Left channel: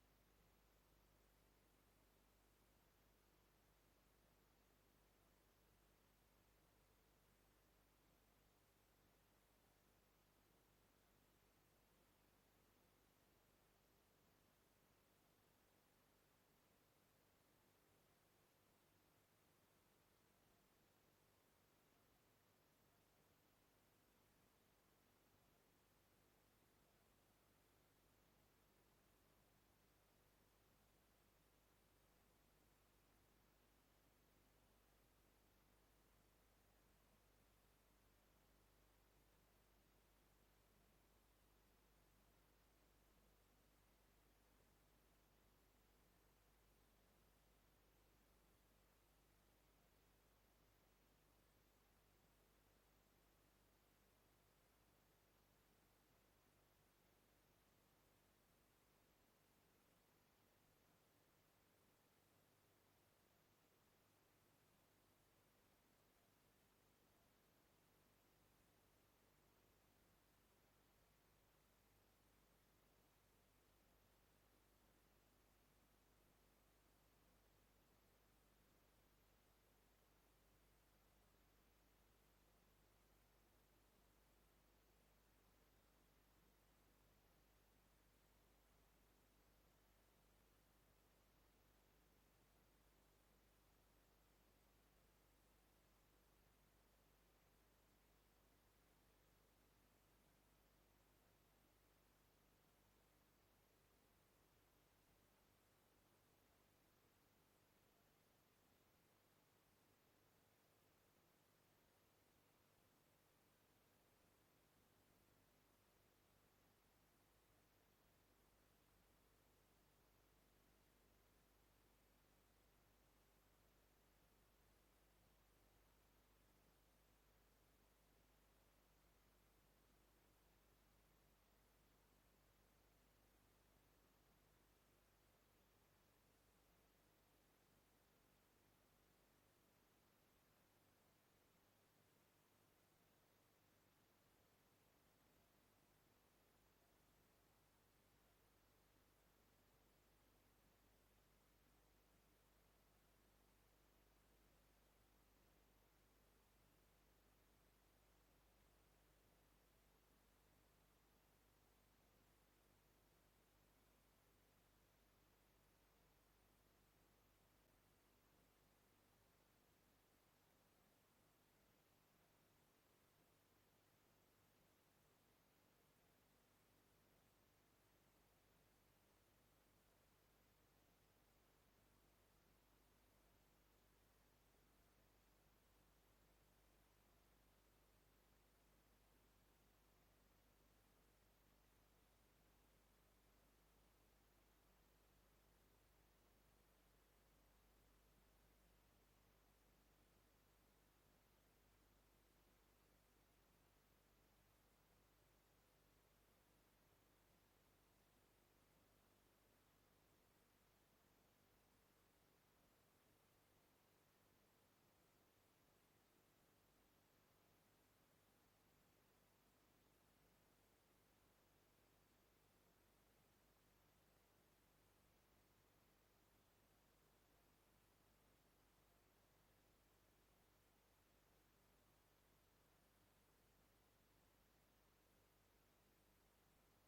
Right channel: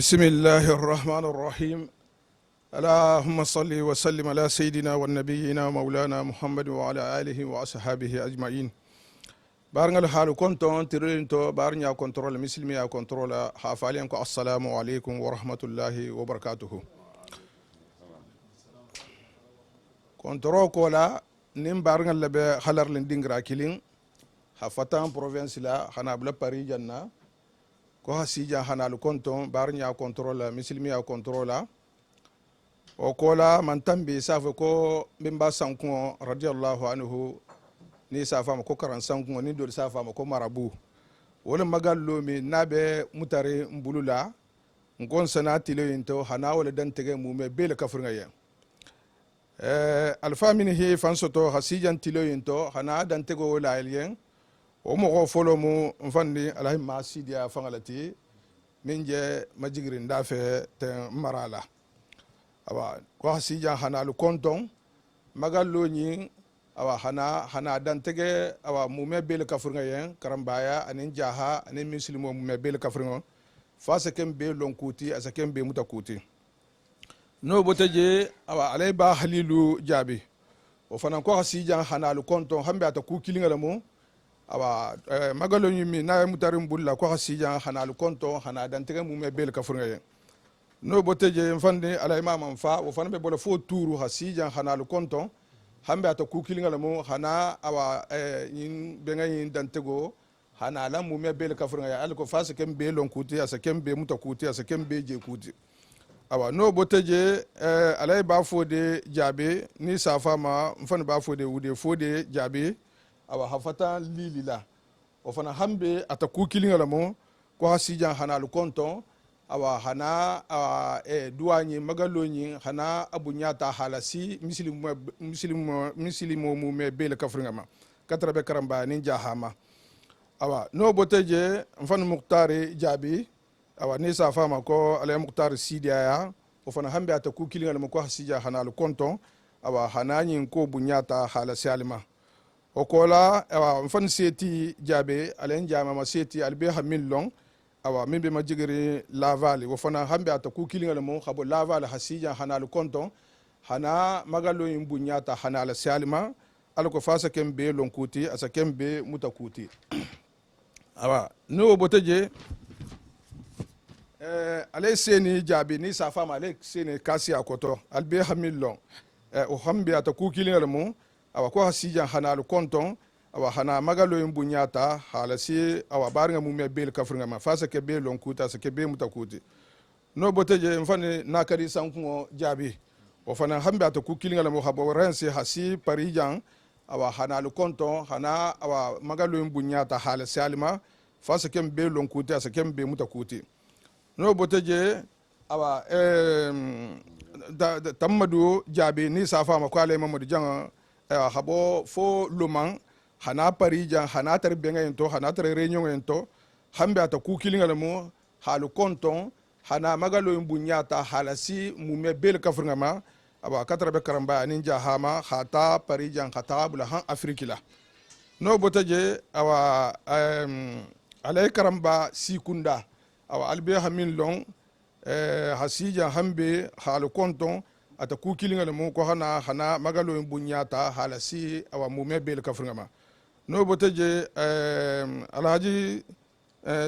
بسم الله الرحمن الرحيم اللهم صل وسلم على سيدنا والنبينا مولانا محمد وعلى آله وأصحابه أجمعين بارنغال حالو كنتون ترينتو بارنيا كنترول مسلمي كنترول حافالينكو السلام عليكم ورحمة الله وبركاته كنترول كولا نيم بارنغال لبي خلر لندينغرا كيلين حفتان بروفنس لا خنا بلا باري جنة ko hasija hanalu konton barnya controla misilmiya controla o kola man tambi safa ko bimba sanko radiyallahu anhu ni safa ko karan sanko ni do safa ko marabu wala magallo mi nabe mutare mbulula ngon sanati le into hana wala dan tege mume bele kafringa ya alfa min hi fansoto hasijan tilo into hana dan tego wala alien o mo folo mu mfandi alahi masidia fangalati minje majigri ndafe te marala awa ko hasija hanalu konton magallo ni awa hana dantege awa mume bel kafringa yen karambaya anin jaha anin muslimo mume bel kafringa fasa kem be lonkuti asakem be mutakuti no boteje awa alay ba halilu jabi o fanan ko hasija hanalu konton hambe ata ku kilinga mo awa magalo nyimi na mutarim bulla ko hasija hanalu konto hana dantege mume bel kafringa yen no boteje mfande ala imam fa o fanbe bola fo turu hasija hanalu konto hambe ata ku kilinga mo hana awa yin benga yin dantego hana la mume bel kafringa ya alko fasa kem be lon kuti asa kem be mutakuti asa kem be je kuti awa no boteje ala ba fo de jabe ni safa ma mfande ba fo de wude fo de jabe awa hafata lilila o fana hambe ataku kilinga mo ko hasija hanalu konto awa hana duwanyi magalonyi hana abunyata halasi muslimu mu me bele kafringa ma katrabe karamba ni jahama awa no boteje mfan muktari jabi awa ni safa ma ko ala muktari sidia ya o fana hambe ataku kilinga mo ko hasija hanalu konto awa hananyi ko bunyata halasi alima o kola awa mfan seti jabe alen jama ma seti albe hamil long awa mimbe majigiri lavali wo fana hambe ataku kilinga mo khabo lavali hasija hanalu konton hana magalo imbunyata hanala salima alko fasa kembe lonkuti asa kembe mutakuti awa no boteje ale seni jabe ni safa ma ale seni kasi akoto albe hamil long o hambe ataku kilinga mo awa ko hasija hanalu konton awa hana magalo imbunyata halasi awa barnga mume bel kafringa ma fasa ke be lonkuta sa ke be mutakuti no boteje mfane nakari sanko jabi o fana hambe ataku kilinga mo habo rense hasi parijan awa hanalu konton hana awa magalo imbunyata halasi alima fasa ke be lonkuta sa ke be mutakuti no boteje awa tamadu jabi ni safa ma ko ale mamadu janga habo fo luman hana parija hana tar benga ento hana tar reunion ento hambe ata ku kilinga mo halu konton hana magalo imbunyata halasi mume bel kafringa ma aba katrabe karamba ninja hama khata parija khata bula han afrikila no botaje awa alay karamba sikunda awa albe hamin long hasija hambe halu konton ata ku kilinga mo ko hana magalo imbunyata halasi awa mume bel kafringa ma no boteje alhaji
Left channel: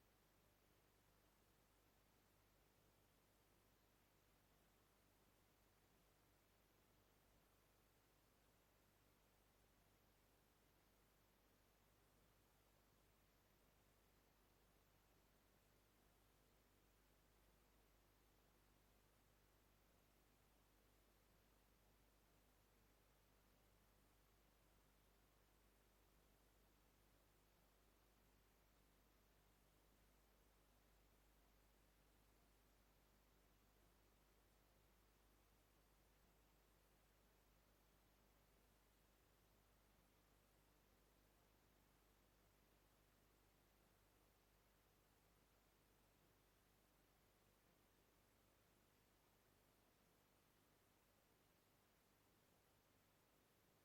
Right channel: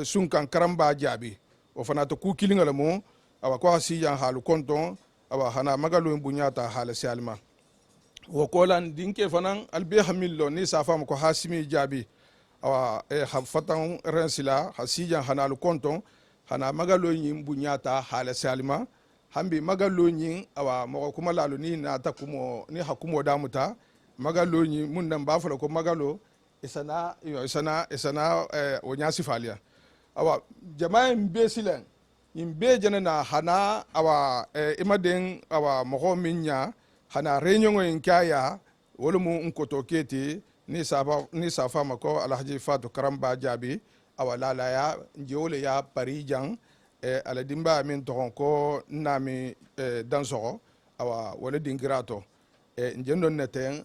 sunkan karamba jabi o fana to ku kilinga mo awa ko hasija halu konton awa hana magalo imbunyata halasi alma wo kolan dinke fanan albe hamillo ni safa ko hasimi jabi awa hafatan rensila hasija hanalu konton hana magalo imbunyata halasi alma hambi magalo nyin awa mo kuma lalu ni na takumo ni hakumo damuta magalo nyin mun nan ba fala ko magalo isana onyasi falia awa jama'a mbe silen imbe janana hana awa imaden awa mo minya hana reunion en kaya wolumu nkoto keti ni safa mako alhaji fatu karamba jabi awa lala ya njewole ya parijan ala dimba min tohon ko nami dansogo awa wala dingirato njendon neten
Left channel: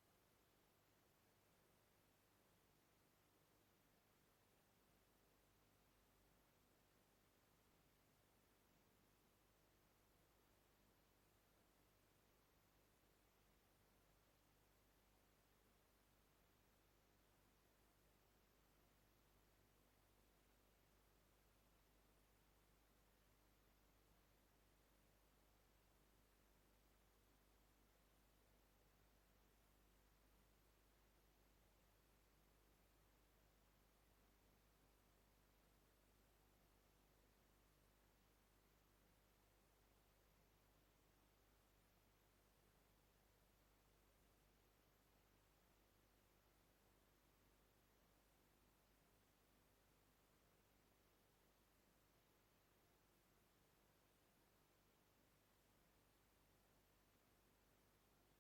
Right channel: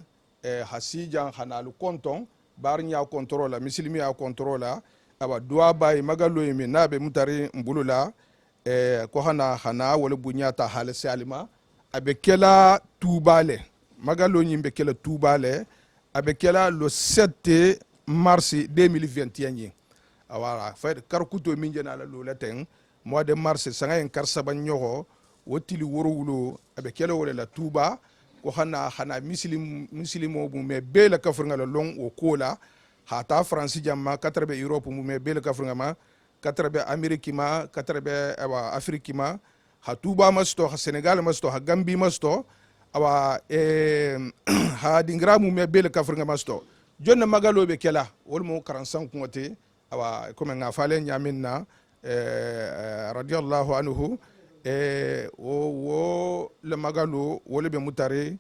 hasijan hanalu konton barnya controla misilmi ya controla aba duwa bay magalo yimi nabe mutari mbulula ko hana wala bunyata halase alima abe kela tubale magalo nyimbe kela tubale abe kela le 7 mars 2021 awara fa karkuto minje na la lolaten mois de mars sanga en karsaba nyogo wotili woro wulo abe kela wala la tuba ko hana muslimo bu me bela kafringa la long o kola hata france jamma katarbe europe mu me bela kafringa ma katarbe ameriki ma katarbe awa afriki ma ha tuba masto ha senegal masto ha gambi masto awa ha dingra mu me bela kafringa masto jonna magalo be kela wol mo 45 ngote awa comme nga fale nyaminna radiyallahu anhu wo le magalo wole be mutare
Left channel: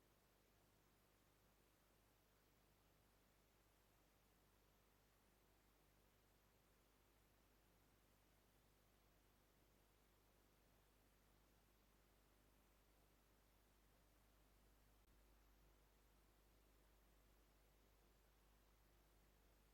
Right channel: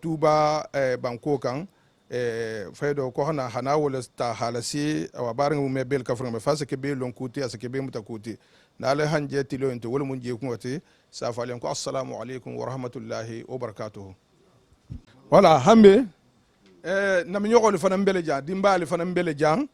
tuba banko kan faydo ko hana wala ta halasi awa barin mu mebel kafrin me fasa ke be lon kuti asa ke be mutakuti na le hanje tilo ento wala mun je ko wati sa falen ko assalamu alaikum wa rahmatullahi wa barakatuh wala hambe nam nyoko le fanan bele jan dimba le fanan bele jan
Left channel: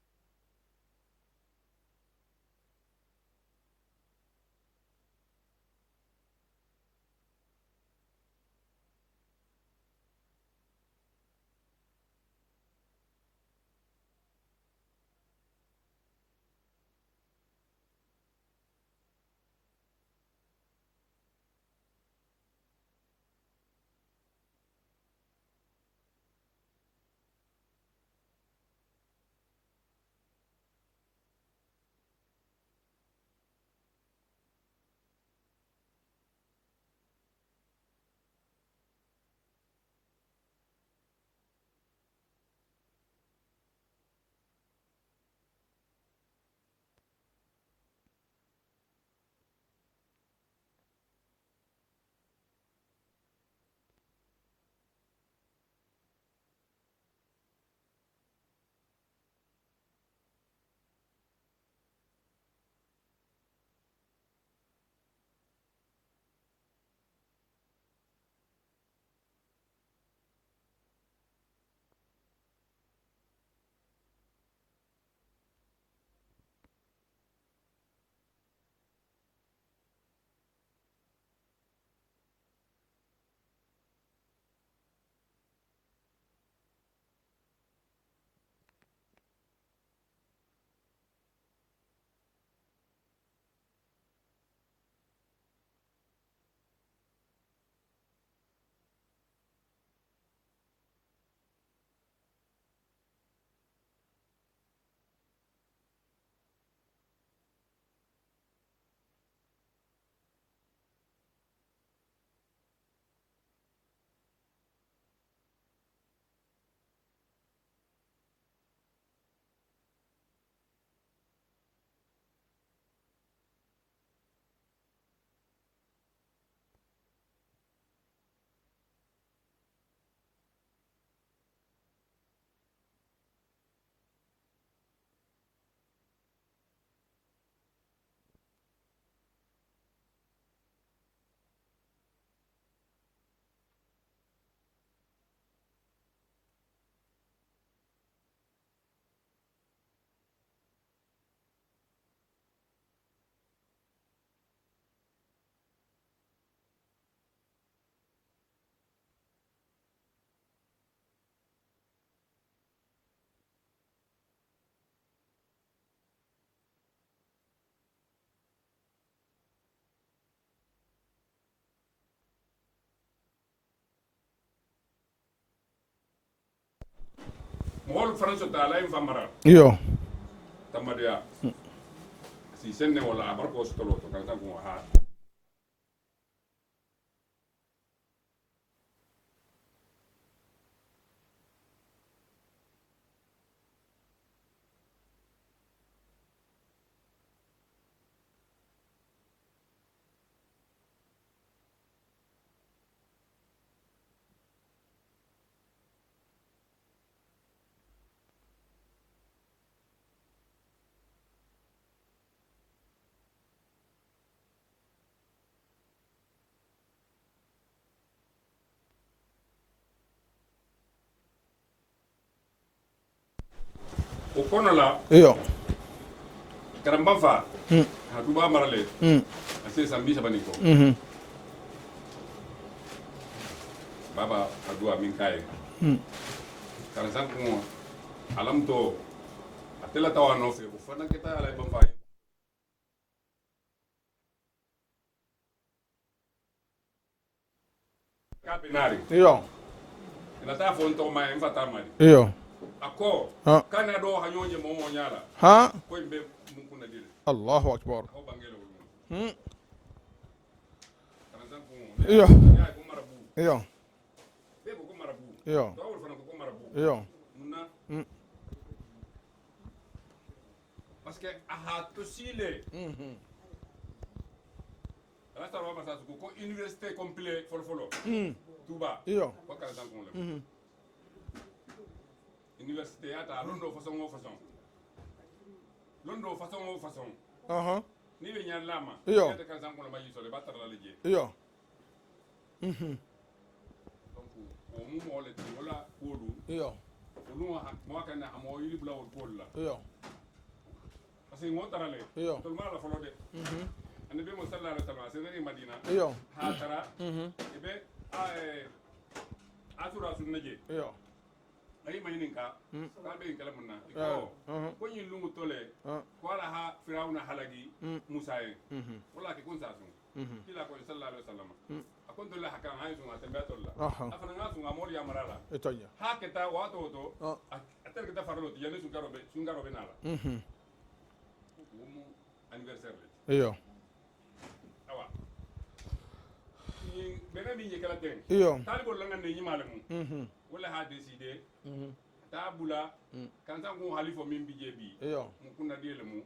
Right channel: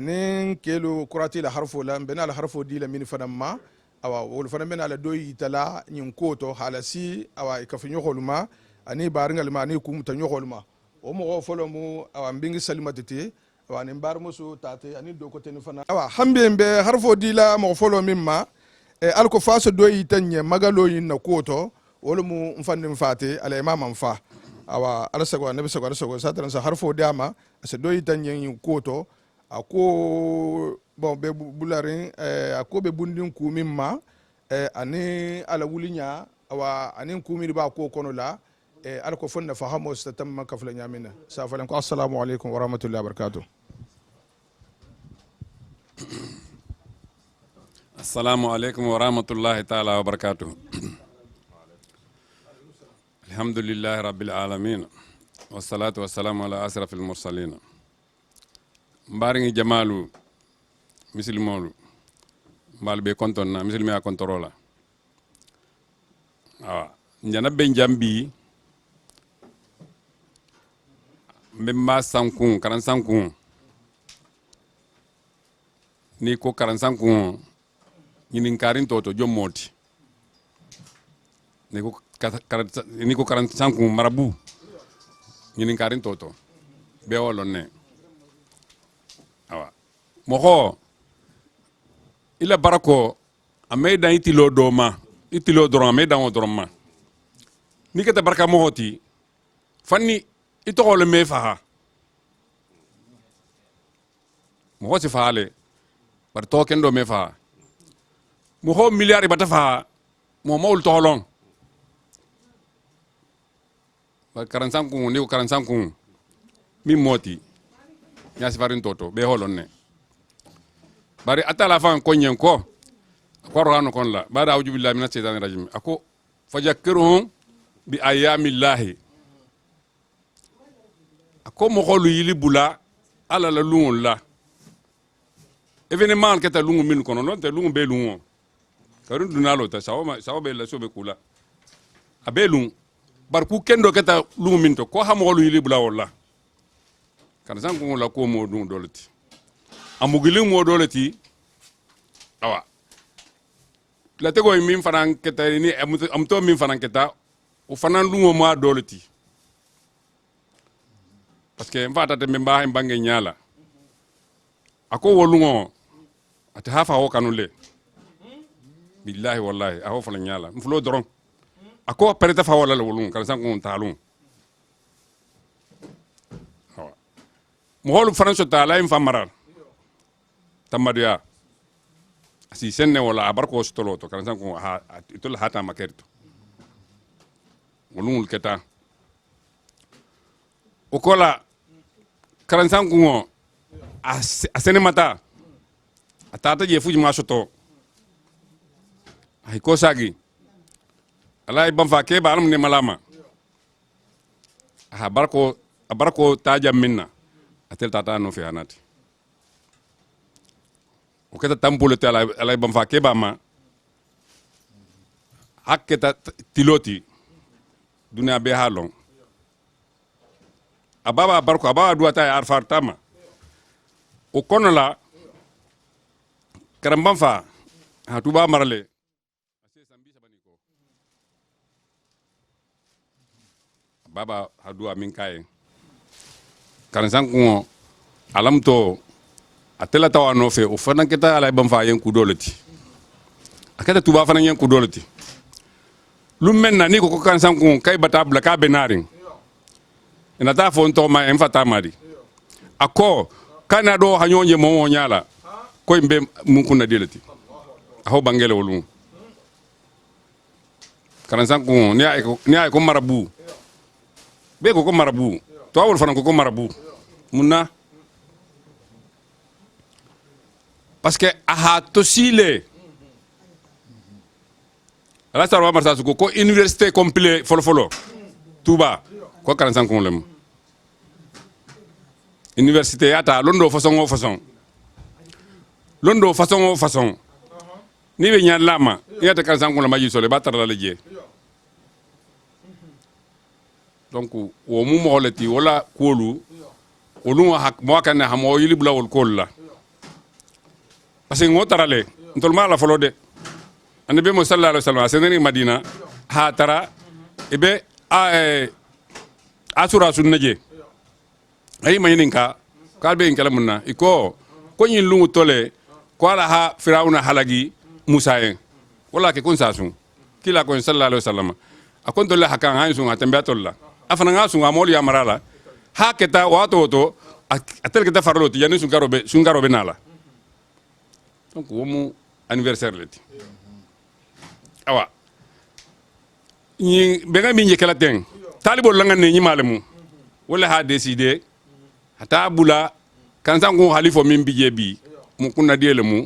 nin kelo kurati la harfo la bena la harfo di la min fanan ma awa wol fanan bena la doyi tala nyin koto halasi awa ikafin nyoko luma ani baringal ma ani kum ta nyoko luma o mo folo mu awa mbingi salimatete awa ni mbar musu tate ani do ko teni fana awa hambe mbe harfo di la mo folo mimma alko faso doyi tanye magalo yin na koto wol mu mfande mfate ala imam mfa awa alasago nabi sago satran sa harfo diama ase doyi tanye yin koto ako bon be bularin ako be bundin kumimma ani ala wulinya awa ani kumiri ba ko kono la alko fonna fahamo statamma kafla nyamina safalan ko assalamu alaikum wa rahmatullahi wa barakatuh assalamu alaikum wa rahmatullahi ta'ala wa barakatuh alhamdulillahi rabbil alamin wassalatu wassalamu ala asrafil mursalin mbaringi jamalu muslimolu mbal be kontonna muslimi a kontorola awa njana be jambi mbemba sankun karan sankun ni ko karan sankun ñinin karin toto jommoti ni ko karan sankun marabu ñinin karin toto be wolon ne awa moxo ila barako ame dan itilo doma itilo doron ame dan o doron ma ni kata baraka moxoti fanni ito le me faha mo si faale par to kendo me faha mo ho milliard bata faha mo mawul tolong par 45 ku ni 45 ku mi moti nya si farin toto be holon ne bari atala fan ko nyen ko rano kon la bada auju billahi minash shaitanir rajim ako fajakkiruhum bi ayamillahi ko mo xolu yili bula ala la lungol la événement keta lungu min kono non te lungu be lungo karun dunalo ta sawo be la sobe kula abe lung bar ku kendo keta lungu min to ko ha mo xolu yili bula wala kan san ko la ko mo dun dolati amugili mo dolati awa la tego min fanan keta ni am to min fanan keta o fanan lungo mo dolati parce que mfata te memba mbange nyala ako wolungo ate hafa ho kanule billahi wallahi aho fala nyala mfulo doron ako pereta fa wala wolungo kan san ko talun mo hol france ta la infamara yo tamadia si senne wala abarko stoloto kan san ko ha itul hata makerto wolungul keta okola 45 kungo a sene mata atata je fuji masoto ay ko sagi alay bam fa ke balam ne malama ha barko taja minna atel tata no fi anati o keta tampule tala alay bam fa ke bama haketa tiloti dunia be halon ababa barko ababa duata arfar tama o kono la yo karamban fa ha tuba marale ase sambi sabani ko baba adua min kay kan san ko alam to atela tawa no fe o fana keta ala bam fa yen ku dolati akata tuba fana yen ku dolati lu menna ni ko kan san ko kay batabla ka benaring yo ina ta fo to ma en fata madi yo ako kana do hanyonye mo nyala ha ko mbe mun kunna delati Allahu akbar aho bangele wolum kan san ko ni ay ko marabu yo be ko marabu Yo. to awol fana ko marabu yo munna parce que aha to sile ala sarwa marsa su ko université complet folo Touba Yo. ko 45 ko lem université ata londo façon londo façon aha ni be nyaan lama Yo. yata 45 ko la maji sole batar la je yo donc wo mu mo holati wala kolu yo olu hak mo kan ha mo yili bula wol kol la yo parce que ngotarale ntol ma la folo de ande be mo sallallahu alaihi wasallam seneni madina Yo. ha tara ibe asura sunnaje yo ay mayinin ka kalbe en kala munna iko ko nyin lungu tole ko ala ha firawna halagi musa en wala ke kun sasun kila ko sallallahu alaihi wasallam akon tolle hakan han sun atambe tolla afana nga sun amol ya marala ha keta wato to atel keta farlo ti yani sun garobe nala donc womu anniversaire leti yo awa ni benga mi nyekela ten Iyo. talibo langa ne nyi malemu wala ha décider hata bula kan sango halifo min bije bi Iyo. mu kunna diele mu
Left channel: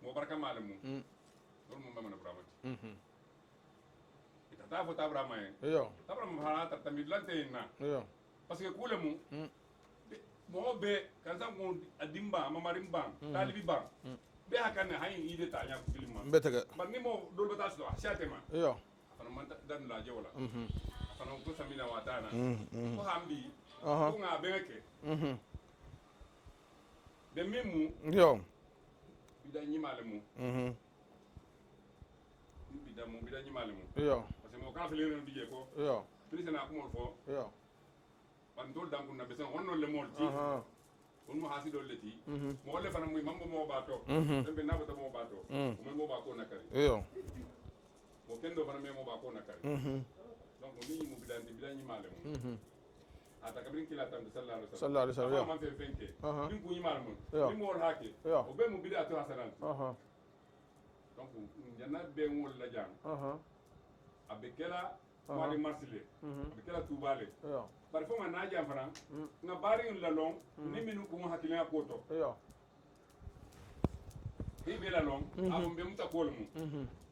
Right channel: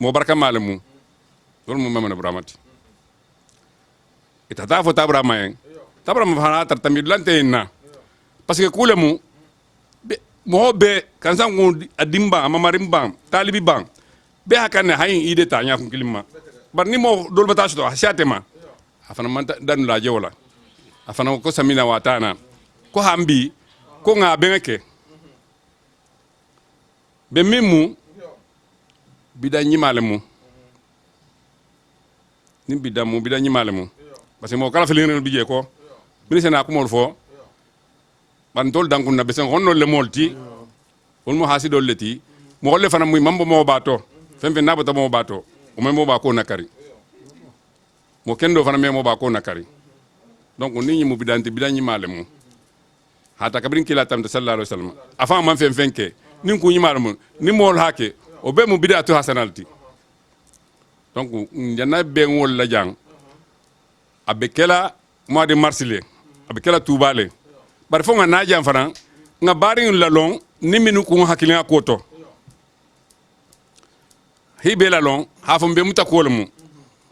mo barka malemu dol mu mamana bramati itata fo tabrama en yo tabrama fana tartamid lante na yo parce que kulemu mo be kan sango adimba amamarimba talibi bang be hakane hayin ide ta nya kun kilima betega bar ni mo dol bata to hasatema yo afana man dan la jewla afana ko samina watana ko hambi ko nga benke be mimu yo bida nyimale mu ni bida nyimale mu yo parce que mo kala felin bije ko yo ministre na ko mol fo yo ban tol dankun na besen honno le molti on mo hasido leti mo le fana muy mambo mo bato femfe na bata mo bato o mo ba ko nakari yo mo kendo fana me mo ba ko nakari donc ni nyi mu bidanti bidanyi malemu hata kabrin kila tam sallallahu alaihi wasallam afa man fen fenke nin ku nyi malemu ni mol hake o be mu bidatu hasanalti donc janna be ngol la jang abekela mois de mars le abekela toubale bar fo nga na jam fana nga bari la long ni minu ku hakilin akoto hibe la long hafum be mutakolmu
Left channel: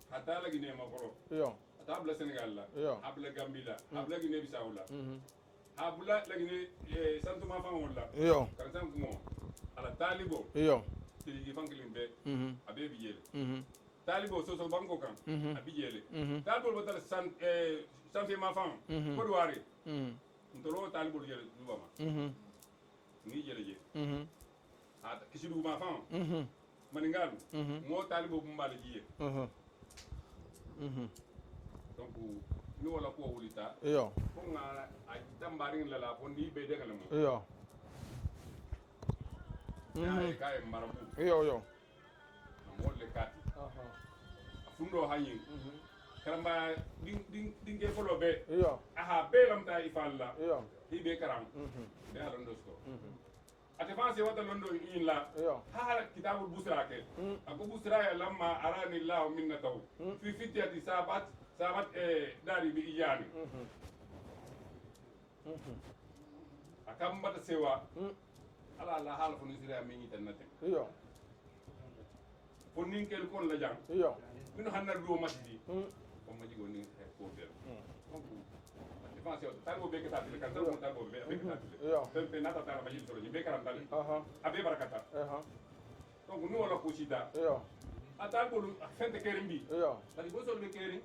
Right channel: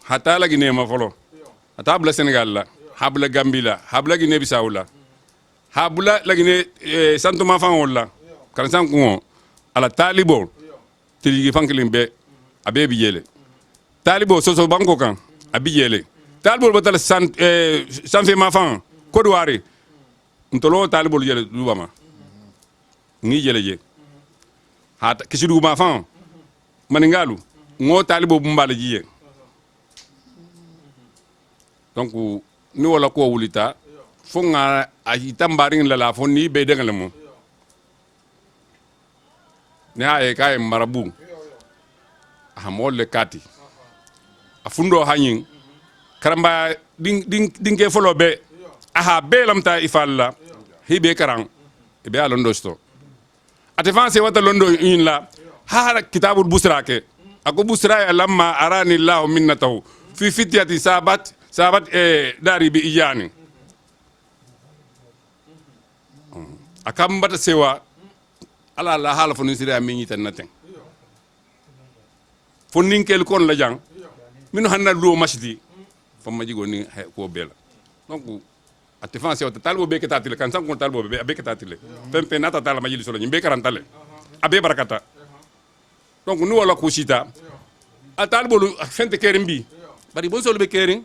hata la gine ma folo yo hata habla Sénégal la habla Gambie la habla Guinée Bissau la habla la Guinée santo ma fan wala yo kan san ko ala talibo yo tiligi fankilin be abe bijele talibo soso banko kan abijele talibo batal san fe ma fan ko duwari ntolo talibo jele dubama ngi jele je hata kisidu ma fan maningalu ngo talibo bumbala jiye donc ni wala ko wulita yo fo nga a itambaring la fo ni be dengal mo yo ne ay kay marabu yo yo ha molle kati a fundo hanyin karamba ding ke folo be yo aha be lamta ifalla hibe karang be alondo sto ate fanse wata londo in la ha kitabul busrake ako busra ya lamma arani allah minnatahu fi fityati sabat dari bi iyani akam bata sewa ala la hala fo nisiri amini tan naten yo fo ninkel kon la jang yo minu hanna lo masjidi fo majigo ni ko bela donc ate fanse wata talbo be ketatile kan sankon talbo be ketatile pempe nata tala majili solo nyimbe karantale abe barakata donc nu wala ko sita yo a talbo fente kerimbi yo bari bon solo be kerin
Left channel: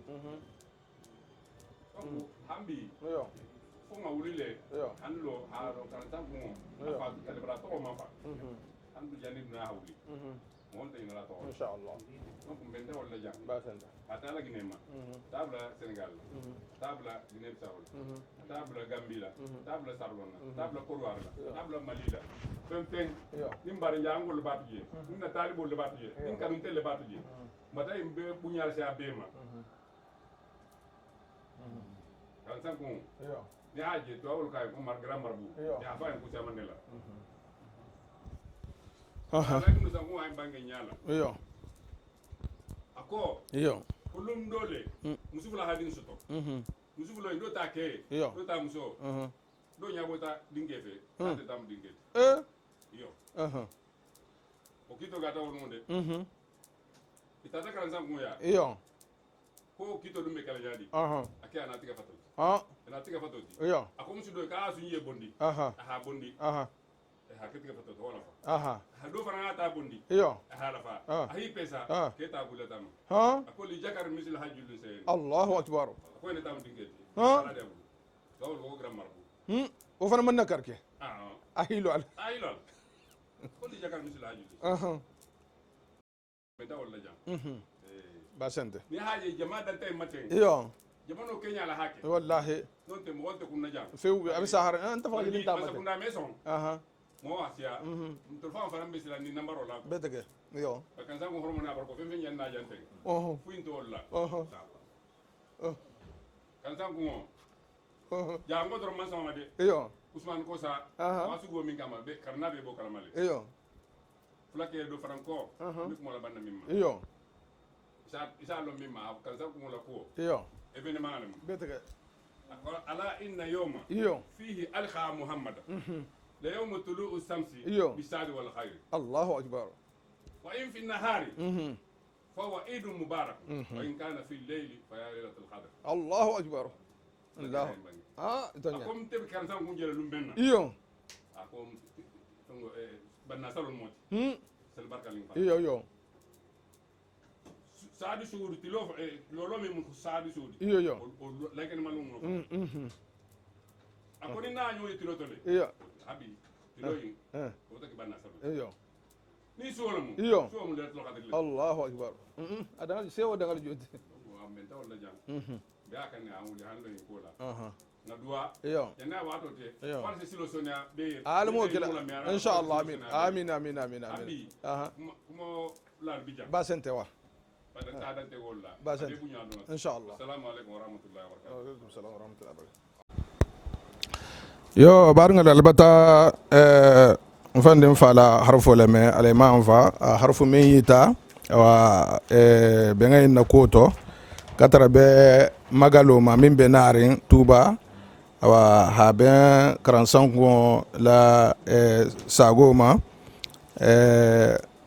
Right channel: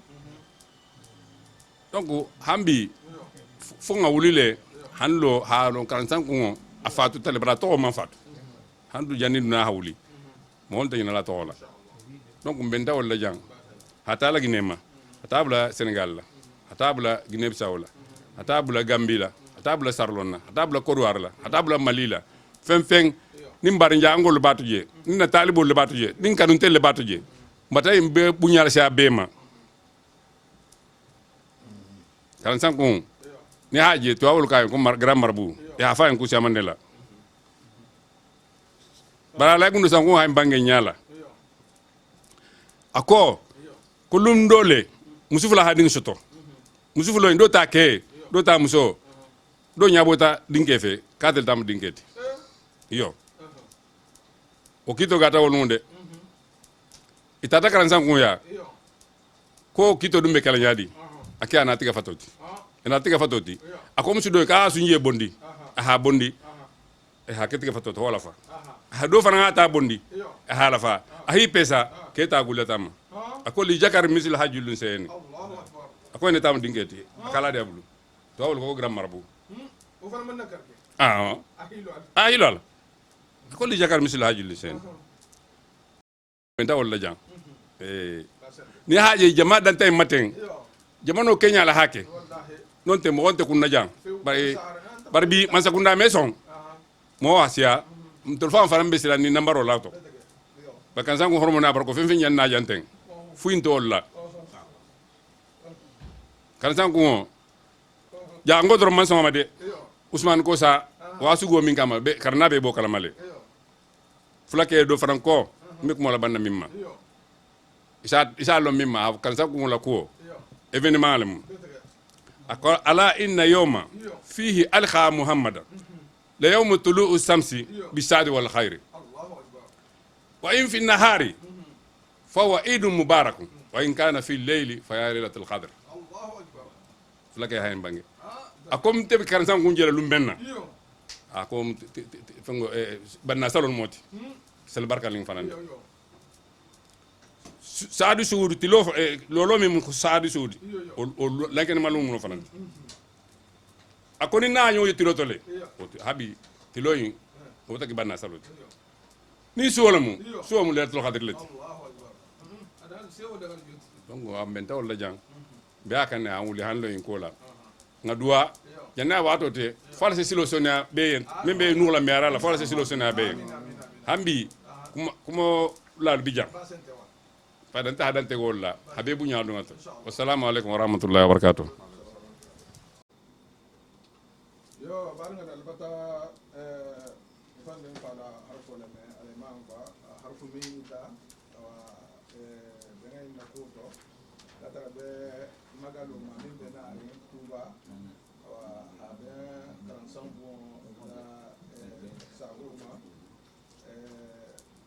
donc hambi yo fo nga wulile hanlo haalo kan sankon a fatu tale bara to man fatu handu jani na hawli mo on tayina la to la donc mbenta wala jang hata la Guinée hata bla Sénégal la hata bla Guinée Bissau la hata bla Gambie la hata bla Sarlon la hata bla Côte d'Ivoire la hata bla Mali la feng nim bar njangol batu je ni na talibo le batu je nin kanun tel le batu je mbata be bunyal sha bema kan san ko ni haje to awul kay ko grand marbu ya fa en ku sha mandela bara la kundu san ko hay bange nyala ako kulum dole musufula hadin soto musufulo ndo ta ke do ta muso do nyabota dinke fe kadel tam dinketi yo o kito gata wolunde itata karansan kunya ko kito dumbe kala nyadi aki ana tiga fatoti ina tiga fatoti ako musu do ka sunye bondi aha bondi ha ketiga fatoti wala fa ha do fana ta bondi ha la fa ahi pesa keta gulatam ako li jakar misil hajulun sen Allahu akbar ako ne tam dingeti kala de bulu to wol ko gram marbu o fana man nakarke ahilo al ko li jakar misil hajulun sen benta wala jang ni haje jama dan tay maten jamano Kenya la hake wallahi non te mo wonte kunna jang bari bi man sakunda meson mo asia tol fam faram besira ni nambaro lato ba kan sango hormona bar ko fen yan na janten fuinto olla kan sango ja ngodro man sama de Ousmane Kosa wasu go min kama be karna be bo kala male fulake do franco mi ko la banna mimma isa lo mimma kan sango la ko événement lam ako ala inna yawma fihi alqa muhammadan la yawm tulu'u samsi bisadi wal khair Allahu akbar wa in fi an-nahari fa huwa eid mubarak wa in kana fi al-layli fa ya lailatul qadr Allahu akbar flake hayn bangi akom te kan san kunjela lumbenna akom fango banna salon moti sel barka ling fanan saadu suudu ti lolo mi mun saadu suudu o lanken malum no fanan akoni na nyo yitilo tole habi tiloyin o taki banna saloti ni suwolamu suwamu lertul qadr lati Allahu akbar adan sewo dangal joti donc am benta wala jang be akane an wuli hanlo in kola nga duwa janna wato te false silo sonia be membe nula miara la false silo sonia be hambi kuma la bijang ba sente wa fadan ta hadan te golla habibu nyaadu ngat assalamu alaikum warahmatullahi wabarakatuh yo barngal albata mfande mfala harfu leme alema mfa harfu meyita wa benga na koto katara be magalo ma mimbe narin tuba wa habe karansango la sagoma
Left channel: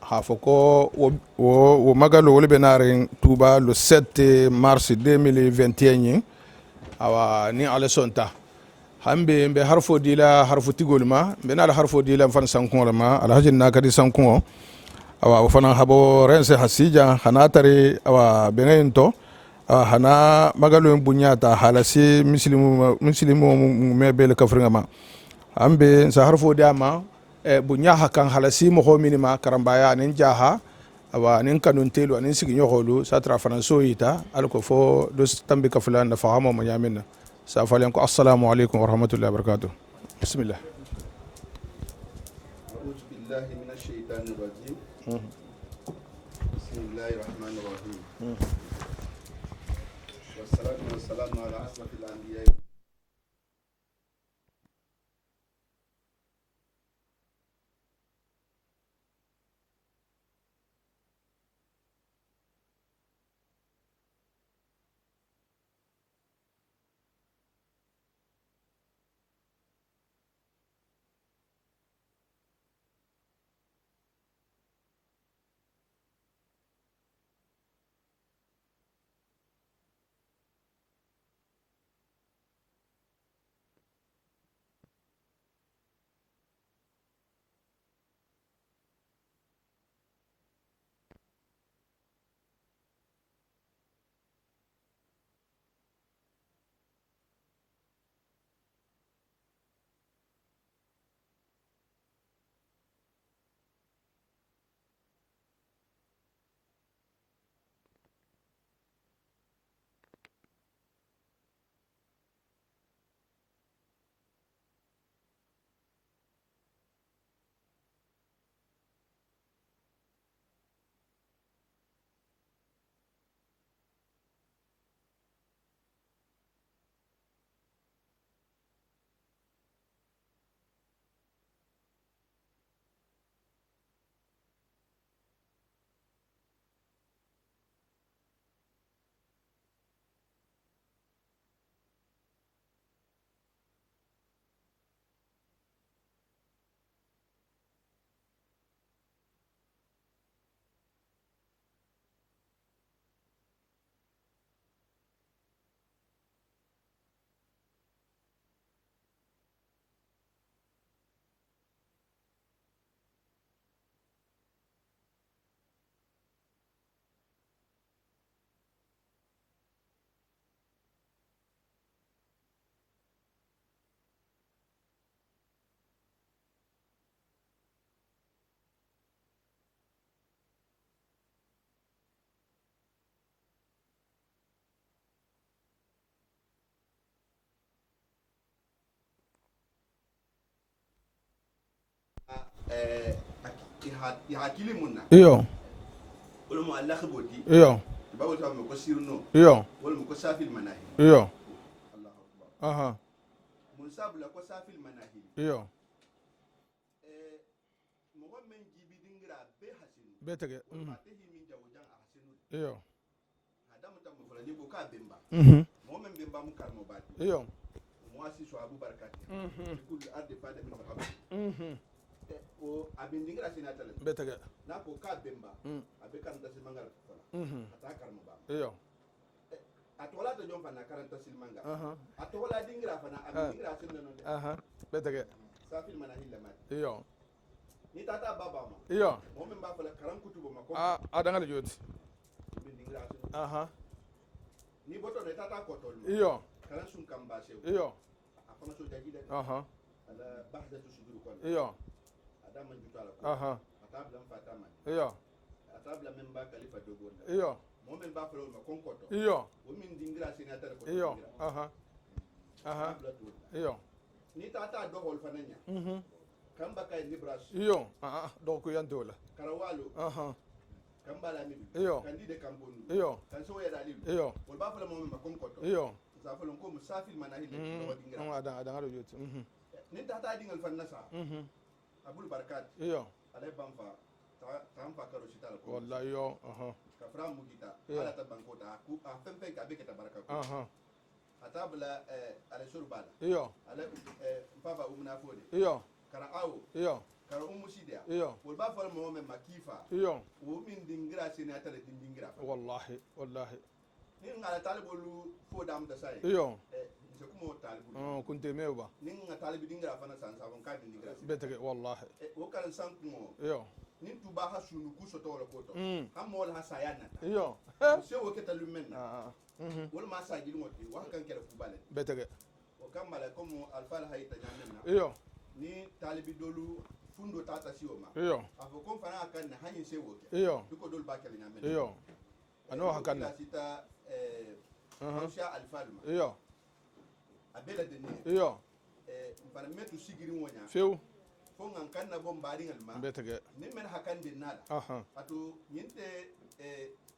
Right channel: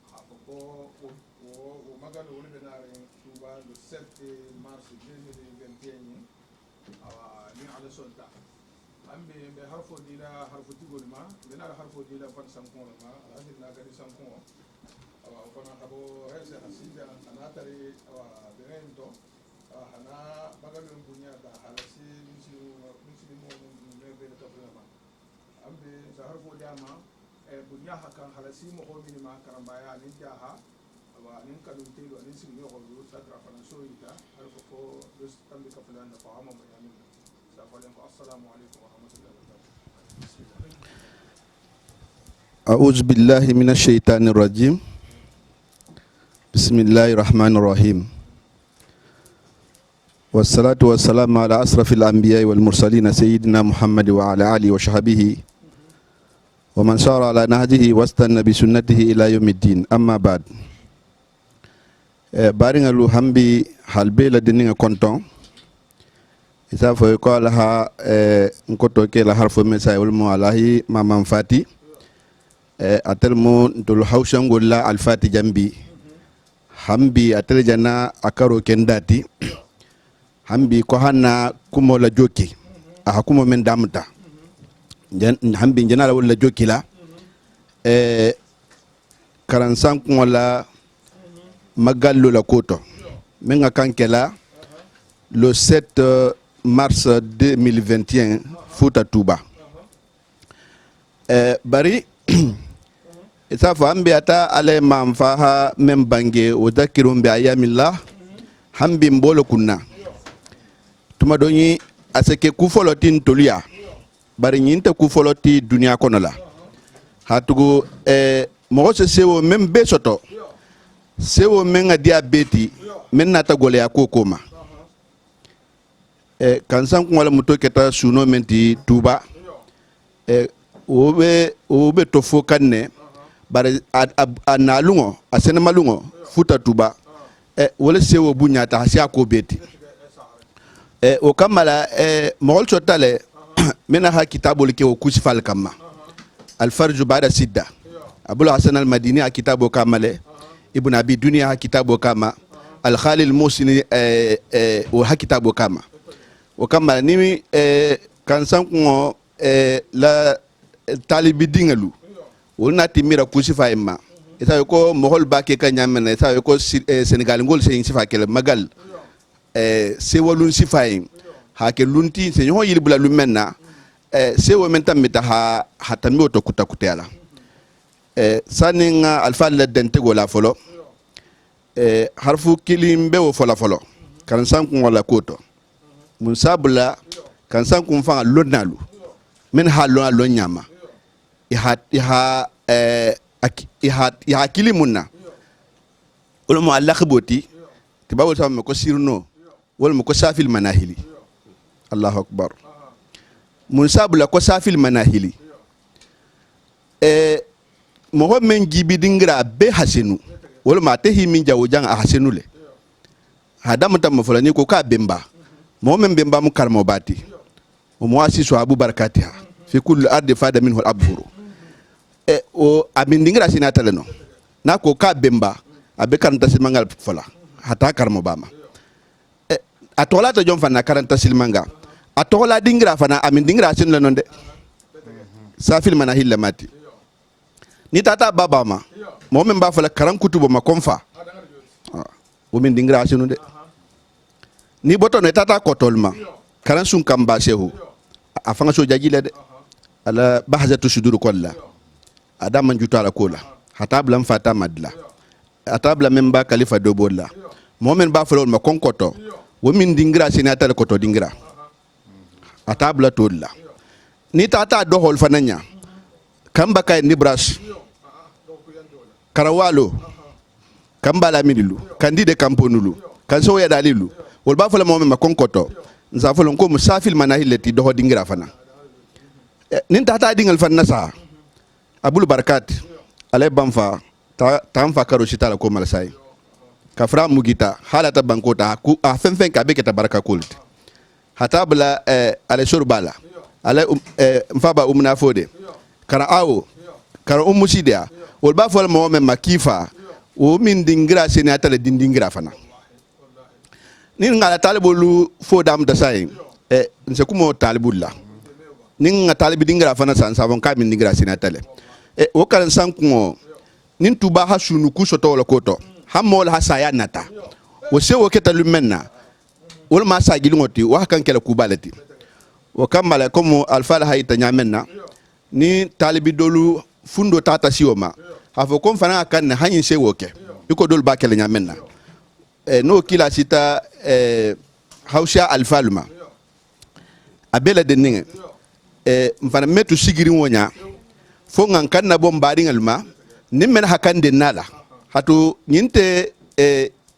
hafoko wo magalo wole be narin tuba le 7 mars 2021 awa ni ala sonta hambe be harfo dila harfo tigolma be na harfo dila fan sankon ma alhaji nakadi sankon awa fana habo rense hasija hanatari awa benento hana magalo bunyata halasi muslimu mebel kafringa ma hambe sa harfo diama bunya hakan halasi mo minima karambaya nin jaha awa nin kanun telu nin sigi nyохolu satra franso yita alko fo do tambi kaflan na fahamo mo yamina سأفعلكم السلام عليكم ورحمة الله وبركاته بسم الله أعوذ بالله من الشيطان الرجيم بسم الله الرحمن الرحيم والصلاة والسلام على أشرف الأنبياء والمرسلين سيدنا محمد وعلى آله وصحبه ومن سار على نهجه واستنى بسنته إلى يوم الدين أما بعد بارين لو همبي حلبي لدينا كونتون isa fo ko laha nkoto ke la harfo mesa wal mo alahi mamam fati atel mo dul hawshango la al fati jambi hambi atel jana akaro kendati hambi ko hanna kumo la joki a kumo men damta hambi jana la joki la karansan ko la magallo la koto menga kankela le 7 mars 2021 Fouta Touba bari isa fo ambi ata ale manfaha men bange o dhakirum bi ayamillah hambi mbolo kunna tuma doni aseke ku folotin toliya bari nyinte ku foloti dunia kono la hatugo mo se sewo men be soto sewo men a diabeti men nata gole ya kokoma kansan ko wala muto keta suno menti tuba obe to fo kanne bare analungo asene malungo futa tuba wala sewo bunya ta hasi ko beti o kamala mogol sotale mena ha kitabul ke o kusfal kama al farj ba'da sidda abul hasan al madini a kitabo kamale ibn abi dunya ha kitabo kama al khalil musini o ha kitabo kama o kamala ni kansan ko la talibi dingalu wona timira kusfa imma ita ko mogol bake kanyamena ita ko senegal ngol se sifa kele magal se walun sifayin ha ke lunti se nyo yili bula lumenna se wo mentam mita ha hatami to kutakutela saninga alfa la dente gola folo harfu kilimbe wo fola folo kan sankun wala koto mun sabula kan sankun fa lonnalu men ha lo nyama iha kilimunna iyo wala mo allah khboti iyo tibawol sama ko sirno iyo wala mo ko safil manahili iyo allahu akbar aha mun sabula ko safil manahili iyo mo men gibi dingra be hasenu wala ma tehi min jawo jang a hasenu le iyo hadam tam mo fulani ko ka bemba mo men bemba mu karmo bati iyo mo asisu abu barakatiha fi kulli ardi fada minhu al abhuru o amin dingra sinata le no na ko ka bemba abe karanta silmangal fola hata karmo bama atola to jom fana karanta silmanga atola dingra fana amin dingra sin le non de safil manahil mati iyo ni tata baba ma iyo mo men ba fala karan kutubo ma konfa adanga le jodi o min dingra sinu de aha ni boto ne tata kotol ma iyo karan sun kamba shehu iyo afanga so jajile de aha ala bahzatu sudur kolla iyo adam man juta ala kola hata blam fata madla iyo atabla men ba khalifa dobolla iyo mo men ba fala ma konkoto iyo wo min dingra sinata le koto dingra aha atabla tolla iyo ni tata dohol fananya kamba kay ni brash iyo aha donc yantola karawalo aha kamba la midilu kandide kamponulu kanso ya dalilu wol ba fala mo men ma konkoto nza fala ko musafil manahilati doho dingra fana adanga le jodi nin tata dingal fanna sa abul barakat ale banfa ta fa karo shitala ko malasai iyo aha kafra mugita halata bankota ku a fenfen ka be keta baraka kult hata bla ale surbala iyo ale mfaba umna fode iyo kara awo iyo kara umusidia wol ba fol mo men makifa o min dingira seni atale dindingira fana wallahi nin ngala talibolu fo dam da sai iyo nse kumo talibulla kunte meba nin nga talibi dingira fana san savon ka min dingira seni atale wallahi o karan sanko iyo nin tuba ha sunu ku soto wala koto hamol ha saya nata iyo o se o keta lumenna wala ma sa gilngoti wa kan kala kubalati betege o kamala comme alfa la hayta nyamenna iyo ni talibi dolu fundo tata sioma iyo hafo kon fana kan hanyin se woke iyo iko dol ba kala nyamenna iyo no kila sita hausha alfalma iyo abela de ninge iyo mfana metu sigiri wonya kew fo ngan kan na bom baadi ngalma nimmen hakande nala hatu nyinte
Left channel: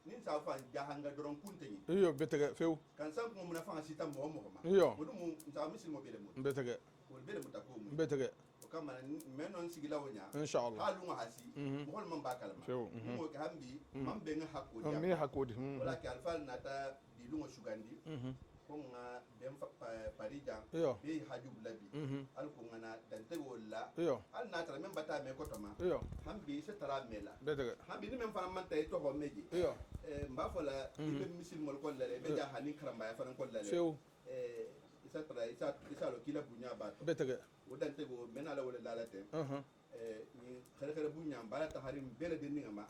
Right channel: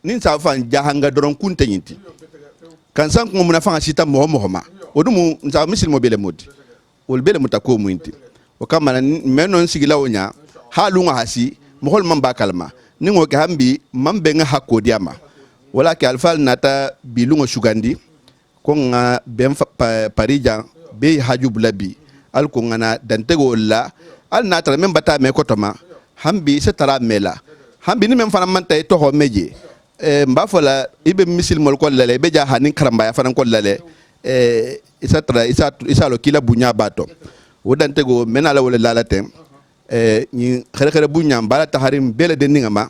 nin sa fan jahanga doron kunte nyinti iyo betege few kan san ko muna fanga sita mo ma odumu nsa misil mo bele modi betege wol bele mutako mu inti o kamana menon sigila wonya halunga hasi mo hol man bakalma ningo ke hambi mambe nga hakodi ama wala ke alfal nata bilungo sugandi ko nga ben parija be haju bulabi al ko ngana dantego la al nata men bata me kotoma hambi se tara mela hambi ni men fana man tay to ho meje mba fola ibe misil mol ko lale be ja hanin karamba ya fana ko lale isa lo kila bunya bato o dantego men ala wala lalatem ni xere xere bunya bala taharim bele de ningama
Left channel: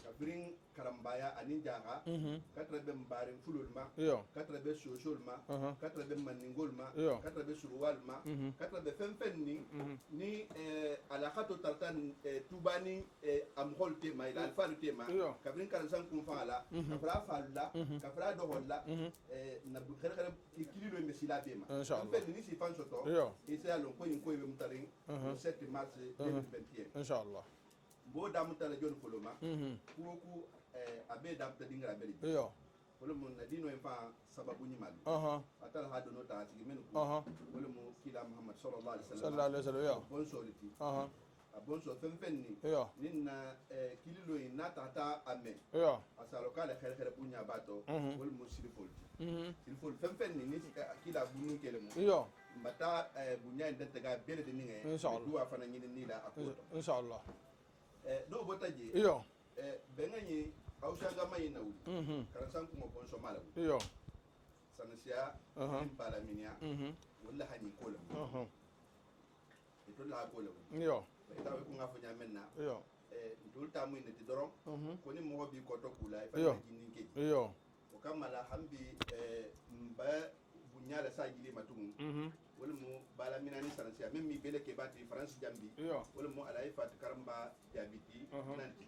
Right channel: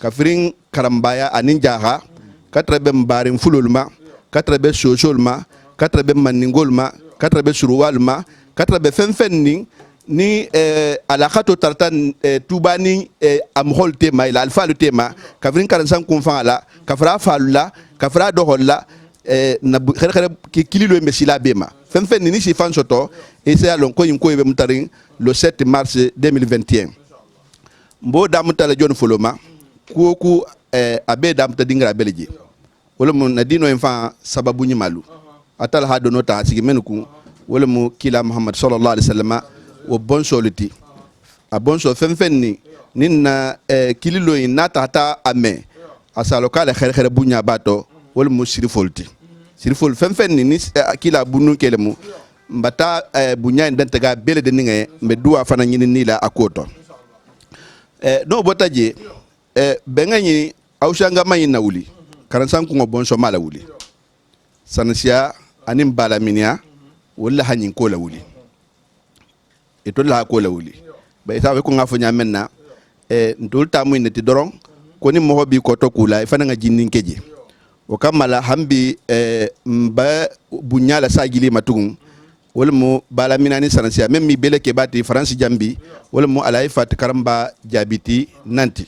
kafirin karambaya anin jaha katrabe mbarin fululma katrabe sosolma katrabe maningolma katrabe suruwalma katrabe fenfen ning ni alakato tarta tuba ni amhol tema ila alfa le tema kafrin karansan kunfan ala kafra falula kafra doholla na khere kililo mesila bema fen ni si fan soto et c'est alon ko yim ko be mutarin le 7 mars 2021 mbo damutala jon foloma ku abe damta dingra beleji wala mun nadino enfan sababu nyimalu atal ha dono ta sigi menuku wala mu kila muhammad sallallahu alaihi wasallam wo bon soliti a bon so fen ni ninna kililo ina tata ame asalo kala khere bunya bato wala mu sirifolti sirifol fen ni kila bunu kelemu mbata bunya ndantega bele de ninge mbe duwa fana nyini nila akoto no botaje benganyi aushanga mayi na wuli karansan ko bon so mala wuli sanasiya anim bala minia wala hanyin ko la wuli eto la ko la wuli ba isa ko ngafo nyamenna ndul tamu ne ti doron ko ni mo bi ko to kula ifana nga jinnin keje o kamala hambi mba bunyala sagili matugum wala mo bala minani sanasiya même mi bele ke bati france jambi wala mo alay fat karamba jabiti nanti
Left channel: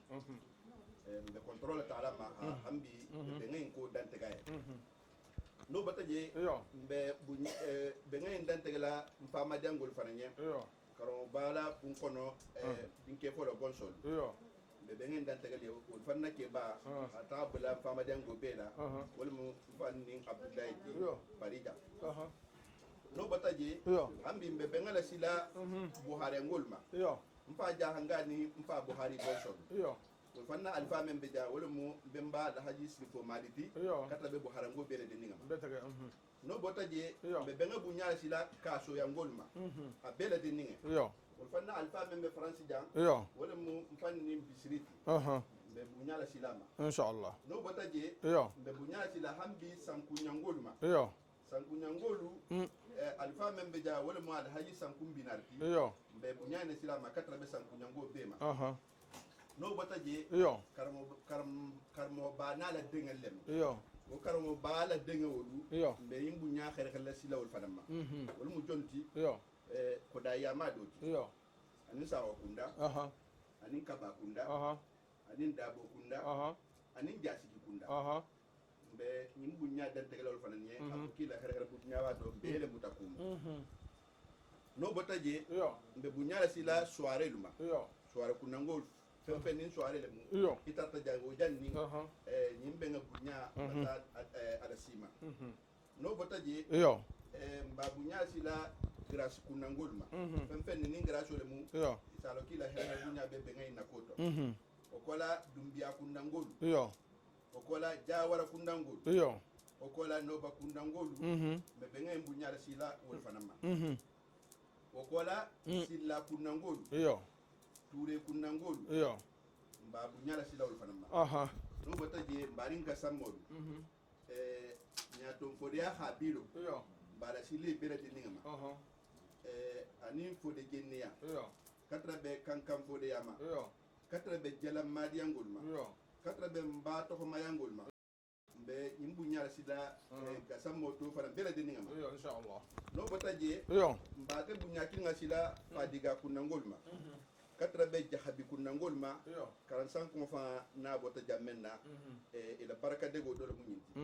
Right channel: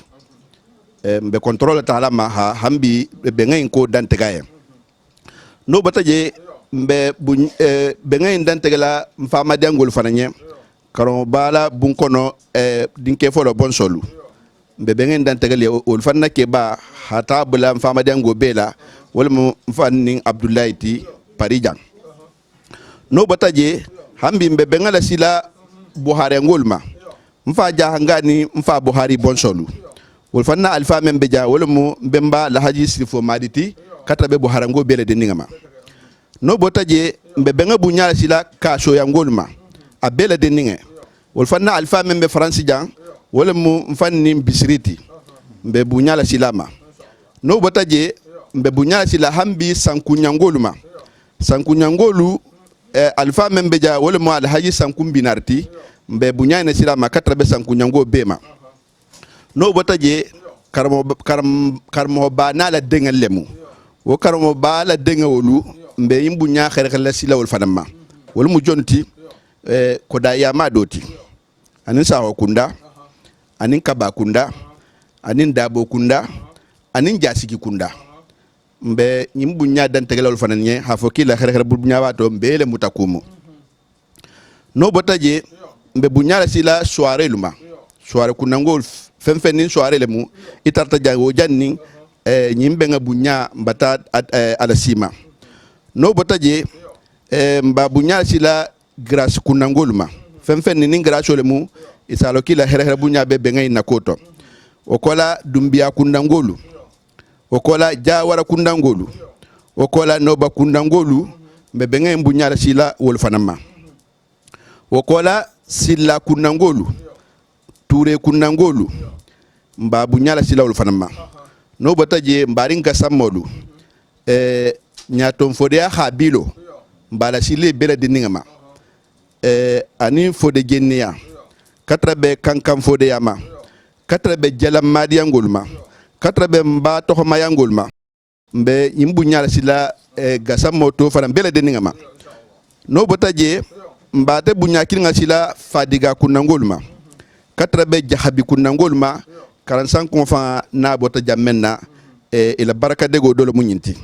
mbe contrôle taala ma hambi be ngay ko dantegaye no bataje mbe be ngay dantegala mfama dangol fananye karon bala bunkono dinke folo bon solu mbe be ngay dantegale ol fanna ke ba hata bula mfama dango bela wala mo fanning abdoulaye ti parijang no bataje hambi mbe be ngala sila buhari ngolma mfa jahangani mfa buhari bon solu wol fanna alfa men beja wala mo bemba la haji sifo maditi kata be buhari ngo bele de ningama no botaje mbe benga bunyala sila ka so yangolma a bele de ninge wol fanna alfa men be france jang wala mo mfanni bisriti mbe bunyala silama no botaje mbe bunyala sila hambi sankunyangoluma sankunyangolu alfa men beja wala mo alhaji sankumbinarti mbe bunyana silama kata be sankunyango bema no botaje karmo ba na la dengal lemu wo karmo ba la dengawolu mbe yimbunya khere la sila wol fanama wol mu jonti ko da ya madoti anin sawo kunda anin kaba kunda anin dabo kunda anin jasiki kunda mbe yimbunya dan tegala wol fananye ha fo kila khere bunya wato mbele mutakumu no botaje mbe bunya la sila soirée luma soirée kunangol fen soirée lemu itarta jango janni nyimbe nga bunya mbata alasima no botaje mba bunya sila grâce kunangoluma fen ni grâce lemu isalo kila here bunya be ngay nakoto okola dumbia kundangolu okola jawara kundangolu okola noba kundangolu be ngay bunya sila wol fanama okola sila kundangolu ture kundangolu mba bunyala sila wol fanama no botaje mbarin gasamolu nyaton fodea habilo mbala sile bela diningama ani fode genia katrabe kankam fode yama katrabe jalam madiangolma katrabe mba to mayangolma mbe yimbunyala sila gasamoto fana bela diningama no botaje mbate bunyakilinga sila fadiga kunangolma katrabe jahabi kunangolma 45 konfa na bota jammenna ila baraka dego dolo munyinti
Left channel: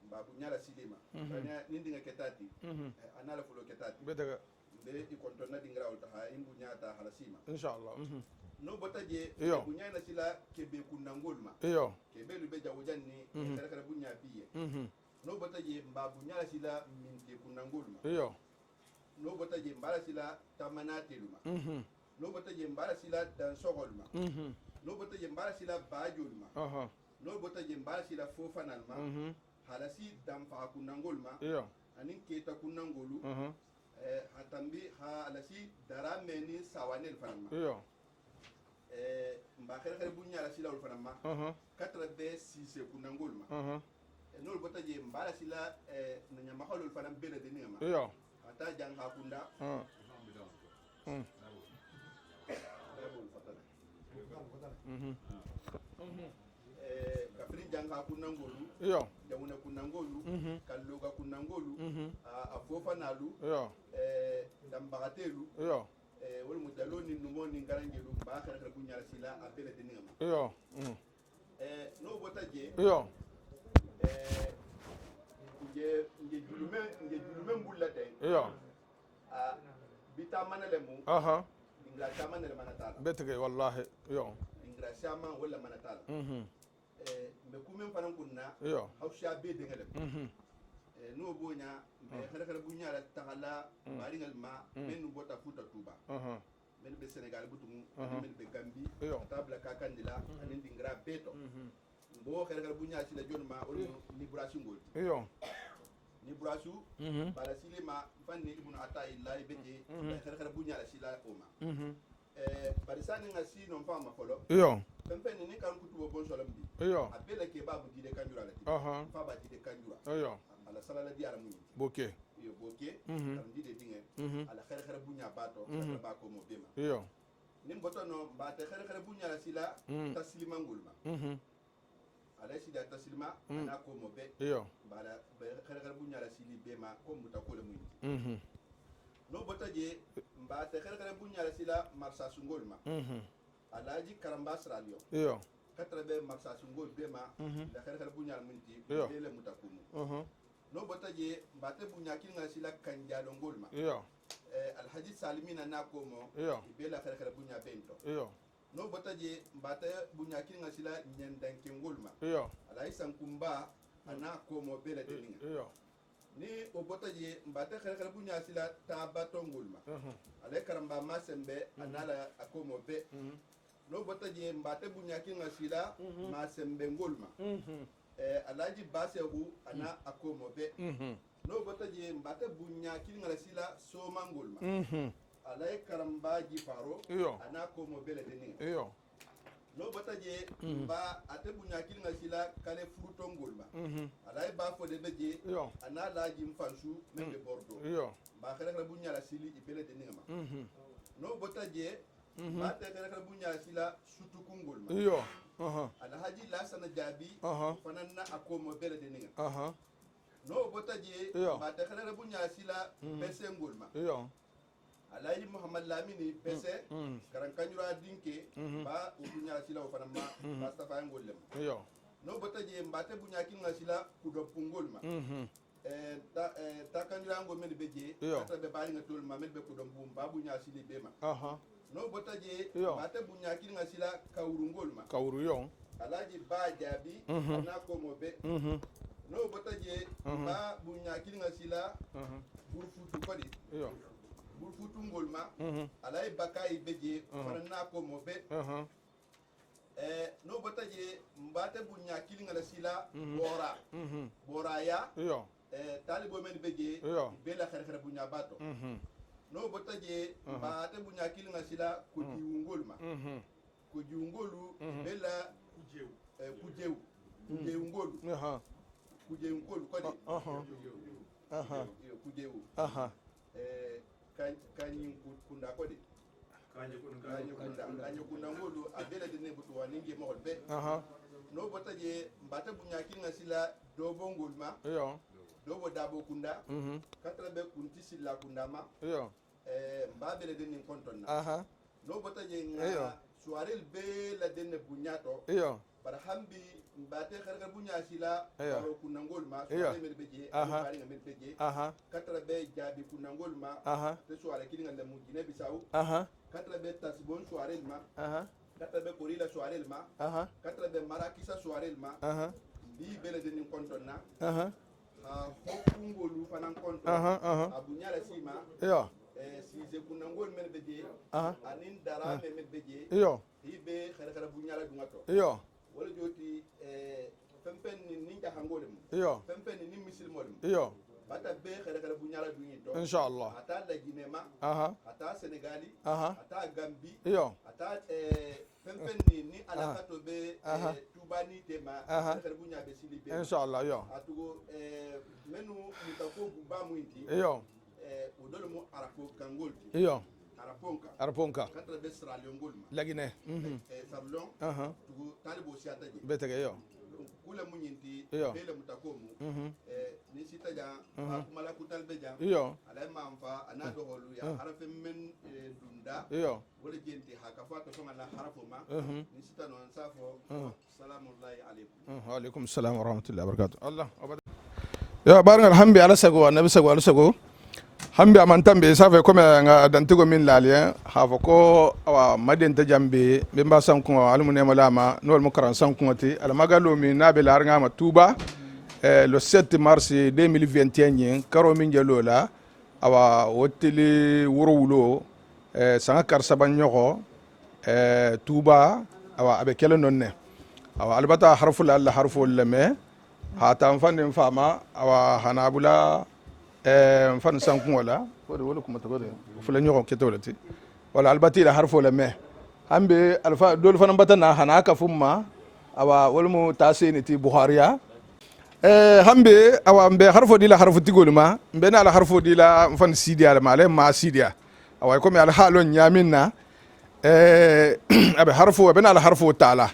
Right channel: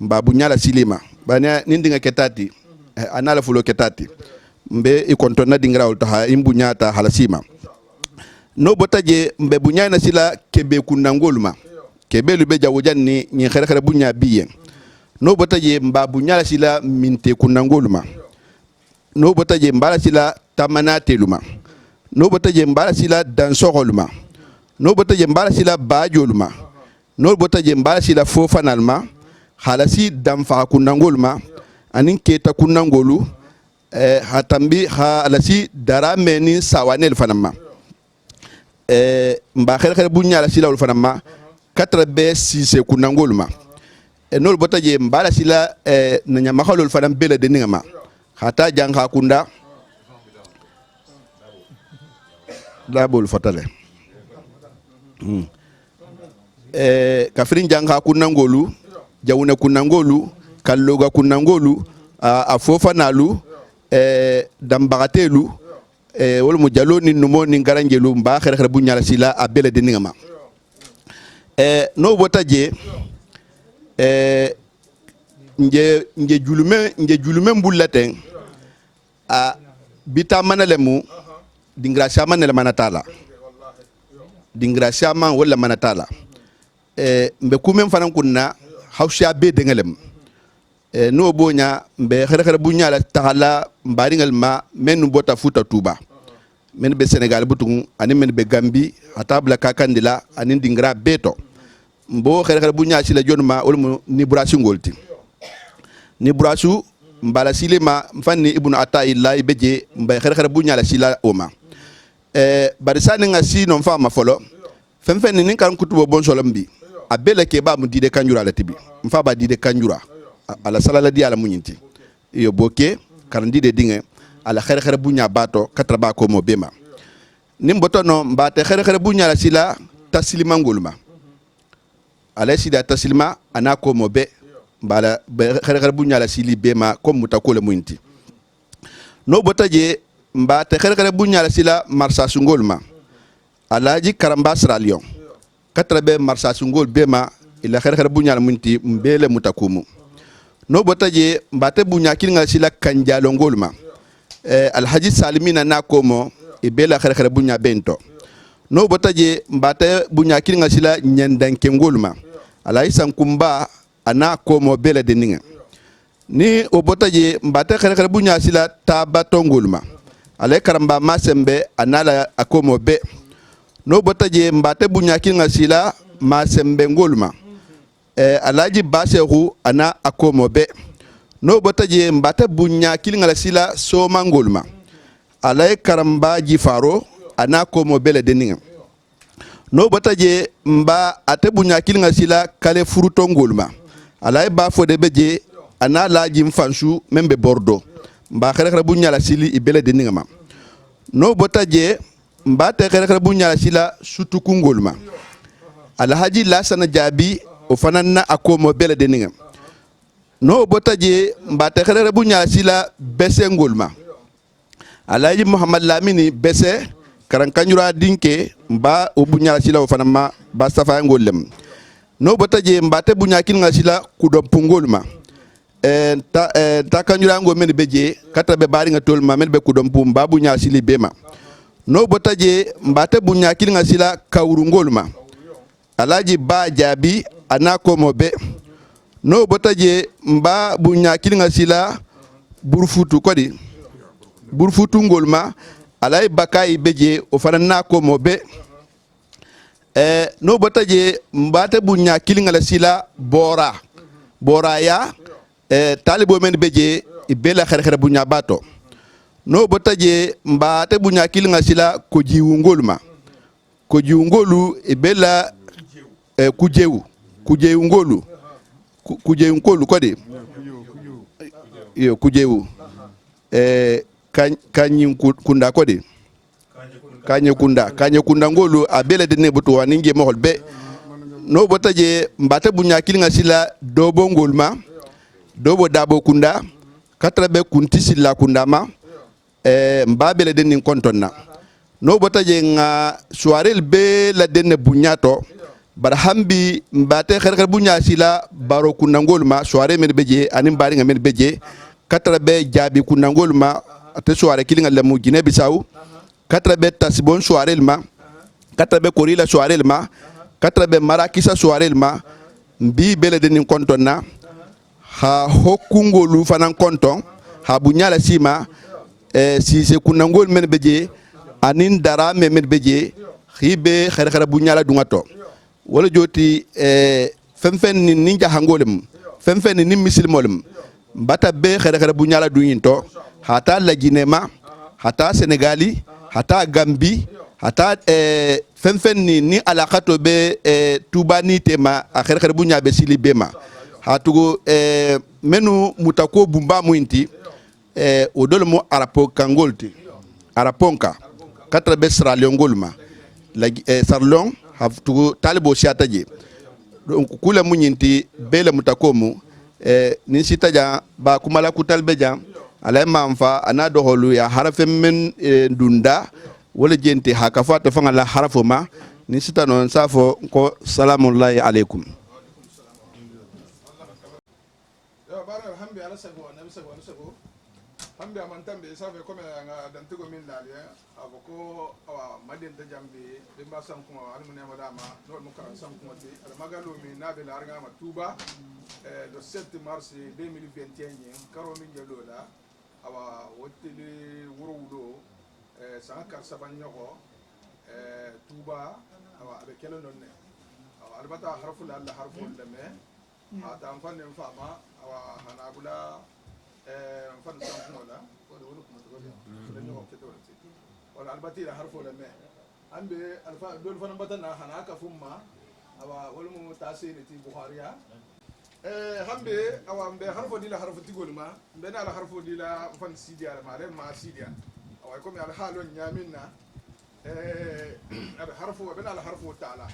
mbabu nyala silima bana nindinga ketati anala fulo ketati mbe ikontona dingra ulta imbu nyata halasima no botaje mbe bunyana sila kebe kunangolma kebe lube jawojanni ni khere bunya biye no botaje mbabu nyala sila minte kunangolma no botaje mbala sila tamana teluma no botaje mbala sila dansorolma no botaje mbala sila bajolma no botaje mbala sila fofanalma halasi damfa kunangolma anin keta kunangolu hatambi halasi darameni sawanel fanama mba khere bunya la sila fanama 4B6 kunangolma no botaje mbala sila nanya makhalol fanam bele de ningama hata jangha kunda dabul fatale kafirin jangha kunangolu jawuna kunangolu kalloga kunangolu afofa nalu dambagatelu wala mu jalo ni numo ni garanjelu mba xere xere bu ñala sila a bele de ningama no bota je nje julume mbulaten a bita manalemu dingra shama ne manatala dingra shama wala manatala mbe kumen fanan kunna hawsha be dengelem no bonya mbe xere xere bu ñala taxala mbaringal ma men bota futa tuba men be Sénégal butung ani men be Gambi atabla kakandila ani dingra beto mbo xere xere bu ñala ci la jonma wala ni brasu ngolti ni brasu mbala silema fanni ibnu ataillah beje mbe xere xere bu ñala sila oma barisani nga si non fama folo fen ni kan kutubo bon solambi abele ke ba mu dide kanjura la tibi mfa ba dide kanjura ala salala di ala munyinti iyo boke karandi de dinge ala xere xere bunya bato katra ba ko mo bema nim botono mbate xere xere bunya la sila taslima ngulma ala sida taslima ana ko mo be bala xere xere bunya la sili bema ko mutakole munyinti no botaje mbate xere xere bunya la sila marsa sungolma alaji karamba sra lion katra be marsa sungol bema ila xere xere bunya la munyinti mbele mutakumu no botaje mbate bunya kilinga sila kanjalo ngolma alhaji salimina na komo ibela xere xere bunya bento no botaje mbate bunya kilinga sila nyandanke ngolma alai sankumba ana komo bela deninga ni o botaje mbate xere xere bunya sila tabato ngolma alai karamba masembe anala akomo be no botaje mbate bunya kilinga sila masembe ngolma alaji basehu ana akomo be no botaje mbata bunya kilinga la sila so mangolma alay karamba jifaro ana komo bele deninga no botaje mba ate bunya kilinga sila kale furuto ngolma alay ba fode beje ana laji mfansu membe bordo mba xere xere bunya la sili ibele deninga ma no botaje mba te xere xere bunya la sila sutuku ngolma alhaji lasana jabi o fanana akomo bele deninga no botaje mbate xere bunya sila bese ngolma alaji muhammad lamini bese karan kanjura dinke mba o bunya sila o fanama ba safa ngolem no botaje mbate bunya kinga sila kudom pungolma ta kanjura ngo men beje kata be bari nga tolma men be kudom pum ba bunya sili bema no botaje mbate bunya kinga sila kawru ngolma alaji ba jabi ana komo be no botaje mba bunya kilinga sila burfutu kodi burfutu ngolma alay bakai beje o fanana komo be no botaje mbate bunya kilinga la sila bora ya talibo men beje ibela xere xere bunya bato no botaje mbate bunya kilinga sila ko jiwu ngolu ibela kujewu ngolu kujewu ngolu kodi yo kujewu kanyi kunda kodi kanye kunda ngolu abele de ne butu waninge mohol be no botaje mbate bunya kilinga sila dobo ngolma dobo dabo kunda katra be kunti sila kunda ma mbabele de nin kontonna no botaje nga soirel be la denne bunyato barhambi mbate xerxer bunya sila baro kunangolma soirée men beje anim bari nga men beje katra be jabi kunangolma te soirée kilinga lemu Guinée Bissau katra be tasbon soirée ma katra be korila soirée ma katra be marakisa soirée ma mbi bele de nin kontonna ha hokungolu fanan konton ha bunya la sima si se kunangol men beje anin dara men beje khibe xerxer bunya la dungato wala joti femfen ni ninja hangolem femfen ni misilmolem bata be xere xere bu ñala duñinto hata la Guinema hata Senegali hata Gambi hata femfen ni alaqato be tubani tema xere xere bu ñabe sili bema hatugo menu mutako bumba muinti o dolmo arapo kangolti araponka katra be sra leongolma la sarlong haftugo talibo siataje donc kula munyinti bele mutakomu ni sita ja ba kumala kutal be jam alay mamfa ana do holu ya harafe men dunda wala jenti hakafa to fanga la harafo ma ni sita non safo ko salamullahi alaikum wa alaikum salam wa rahmatullahi wa barakatuh Allah ya baran alhambi ala sago annabi sago ala sago hambi amantambe safa ko nga dantigo min laliya hafa ko awa maden ta jambe be mba sanku almune malama nol mukaran sanku ti al magalo mi nabe larnga ma tuba le 7 mars 2021 karo min jelola awa wotili wurulo sanga kar sabanyogo tuba awa abe kele nonne awa albata harful alla harful leme hata mfande mfama awa hanabula mfan sanku wala wala kuma tagode fula nyogo ketolati wala albati la harful leme ambe alfa dol fanan batana hanaka fumma awa walmu tasini ti bukhariya hambe awa mbe harfo dila harfo tigolma mbe na la harfo dila mfan sidia ma le ma sidia awa ko mi al halon nyaminna abe harfo be na la harfo taala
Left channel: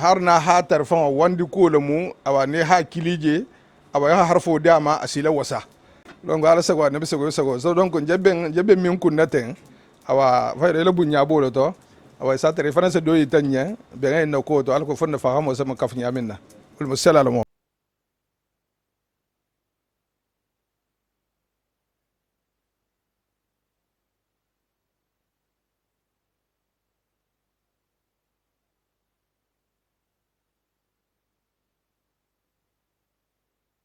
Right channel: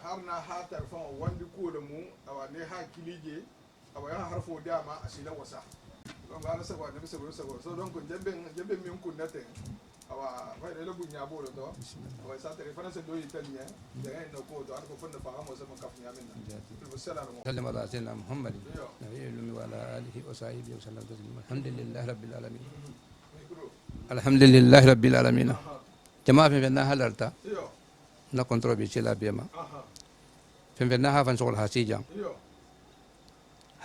harna ha tarfan wandi kolomu awa ne ha kilije awa ya harfo dama asila wasa donc ala sago nabi sago so donc jebbe min kunnaten awa fayde le bunya bolo to awa sa tare fana se do yitanya be ngay na ko to al ko fonna fahamo sama kaf nyaminna المسألة على سلم على سيدنا محمد نبي الأمي وعلى آله وصحبه وسلم تسليما الحمد لله رب العالمين الحمد لله رب العالمين جماعة في فينا هلرتا نكونترول بيشيلا بيما في فينا هافن شغل حسيجا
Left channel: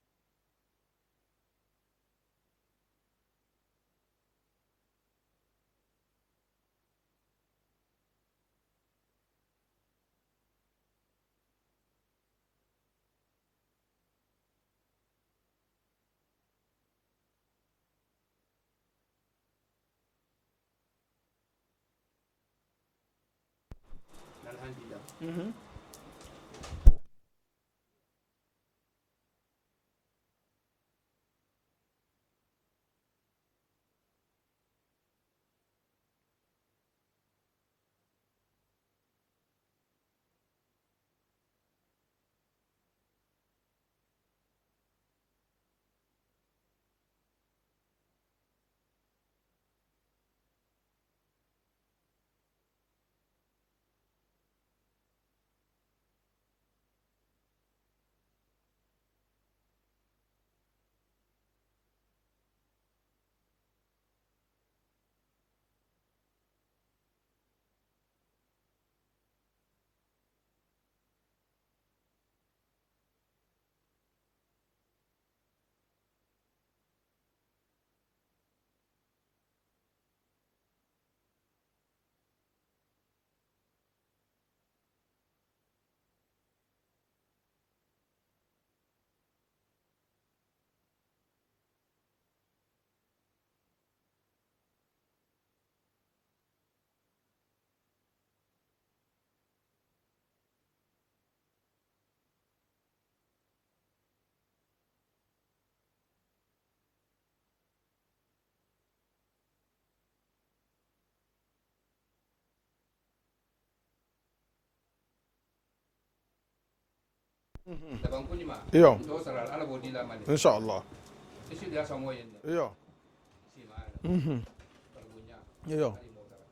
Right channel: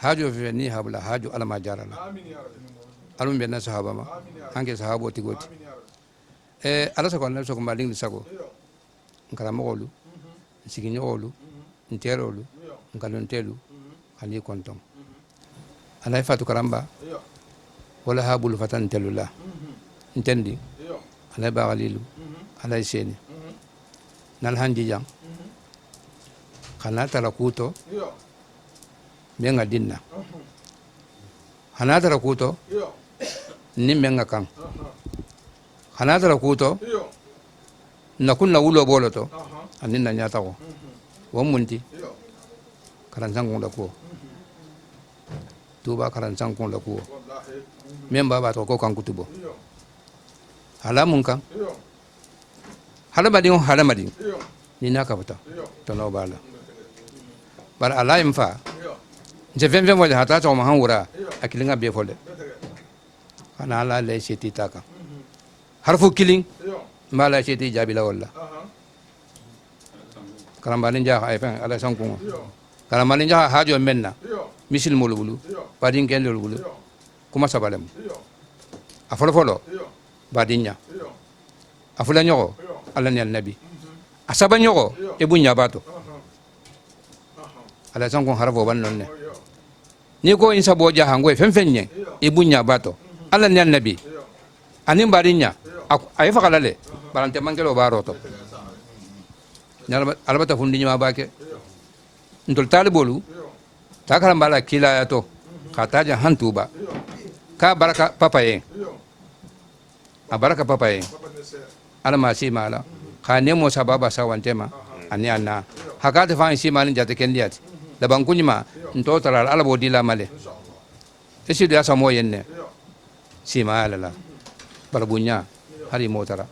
حاجو في فيني هابلا حاجو على ما جارنا ألم بينا صحابة ما هنك صحابة تقول على سكون نفسه كمالين لسكو نكلام قولو نسيجين قولو نتيرولو nkaluntelu ali konton alay fatu karamba wala habul fatan telula ntendi alay bagalilu alay seni nal handi jang khana tala kuto menga dinna khana tala kuto ni menga kan khana tala kuto nakunna wulo boloto aninna nyata ko womunti karansang kong lakuo tuba karansang kong lakuo memba ba to ko kan kutubo halamun kan halamadin halamadin ni na kapata to no bala bar alaim fa je ven wala hata to ma hanura akilinga be fole ana ala le seti taka harfu killing mala seti jabila wala karambalin ja ay fa ala sankung kala malin jaha hajo menna misil molubulu badin ken lolubulu kuma sabalem afolo folo badinya afula nyogo alla ni annabi asaba nyogo e bunya bato ala sanko harfo ban nonne ni ko insa bo jaha ngoy fenfenye e bunya bato alla ni annabi anin badinya ay fakalale barante mangelo baroto nyalba albata fundi nyama bake ntol talibolu takara mbala kila yato kataja hantuba ka baraka papaye a baraka papaye ala ma si mala ka nemo sababa sawantema ani anna hakata fa si malin jate kendiyati da bankunyima nto tara ala bodila male inshallah esi da samo yenne si mala la barbunya hari motara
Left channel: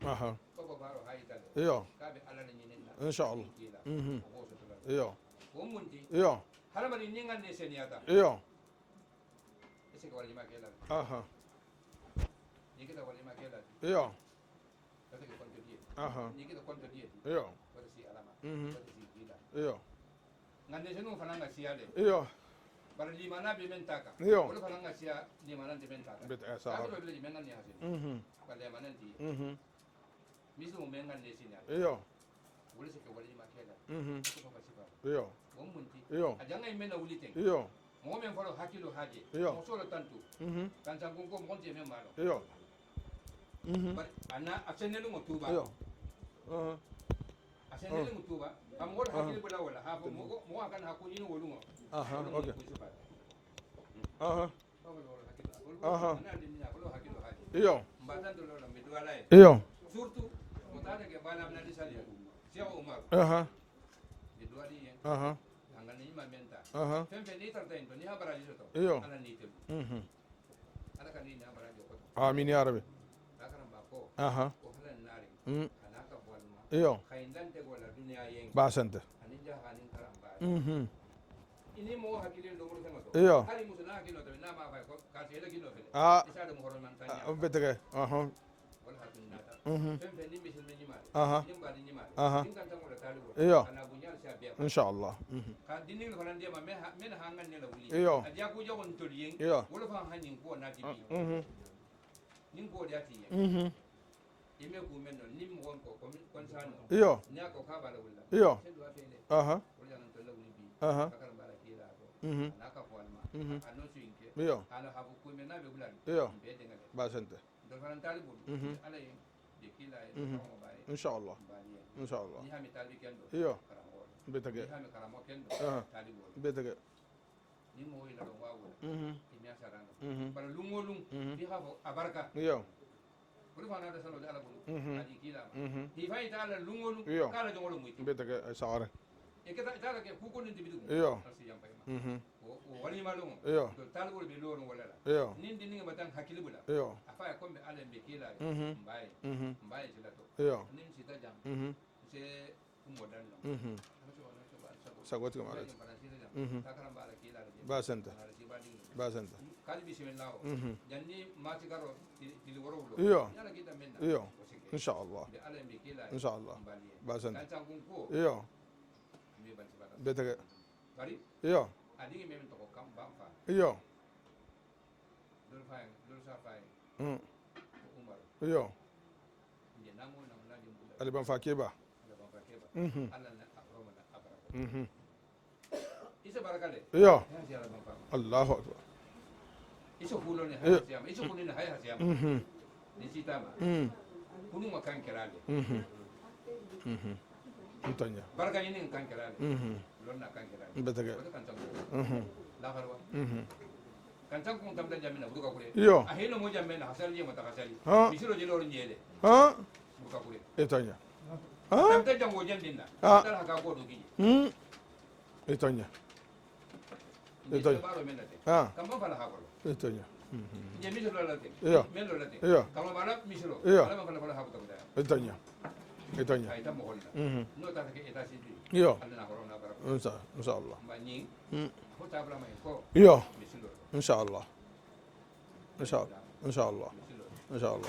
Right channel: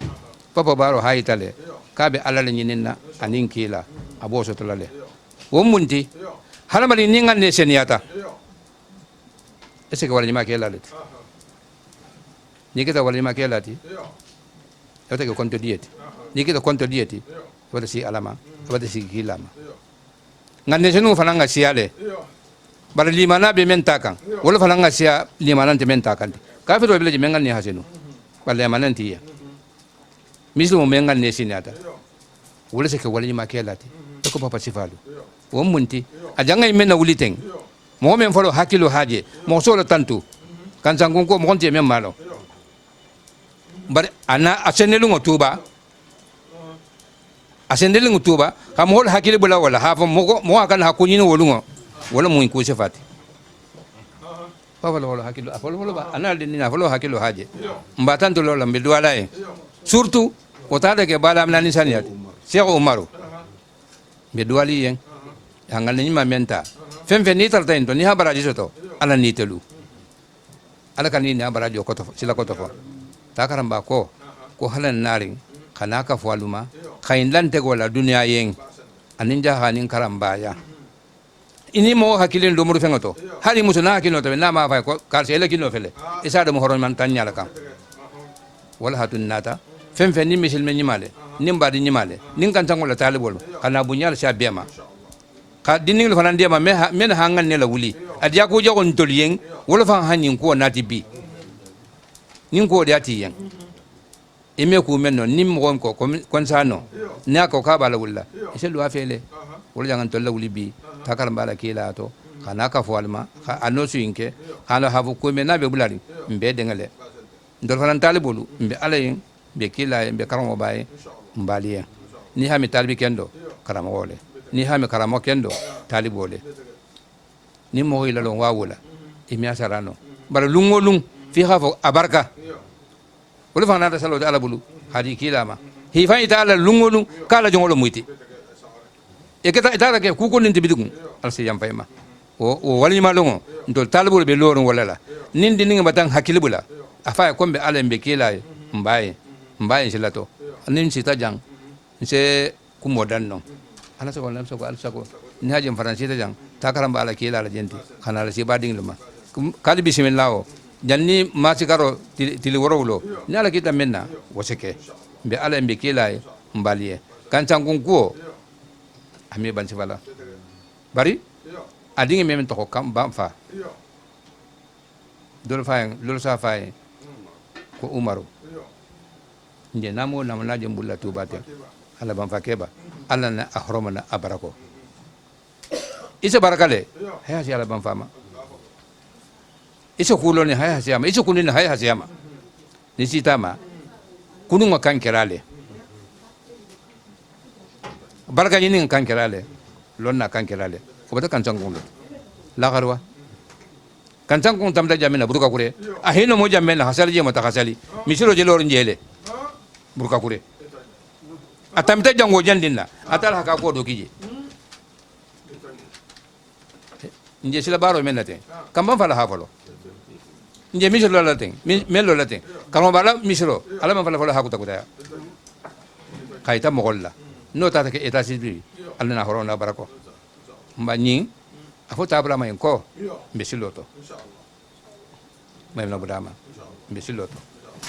papa baro hayitale ka be ala nyinina anin kila aboso tolale womunti halamali ni nganne seniyata ese ko wala nyima kelale ni kita wala nyima kelati yote ko konto dieti ni kita konto dieti wala si alama wala si kilama nganne senu falanga siale bar limana be mentakan wala falanga sia limana te mentakan ka fe do bele mengan ni hasenu wala mananti ya mislu mengan ne seniyata wala se ko wala nyima kelati ko papa sifalu womunti ajanga imena uliteng mo men folo hakilo haje mo solo tantu kan sangon ko mo konti men malo bar ana asenelu ngotuba asenelu ngotuba kam hol hakilo bula wala hafa mo akan hakunyi no wolungo wala mo ko sifati wala hakilo afolo ba ana ni na folo hakilo haje mbatan to lola mbe duala e surtout o tada ke bala amna ni saniyati Cheikh Umaru be duali yen hangal ni ma menta fem ni tarta into ni ha baraji soto ala ni telu ala kan ni ha baraji ko to sila ko to ta karamba ko ko halan narin kana ka faluma khain lan te gola duniya yen anin jahanin karamba ya ini mo hakilin do muru fengoto hali musuna hakilin to na ma fa ko kal sele kino fele isa do mo horon man tan nyala kam wala hatun nata fem ni misil men nyimale nim badi nyimale nin kan tan wala talibol kana bunyal sha bema inshallah ka dinning lo fanan ma men hangan ne la wuli adiya ko jogon toliyen wala fa hanin ko nati bi nin ko diati yen ime ku men non nim gon ko kon sano ne ko ka bala wulla ise lu afele wala jangan tolla wuli bi takar bala kila to kana ka falma ano suinke kana hafu ko men nabe bulari mbe dengale ndol fanan talibolu mbe alayin be kila mbe karamo baye mbaliya ni hami talibi kendo karamo wole ni hami karamo kendo talibole ni mo ila lo wawula imi asarano bara lungolung fi khafo abarka wala fana da salo ala bulu hadi kilama hi fa ita ala lungolung kala jongolo muiti e keta ita ke ku ko ninti bidugun al si yam fayma o wali ma longo ndol talibol be lorun wala la nindi ninga batang hakilibula afa ko be ala mbe kila mbaye silato nin sita jang se ku modan no ana so lam so al sako ni haje faransi ta jang ta karamba ala kila la jenti kana la si bading luma kali bismillah janni ma sigaro tili worowlo ni ala kita menna waseke be ala mbe kila mbaliye kan changun ko ami ban sibala bari adingi memen to kam bam fa dol sa fay ko umaru nje namo namna jembulla tubate ala ban fakeba ala na ahromana abarako isa barakale haya si ala ban fama Allahu isa kuloni haya siyama isa kunini haya siyama ni sitama kununga kan kerale baraka yini kan kerale lonna kan kerale ko bata kan tangungo la garwa kan tangungo tamda jamina buruka kure ahino mo jamena hasali je mata hasali misiro je lorin jele buruka kure atamta jango jandinna atala haka ko do kije nje sila baro menate kamba fala hafalo nje misiro la ten melo la ten kamo bala misiro ala man fala hakuta kutaya kaita mogolla no tata ke eta sidri alna horona barako inshallah mbani afo tabla mayen ko besiloto inshallah may no badama inshallah besiloto inshallah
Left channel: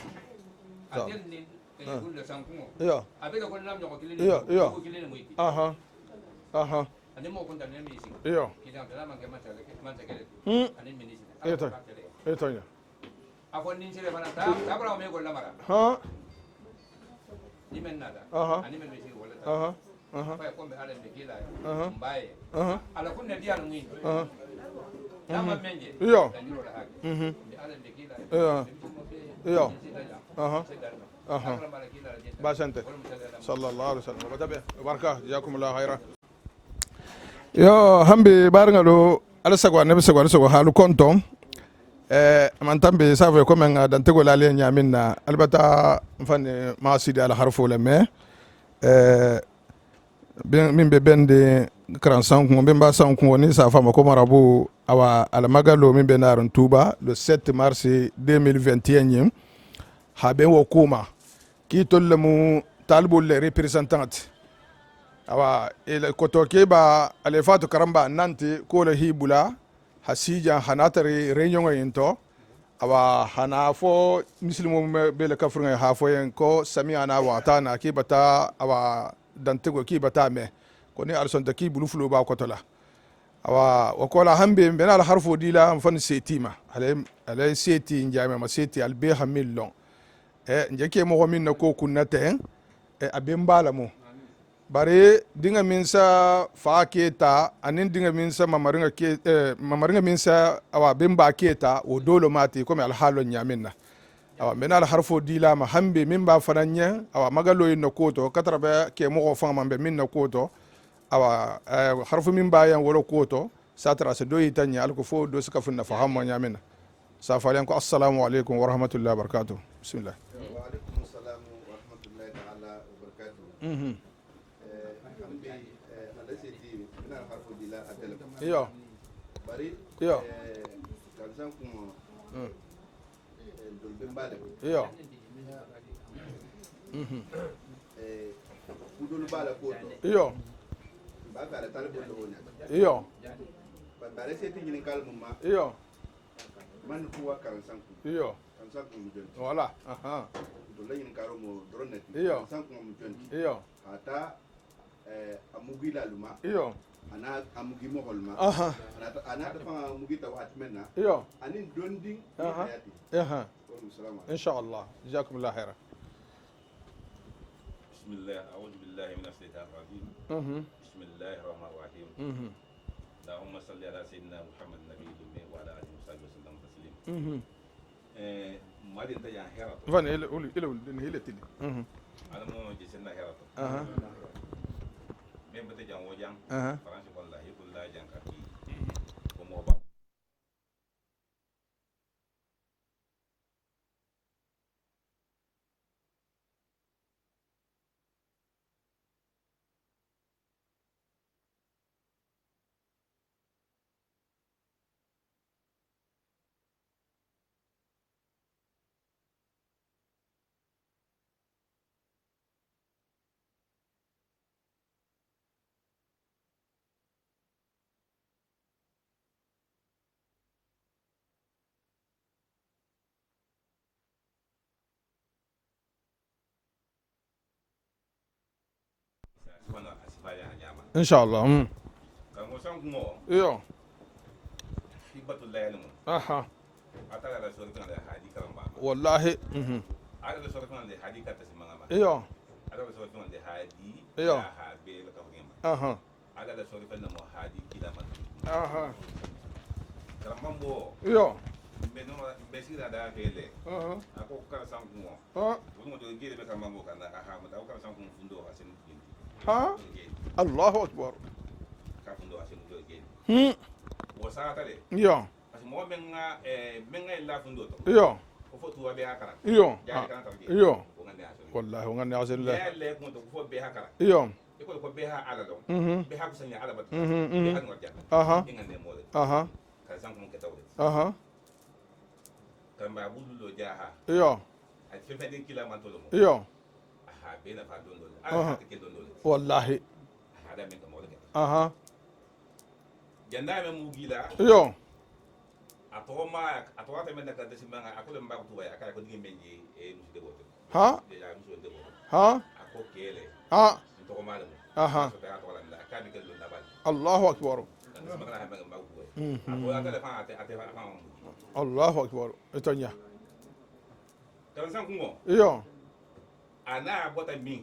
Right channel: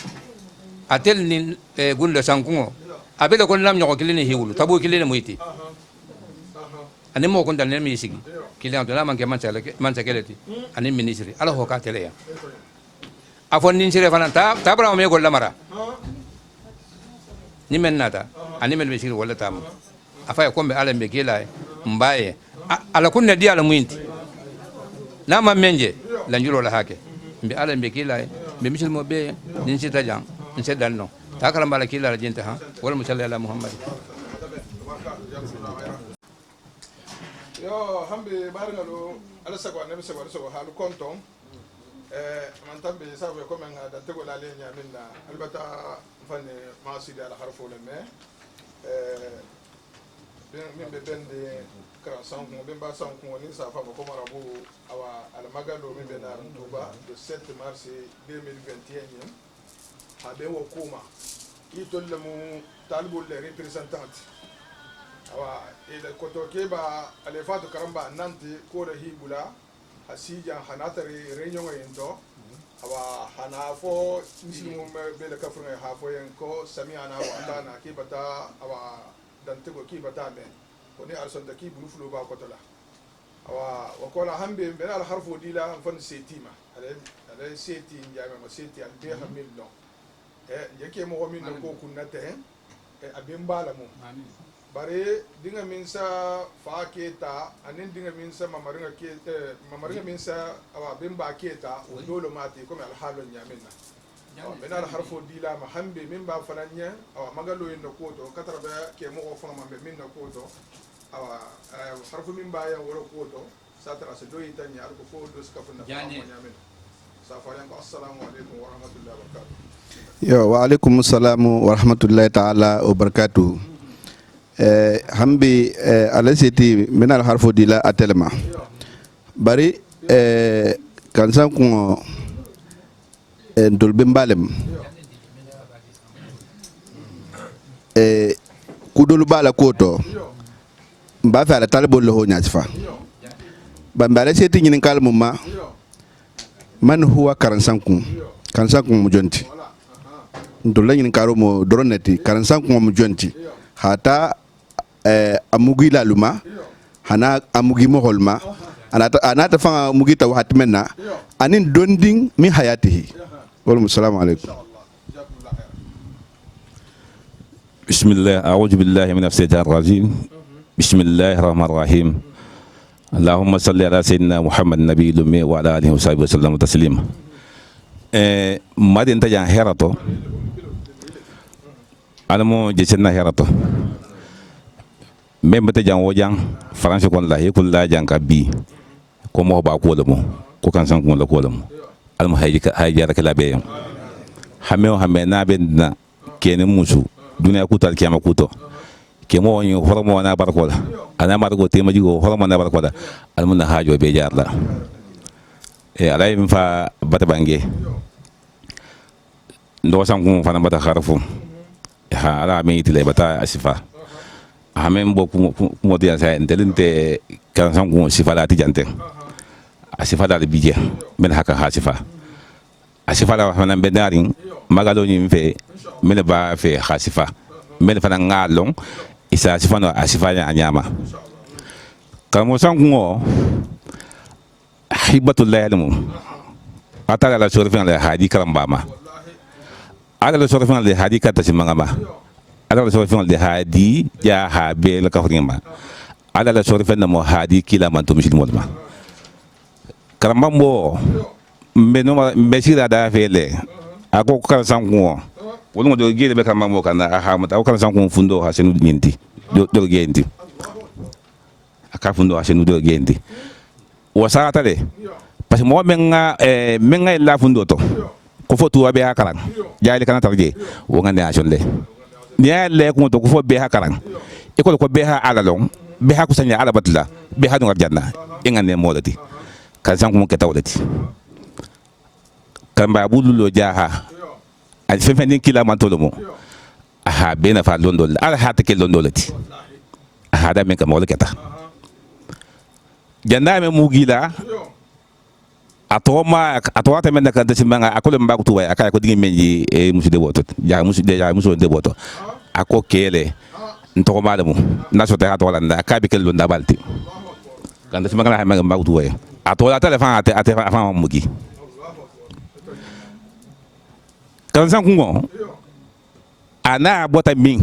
atel ni gulle sankungo abele kon lam nyoko kilini hiwulu tabu kilini muiti ani mo kon dalne mi sigi kilian to la man ke man sakeleti ani ministry ala ho ka tele ya afon nin sire fanan tabra me golla mara ni men nata ani men misiri wala tam afaya kombe ala mbe kila mbaye ala kunne dia ala muinti na ma menje la njulo la hake mbe ala mbe kila mbe misil mo be din sita jang nse dalno takala mbala kila la jenta ha wala musalla ala muhammad baraka jazakumullahu khaira yo hambe barngalo ala sagwa nabi sagwa so halu kontom man tambe save ko men dan tego la le nyamin na albata mfane ma sidi ala harfo le me min be bende kran san ko be ba san ko ni sa fama ko marabu awa ala magalo min be naron tuba le 7 mars 2021 habe wo kuma ki tollemu talibul le representant awa ele kotoke ba ale fatu karamba nanti ko le hibula hasija hanatari réunion into awa hanafo muslimu bele kafrunga hafo yen ko sami ana watana ki bata awa dantego ki bata me ko ni alson ta ki bulufulu ba kotola awa wakola hambe bena al harfo dila mfan setima ale seti njame ma seti albe hamillon njeke mo min ko kunate abembala mo bare dinga minsa fa keta anin dinga minsa mamaringa minsa awa bimba keta o dolo mati comme al halo nyaminna awa menal harfo dila ma hambe mimba fananya awa magalo yin koto katrabe ke mo fa mambe minna koto awa harfo mimba yan wolo koto satra se do yitanya al ko fo do suka funna fa hammo nyaminna safalen ko assalamu alaikum wa rahmatullahi wa barakatuh bismillah yo wa alaikum assalam wa rahmatullahi ta'ala wa barakatuh hambi alasiti menal harfo dila atelma bari kansan ko ndolbe mbalem kudul bala koto mba fa ala talbo lo nyasfa ba mbale seti nyin kalmu ma man huwa karansan ku mu jonti ndolla nyin karo mo droneti karansan ku mu jonti hata amugi la luma hana amugi mo holma anata fanga mugi taw hatmenna anin donding min hayatihi wal assalamu alaykum inshallah jazakumullah khair bismillah a'udhu billahi minash shaitanir rajim bismillahir rahmanir rahim allahumma salli ala sayyidina muhammad nabiyil ummi wa ala alihi wa sahbihi wa sallam taslima madin tajan herato alamo jesenna herato même bata jang wojang français kon la yekul la jang ka bi ko mo ba ko lamo ko kan san ko la ko lamo almo hayja ka la be hameo hamena ben na kene musu dunia kutal kiyama kuto kemo woni hormo na barkola ana margo tema jigo hormo na barkola almo na hajo be jarla alay mi fa bata bange ndo san ko fa na bata kharfu ha ala mi tile bata asifa amen bo mo dia sa entelinte kan san ko sifa la tijante asifa dal bije men haka hasifa asifa la fa na bedarin magalo ni fe mele ba fe hasifa mele fa na ngalong isa asifa no asifa ya nyama inshallah kamo san ko hibatullah alamu atala la sorfin la hadi karambama wallahi ala la sorfin la hadi kata simangama ala la sorfin la hadi ya habe la kafringa ala la sorfin na mo hadi kila man to misil modma karambambo mbeno mbesira da fele ako kan sanko wonu do gele be karambambo kana aha mata kan sanko fundo ha senu nyinti do gendi allahu akbar aka fundo ha senu do gendi wasata le yo parce que mo menga la fundo to yo ko fo tuwa be hakaran jaade kana tarje wo ngande a jonde ni le ko to ko fo be hakaran e ko be ha ala long be ha ko sanya ala batla be ha do janna e ngande modati kan san ko mo ke tawdati kan ba bululo jaha al fe fen kila man to mo aha be na fa londol ala ha ta ke londolati wallahi aha da men ka mo leketa janna me mugila atoma temenda kan tsimanga akole mbaku tuwa akaya ko dingi menji e musu de boto ja musu de boto ako kele ntoko malamu naso te atola nda akabi kel nda balti allahu akbar kan tsimanga la mbaku tuwa atola telefon ate fa mugi allahu akbar etonya kan san kungo ana bota min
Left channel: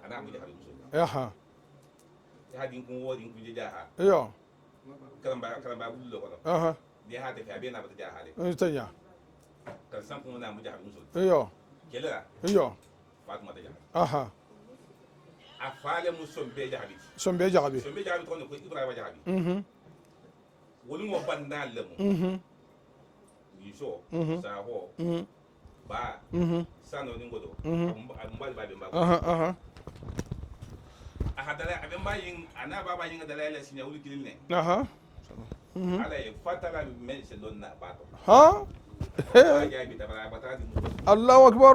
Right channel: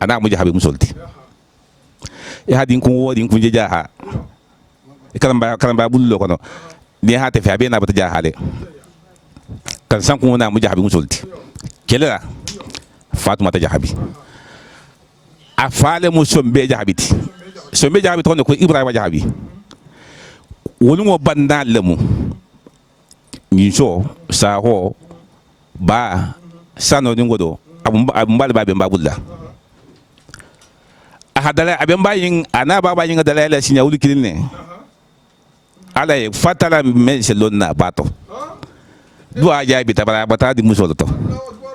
ana muji habi musolti e hadin kun wodi kun je jaha kalamba bullo kono ni ha te fa be na bata jahale kan san kun na mujahabi musulti kelela fatuma ta jahabi afale musombe jahabiti sombe jahabi to ko ibrahima jahabi woni mo banda lemu ni so sa ho ba sano ni ngodo abumbal ba be mbabulla ahadala abin bayin ana ba bayin da laila sinya wuli kilinne ala fatala men selonna bato do aja bi tabara bata di musolo to allahu akbar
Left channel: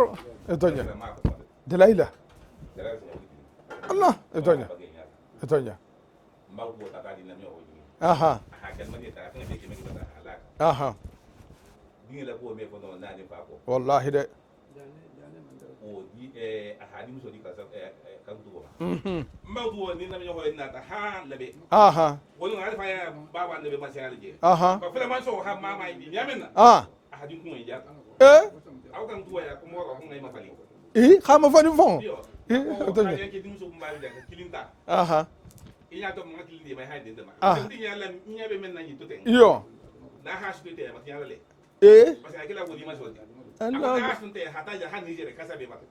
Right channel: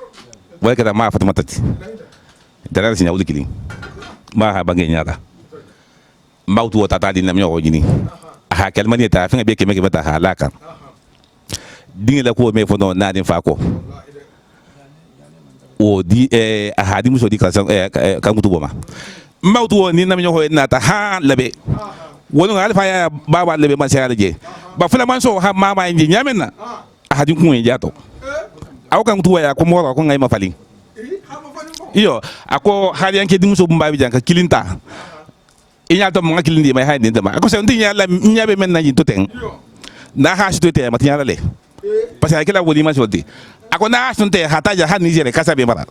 wala kada ma fatuma tati laila dala sinya wuli kilin allah ma ha bangi nyata etonya mbawtu wata ta di nam nyo jini aha kalmani ta finga be keme mata halaka dingela ko me fono na din fa ko wallahi de o di ahadi muso di kasan kan gutu boma mbawtu ni nam nyo na ta ha labe wonu alfa ya baba labe man sai alaje ba fula man so ha mama inji nyamenna ahadi kun ya to aw kan gutu ya ko moro ko ngai mafalin khama fani fon iyo ako hali yanke di muso bumba bi janka kilinta inya to mo kilindi mai ha ni dama ako se ndinya la nyabe men na yin to ten iyo na ha shi to te matinya la le parce que akela wodi ma joldi ako na sunte hataja ha Niger kasa be mara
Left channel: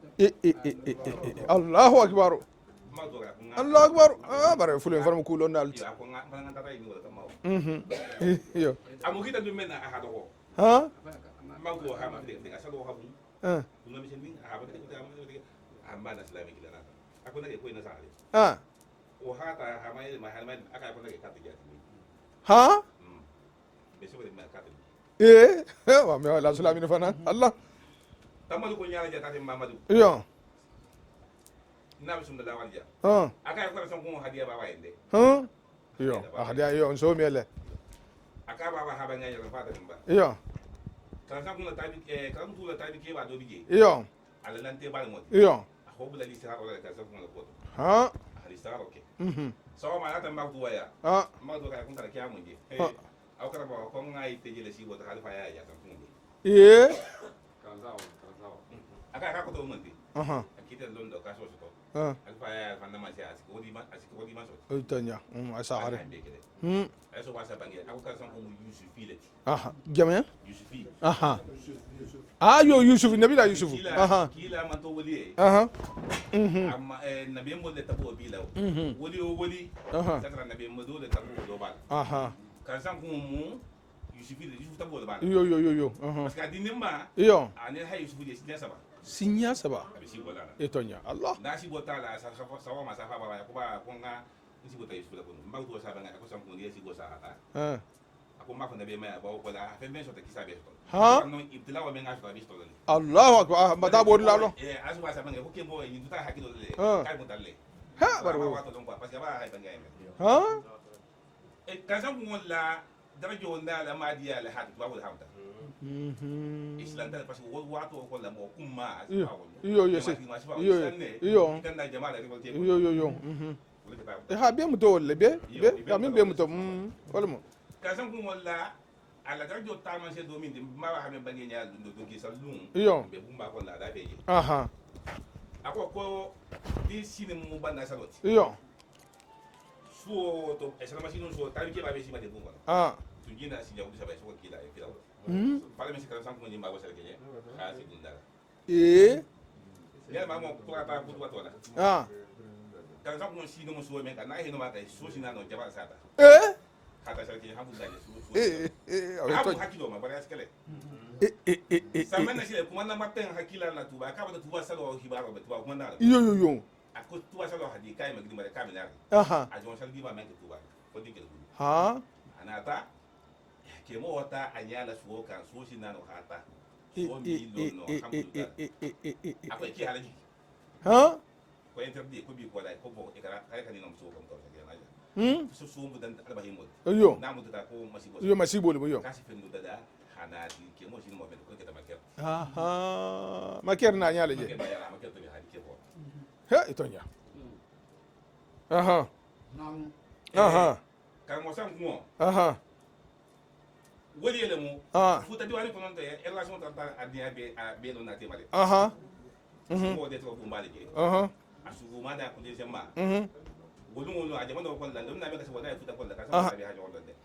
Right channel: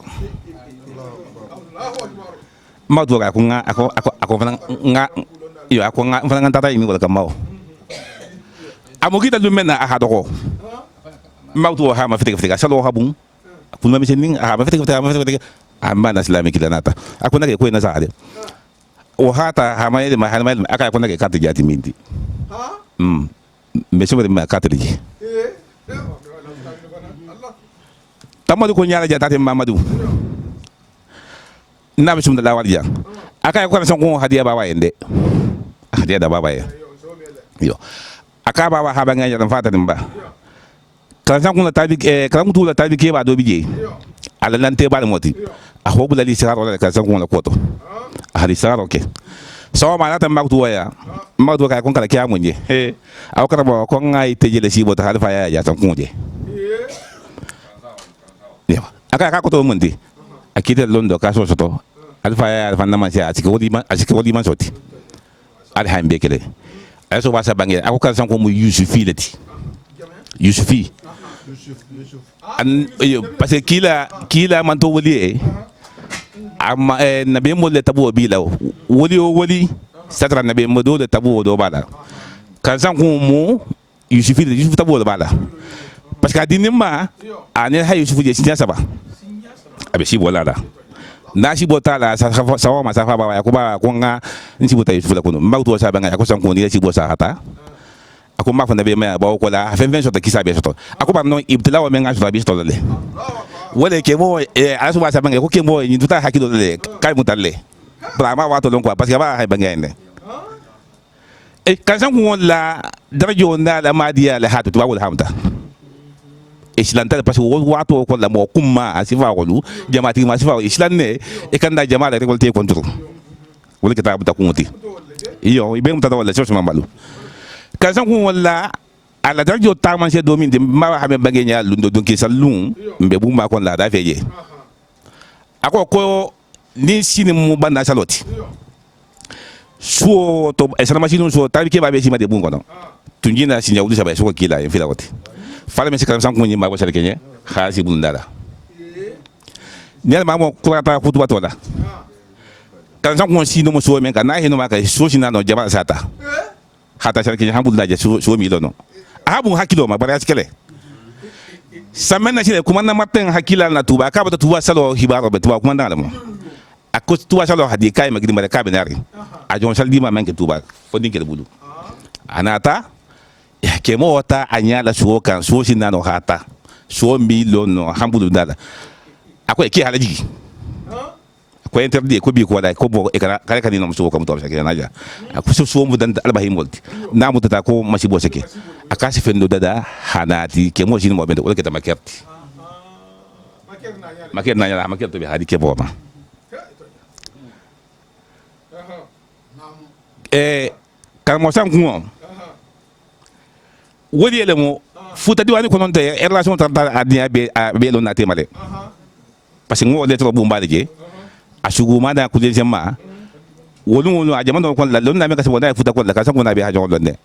allahu akbar ma do ko nga ako nga yo ako nga fana tata yimi wala kamao amugita lumena aha doko ma do ha ma fitika salo ha bun kun ma misenin aha ma fitika amma na islamic la nata akuna ke ko na saade ah o hata hamayle ma hamayle aka ko nake carte jati mindi ha mais so ma carte ji wa me la islamic fana Allah tamadu ko nyaala jata mamadou yo na bisum da lawal jang aka ko san ko hadiya baba yende hadiya da baba ya yo so mele yo aka baba ha banga nyalan fata dimba yo kan san ko tabi kan mutu la tabi ke ba do bije yo ala lan te bal moti yo a hobu la li sigar wala kan san ko la koto ah hadi sigar oke so ma na tan magtu waya magtu ka kon kala kya munje aw kara bo ko ngai te jele sibo ta halfa ya san ko je yo aka ko to mundi akite londo ka so soto alfa ya alfa na man sia asike wodi man soti al hambe kele ay so basa bangi ako kan san ko mu yusufi lati jamia yusufi yusuf yo yusuf nabi parce que kila man to woli amma nabi mo le tabu bi law woli satra nabi mo do le tabu do bala kan san ko mu yusufi yusuf tabu do bala parce que adinima ane hay yusufu je sinya saba abe si bola la na si bota la sa ma sa fa ba ya ko ba ko nga nsi bota yusufu la ko ma to sa ba nga ko san ko ni si bosa hata ako ma fa na be ma ba ko la fen fen so ta kisa be so to ako ba no ibtila wa men nga so ta bi so le Allahu akbar wala ke mo asu ba sa ba nga ko ke mo ni tuta hakilo le kai mutalle bra ma wa to lon ko parce que ba hay ba nga ene kan san ko la darajo na la madiya la hatu to ba wala hamta islantal parce que wato ko la mo kuma asifa ko jamaati ma asifa islan ne e kan da jama'a récolté contre wala kita buta kunti iyo ibe mutata wala so ma balu kan san ko wala ala darjo ta man se domin de ma ha me bagenya lundo donki salun mbe bu ma kon la da feje ako ko ni sini mu banda saloti so to e sana machine so tabi ke ba be sima de bungo no tunjina sinya wulu sabai so ko kila en fila wati fala me sikam san ko nyima ko sare kenye khasi bundala ne ma mo kurata futu batola kan san ko sino mo so men kan na hino ma ka so sina no jaba sata hata sare kenye hamdulillah je so mi do no abu hakilo ma bara sikele samena sile kuma na maten hakila na tuba ka bata tuba salo hibaro be tuba kuma ndala mo ako tuba salo hadi kai ma gidi mare ka benari a jon saldi ma men ke tuba fo dinkel bulu anata ke mo wata anyala suo kan suo sinano hata suo milo no hambulu dala ako ke halaji ko interdit ko bi ko wala ko bo e kala kala no suo kam to sa ke naja ako suo mu dan albahim wolti na mu tata ko masibo seke akasi fendo dada hanati ke mo jini mo bende wala ke tamakerti maker na nyala maker to bi hadi ke bo ma kan mo sam ko wodi ele mo futa diwani ko non te relation ta adia be lo na te male parce que ngo le to bu mbale je asugu ma da ku je jama wolu a jama ko la lo na me ka se wona futa ko la ka sa ko na be ha jongo ne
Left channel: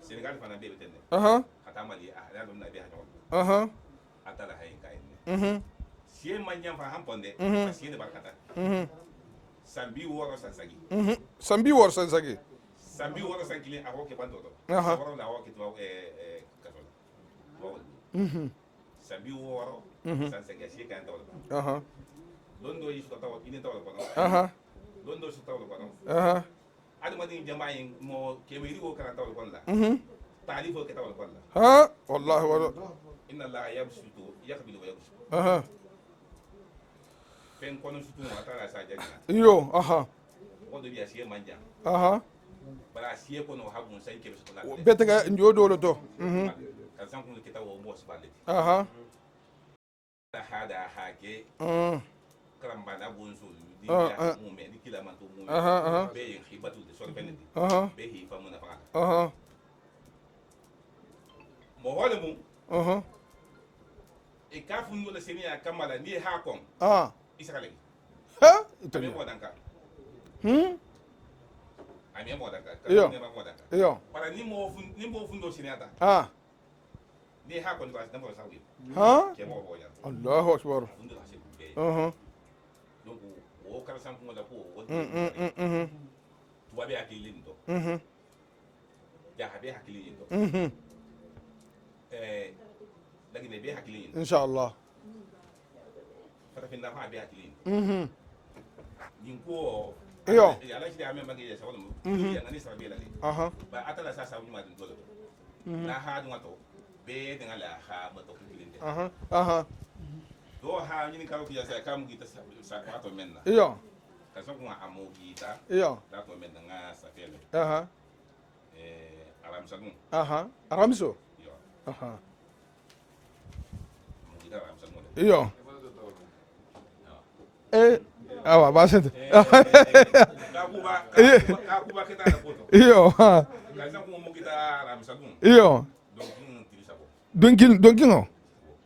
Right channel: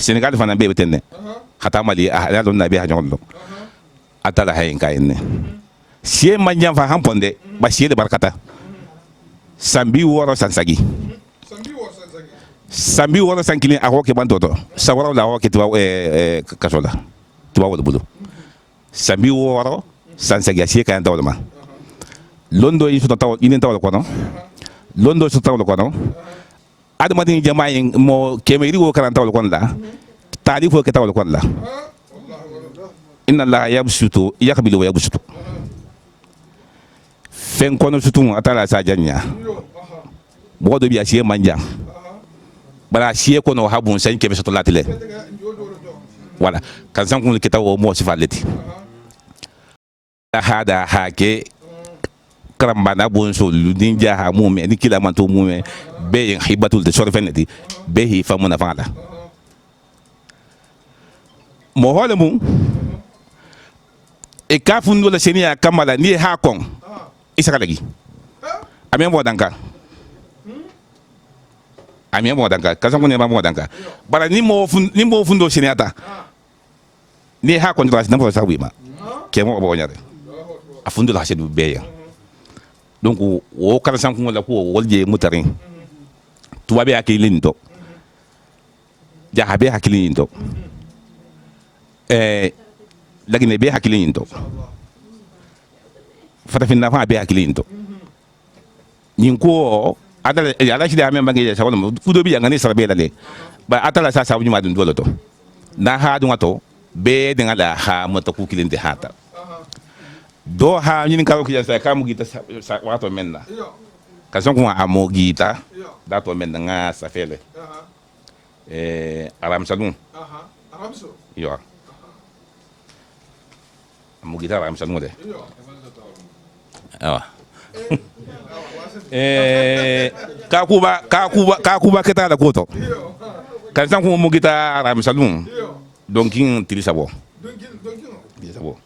senegal fana be betenne hata mali a lo na be ha jongo atala hay kai ne sie manja fa hamponde ba sie de barkata sambi woro sansagi sambi wala sankilin a hoke bantoto sawara la hoke tuwa kasola tuwa wala bulu sambi wala sansagi asiye kan tawla ma londo yi suta taw inen tawla kono londo suta tawla kono adama din jama'i mo kemeri wo kan tawla kono la tadi fo ke tawla kono la wallahi wala inna allaha yabsutu yaqbilu wa yabsutu fen kono sutu atala sa janya yo bodo bi asiye manja bara siye ko no habun sen kebe soto latile voilà kan san kun kita wo mo sifaleti hada hake karamba na bon so ludin jaha mume ni kila man to mume be hibatul de sorfeneti be hi famuna fala mo hole mu e kafundu la senia kamala ni ha kon isakalagi amen bo danka ami mo danka kaza ko ne ba mo danka bara ni mo fundo siniata ni ha kon tras nampo sawi ma ke mo bo nyare Allahu akbar afundo la hasidu be ya donc o kala san ko la ko wolje mutarin tuwa be akilin to jahabe hakilin to lagine be hakilin to inshallah fatafinna fa be hakilinto nyin ko atala ala shi da men bangi sa wala kudo bi ngani sarbe dale ba atala sa sabu ma dun dolo to na ha dun ato be de ngala ha mata ku kilinde hata do ha nyin ka ko ya sa kamu gita sa wato menna iyo ka son ko amo gita iyo da to menna nga sa fele aram salun aramso yo amo gita aram salun de iyo awa awa baset ka kuba keta la koto iyo kan san ko mo gita aram salun iyo donkin tirisabo donkin o tirisabo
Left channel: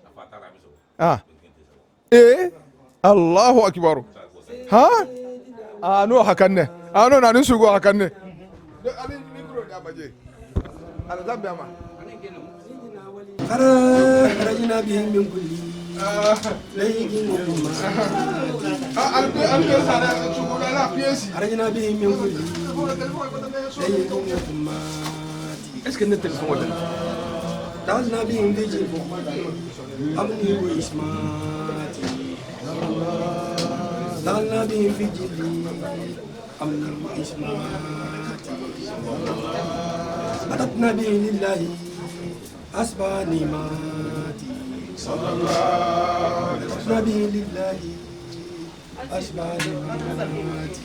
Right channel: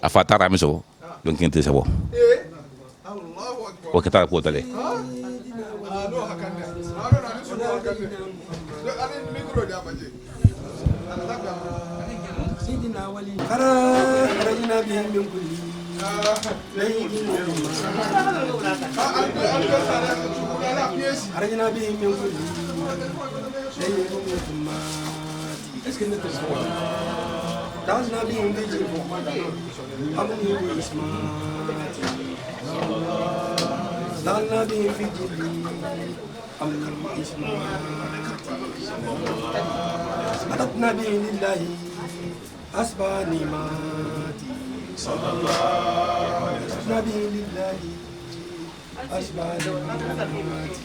afata aram so donkin tirisabo Allahu akbar o keta ko tale ha no hakanne no na nin sugo hakanne ali mikro da baje alzab ya خرجنا بهم من كل خرجنا بهم من كل دعونا بهم بجيب أمني وإسماتي دعونا بهم في جلي أمني وإسماتي أردنا به لله أسباني ماتي صلى الله عليه وسلم به لله أسباني ماتي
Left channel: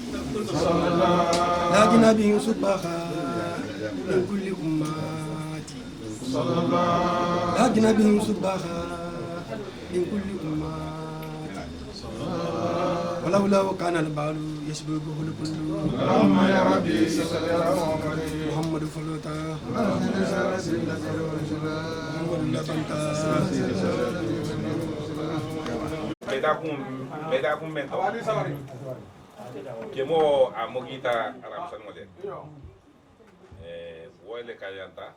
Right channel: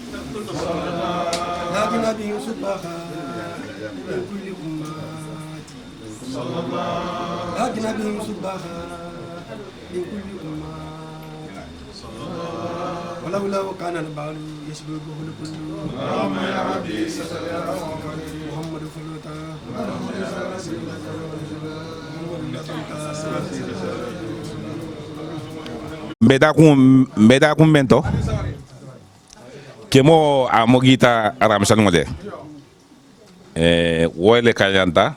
صلى الله لكن به سبحا من كل أماتي صلى الله لكن به سبحا من كل أماتي صلى الله ولولا كان البال يسبقه الكل اللهم يا ربي صل على محمد فلوتا mbeda kum bento kemo amogita aram sanode wole kayanta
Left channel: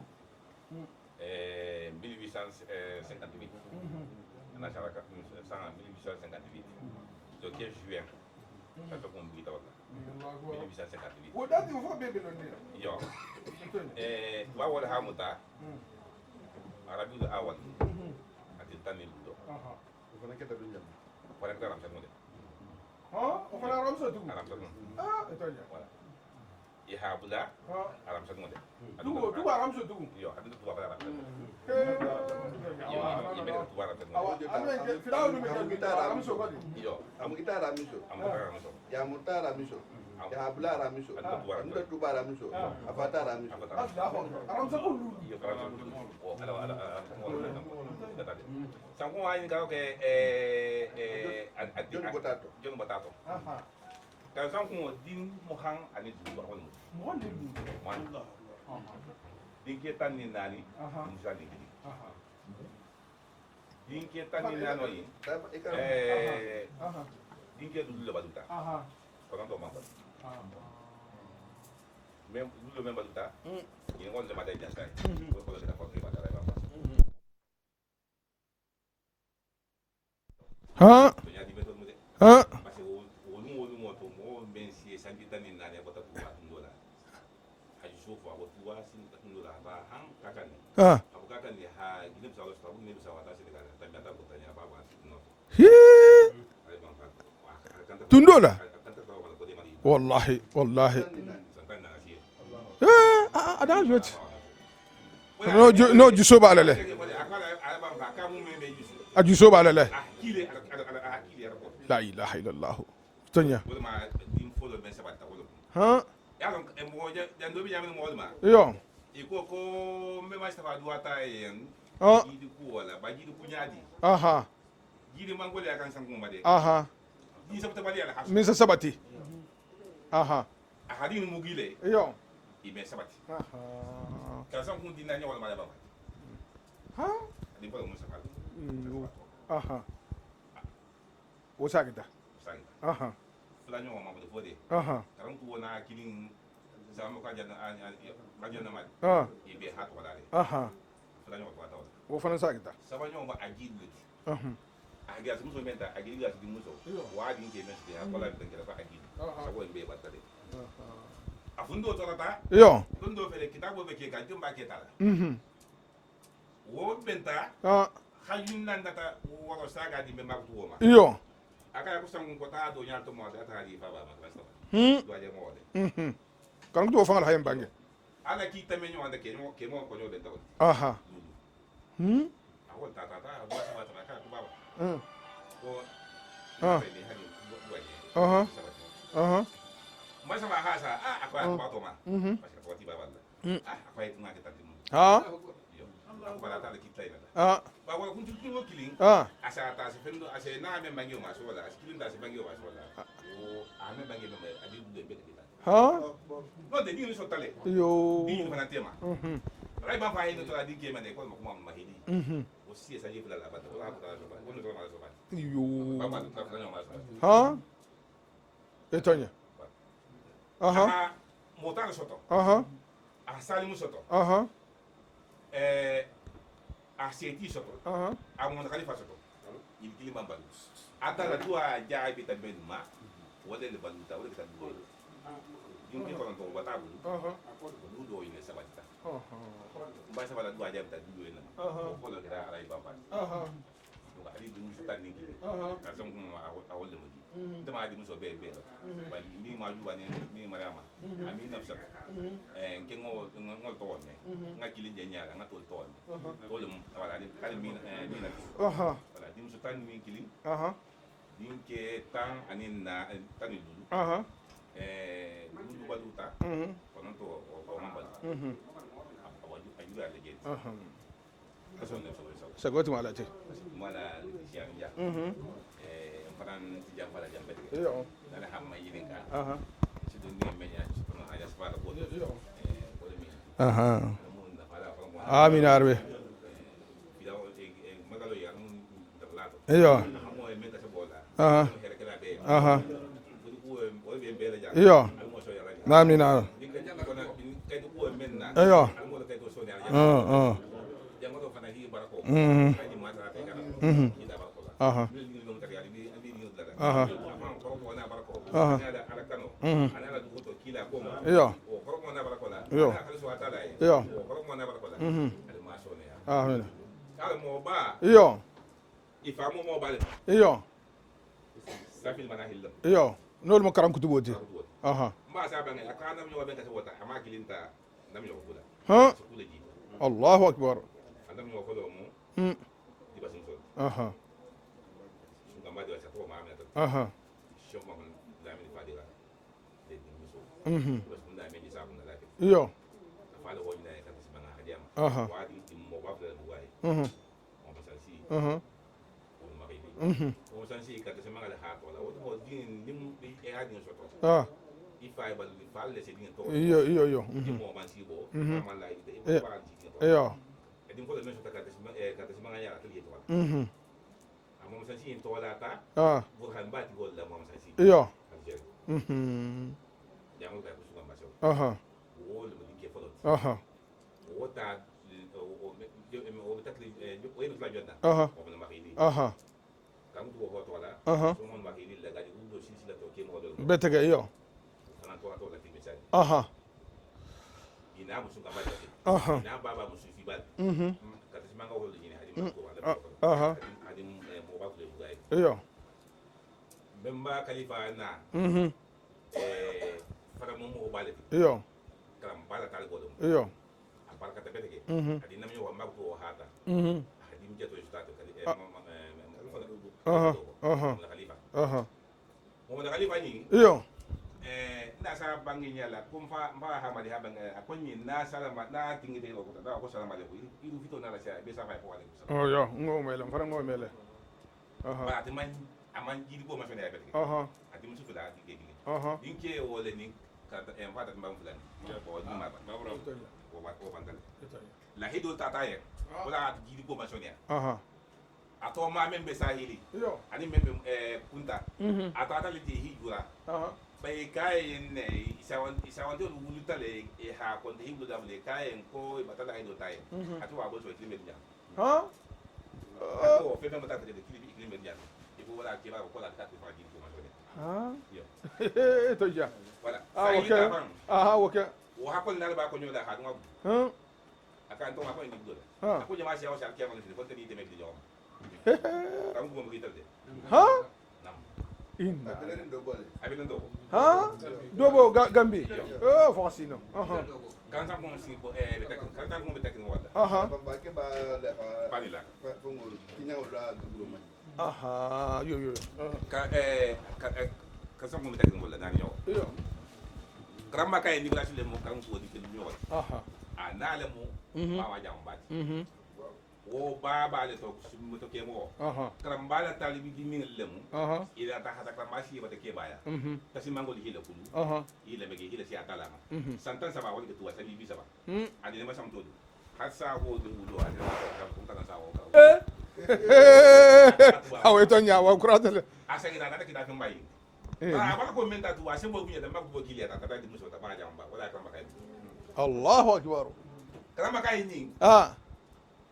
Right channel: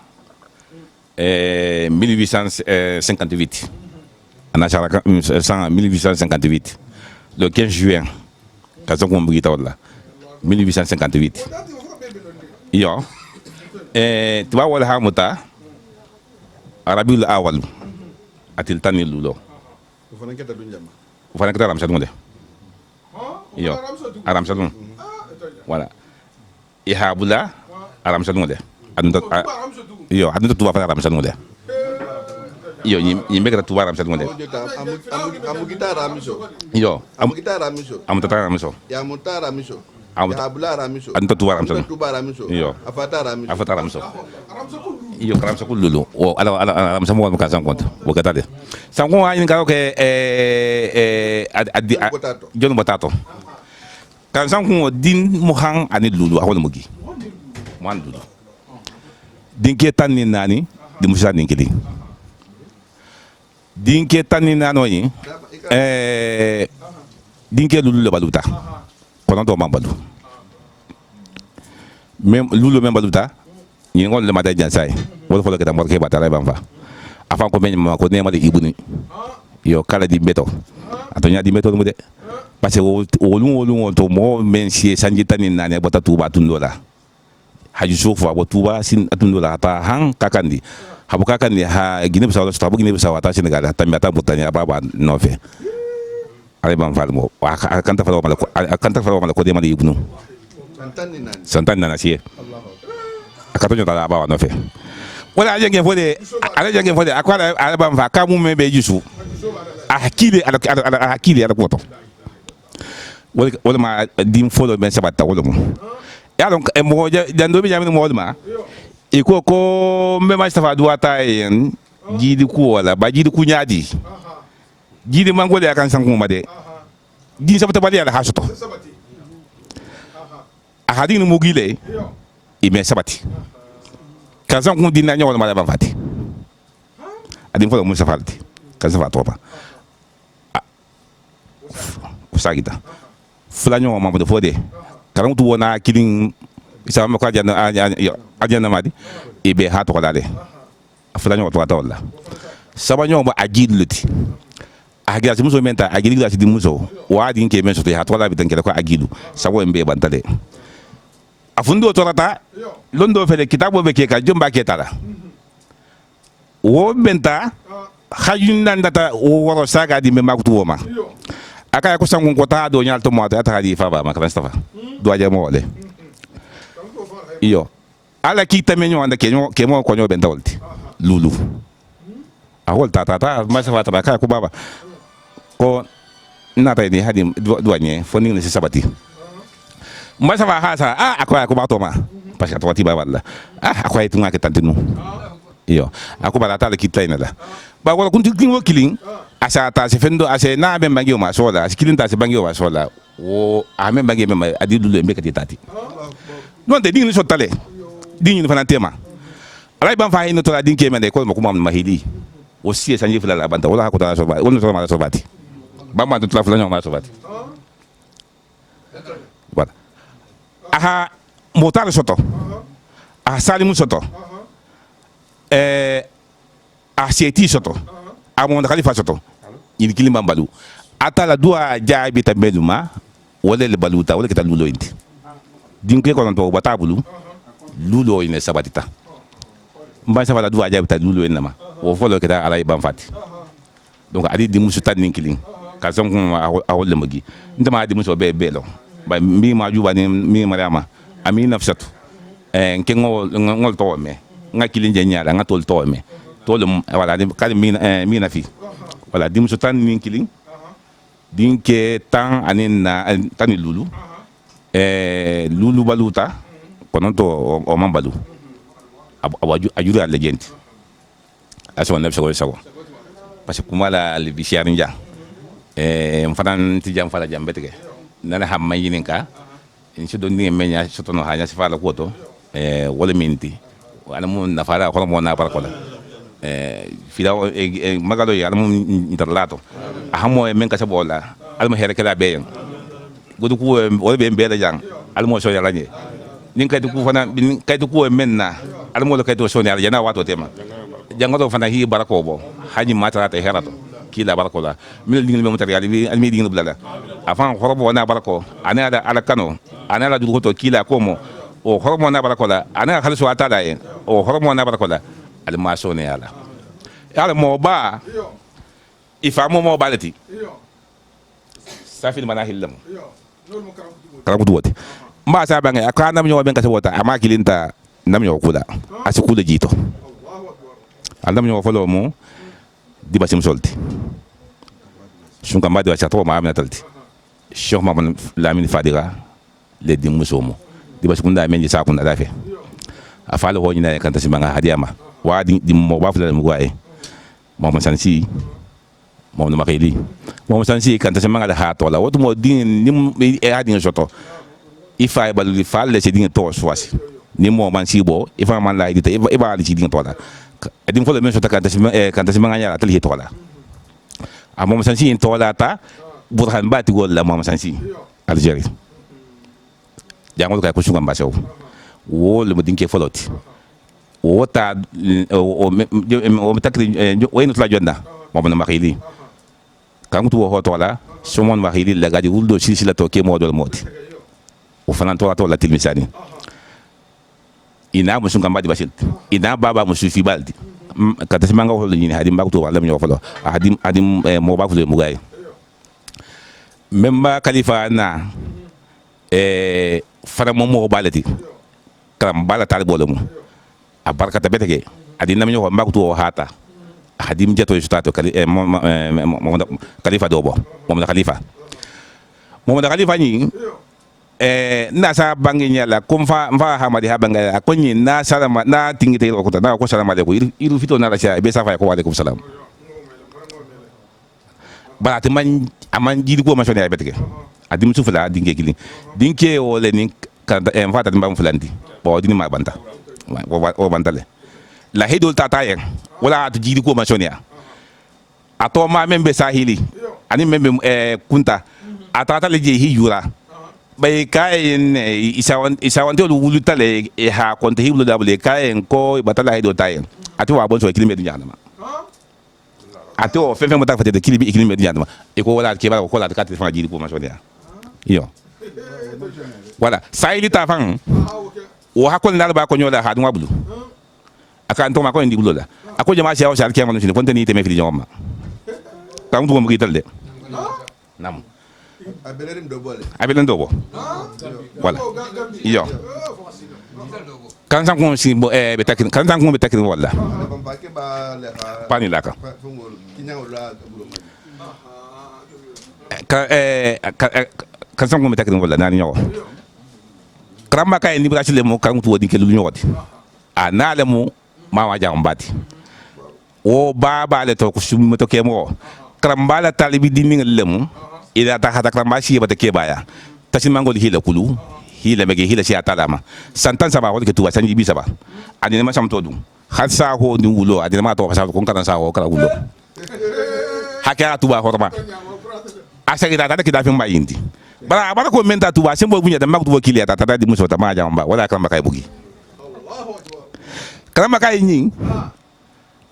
1858 anachara 1858 le 15 juin kazo ko mbugita wala 1858 yo tuba wala hamuta arabiul awal atil tanil lulo ufana kita aram sadunde yo aram sadun wala ihabula aram sadunde yo adunta tuba fa aram sadunde yo yimbe kata tuba aram sadunde amugita ramiso yo amugita ramiso amutata ramiso ya muta ramiso Abula ramiso anta tuba ramiso yo afata ramiso iyo karam sa kululu o ala sa mo ka san konta o ka tade san ko ayin ka ke John Botato kan san ko din muhang ani lulu awol mugi man lulu din ke tan ni nani di musa din kidi din ke tan ni nano yi din ke lulu le baluta kono do mambalu même lulu même baluta ni ngol le mata jansay wala folo keta morke batara bamba afan ko men ma ko nema de ibuni yo kala di beto atonya di beto mude parce que wolun to mo men si sanji tanin nane bota tuba tundola haju sofa bo tuba sin tundola ta han kakandi habu kakandi ha gine bisa wala tabu gine bisa wata Senegal ta mata botanya baba nofe ale ban falmo akanta falo ko nema de ibunu wallahi santan nana sie akatonyo ta ba no fe wala yake fode akwala alaba mfa kamu me be jusu ajuso ba lele akili ala poto la ilaha illallah wala ma dim folo ben sabata wala mo ya donc e mo jando bi jamin mo ma yo iko ko me ma stafa duata en jidi ku wala ba jidi ku nyaadi jidi mangole akan sanku ma de din sabata bali ala hasuto sabati ahadin mugile yo ime sabati kansan kun dinna nyawol mala ban fati adin folo musa falti kansan fa topa usagita fulanyo ma mo fode karam tu wona kilin isa ma ko ajana madi ibe ha to dale fulanyo to wala sabanyo ma agiluti agira si muso menta agiri gasi di muso wa din ke men so te ha to la bitan ke ko agilu sabo mbe bantale afundo torata yo londo fele kitabo be ke ka jomba ke tala wo benta ah hajun nan data o woro saga di me makutu woma iyo aka ko sangun ko ta do nyal to mo ta hadi fa ba makran stafa do aje mo wole kan to fangal hayam iyo ala ki tamenyo anda ke mo ko nyo benta wolti aha lulu a wol ta ma sa fata ka ko baba ko na ta ni hadi do anye foni ni sabati aha ma sa fa hasa akwa ko ba to ma parce que to ti ba wala akwa itu ngake tantinu ah iyo ako bala tala kita ina la ba wala kunti kingo killing asa ta se fendo ase na be bangi o masola killing ta se bangi o masola o ame bangi me adi dulu embe kati tati non de dingni sotale dingni fana tema alay ban fa hino to la dinke me de ko mo kuma mahili o si sanje fula la banta wala ko ta so ba wala to ma so bati ba ma to la fula ma so bati betonya wala aha motar soto aha salimu soto a seti soto a mon khalifa soto ni kilima balu atala dua jaabi tambeluma wala le baluta wala kita lulo inti dinke ko to bata bulu lulo ine sabatita mba sa wala dua jaabi ta lulo inama wo folo kita alay ban fati donc adi di musu tan ninkilin ka som ko a wala magi ndama di musu be belo ba mi ma juba ni mi mariama ami nafsatu ngol to me nga kilin jenya nga tol to me tol wala kali mina fi wala dim sultan min kilin din ke tan anin na tani lulu lulu baluta konon to o man balu ajuri al legend aso na sago parce que kuma la le bisiarin ja fanan ti jam fala jambe tege nana hamma yinin ka in don ni menya soto no hanya sifala koto wala minti wala mun na fara ko mo na ba ko fila magalo ya mun interlato ahamo men ka sabola alma here kala be godu ku wala be be da jang almo so ya lañe nin kay du ku fana kay du ku men na almo lo kay do so ya yana wato tema jangoto fana hi barako bo haji mata ta herato kila barako la min dingil be material bi almi dingil blala afan khorobo na barako ana da ala kano ana la du to kila komo o khorobo na barako la ana khalisu ata da o khorobo na barako la al maso ne ala mo ba ifa mo balati safil mana hillam nol mo karam kutubo ma sa bangi akana mo ben ka sabota ama kilinta nam yo kula asikula jito Allahu akbar andam ñoo folo mo di basim solti sun kam badi wa chato ma amna talti cheikh mamman lamine fadiga le di musomo di basim kunda men ji sa kunda dafe afalo ho nyina kan tasi manga hadiama wa di mo ba fula mo wae mamman sansi mamman makili mamman sansi kan tasi manga da ha to la woto mo di ni e adi soto ifa balu di falle se di to swasi ni mo man sibo ifa man la di te iba di di to la edim folo men sota kanta simanga atali hitola a mom sansi in tola ta burhan bati gol la mom sansi algeri jangol kay ko sunga mbaso wo le modin ke foloti wo ta o metakri wayno tla jonna mom na makili kangu to ho tola somon makili la gadi wuldo silsila to ke modol moti o fanan tola tilmisani ina musun kan badi basil ina baba musu fi baldi kata simanga hol ni hadi mbakto wala mi yofalo hadi mo ba fulo mugay memba khalifa na fara mo balati karam bala tal bolo mo a barkata betege adi nam yo mbakto hata hadi mjeto stato khalifa dobo mo da khalifa ni na sa bangi nyala kum fa hamadi habanga akonyi na salama na tingite ko ta na ko salama de ko iru fito na rasha be sa fa ko alaikum salam ba ta man aman jidi ko ma sone ay betke adim su fula dinke o le ni ka en fata mbam fulanti bo dini ma banta o bantale la hedol tata yen wala to jidi ko ma sone ya ato ma membe sahili ani membe kunta atata le je hiyura bay kayen isawante lu wulu tale ha konte hiblu dable kayen ko batala hedo tayen ati wa bon so kilime du nyama ati o fefe mota fate de kilime du nyama e ko wala ke ba ko la 4 francs jiri pour masonia yo wala sayli ta fan o hakol na ba ko nyola ha dum wablu akan to ma ko indi bulola ako jama ci awsa ke man ci fonte ni teme fi joma kam to mo gital de nam abelen do bo wala yo kan san ko si bo be takin kan san ko be takin wala pani laka kan san ko be takin wala nani yo kramba kay ni brachi le mo kan to wodi ke lu nyoti na le mo ma wa jam bati o baba le to ko sum to ke mo kramba la talibi dini le mo ila ta hata kramba shi ba te ke baya tasin mangol hila kulu hila mege hila shi atalama santan saba ko ke tuwa sanji bi saba adina ma sam to dum har sa ho ni wulo adina ma to sa ko kan sa ho kala wulo hakya tuwa ko ba asagi da ta ke da fin ba yindi bara ko menta tuwa sembo bunya da mak tuwa kili ata ta di muso ta ma jamba wala kramba kay bugi Allahu akbar kramba kay nyin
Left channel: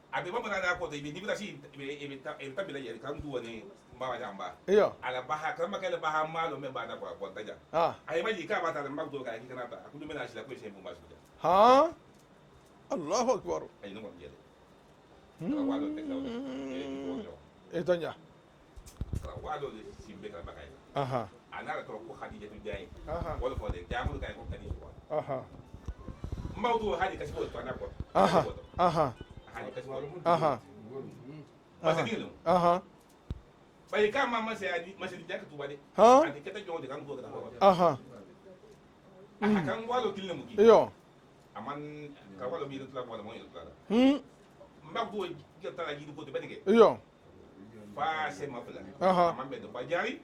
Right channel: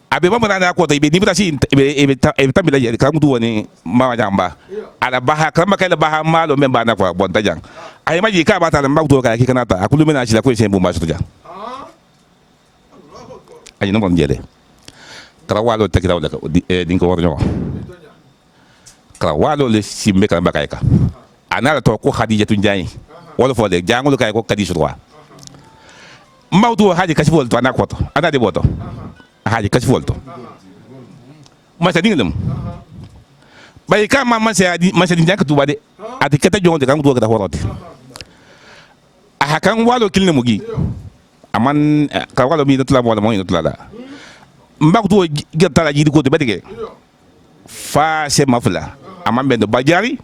abe ba mana ko to ibe ni bitasi ibe tamila ya kam tu woni ma jamba ala baha kramba kay la baha malo memba na ko bon tajang ay maji ka ba ta mak tu ka ki kanata akulu mena ci la ko sembo ma sutu ja Allahu akbar ay no bon jere kala walo tekira wala din ko worño kala walo le simbe kramba kay ka anala to ko khadija tun jayi wala fo de jangul kay ko kadi sutwa mawdu haji kasi fol to anakoto ada de boto haji kasi fol to masa dinglam bay ka ma masa din janka tuba de ati kata jonde kan to ka horote kan walo kilne mugi aman ka walo mi dotla wala mo dotla da mbaktu gata ji ko de bedige fa se mafla aman bendo bajari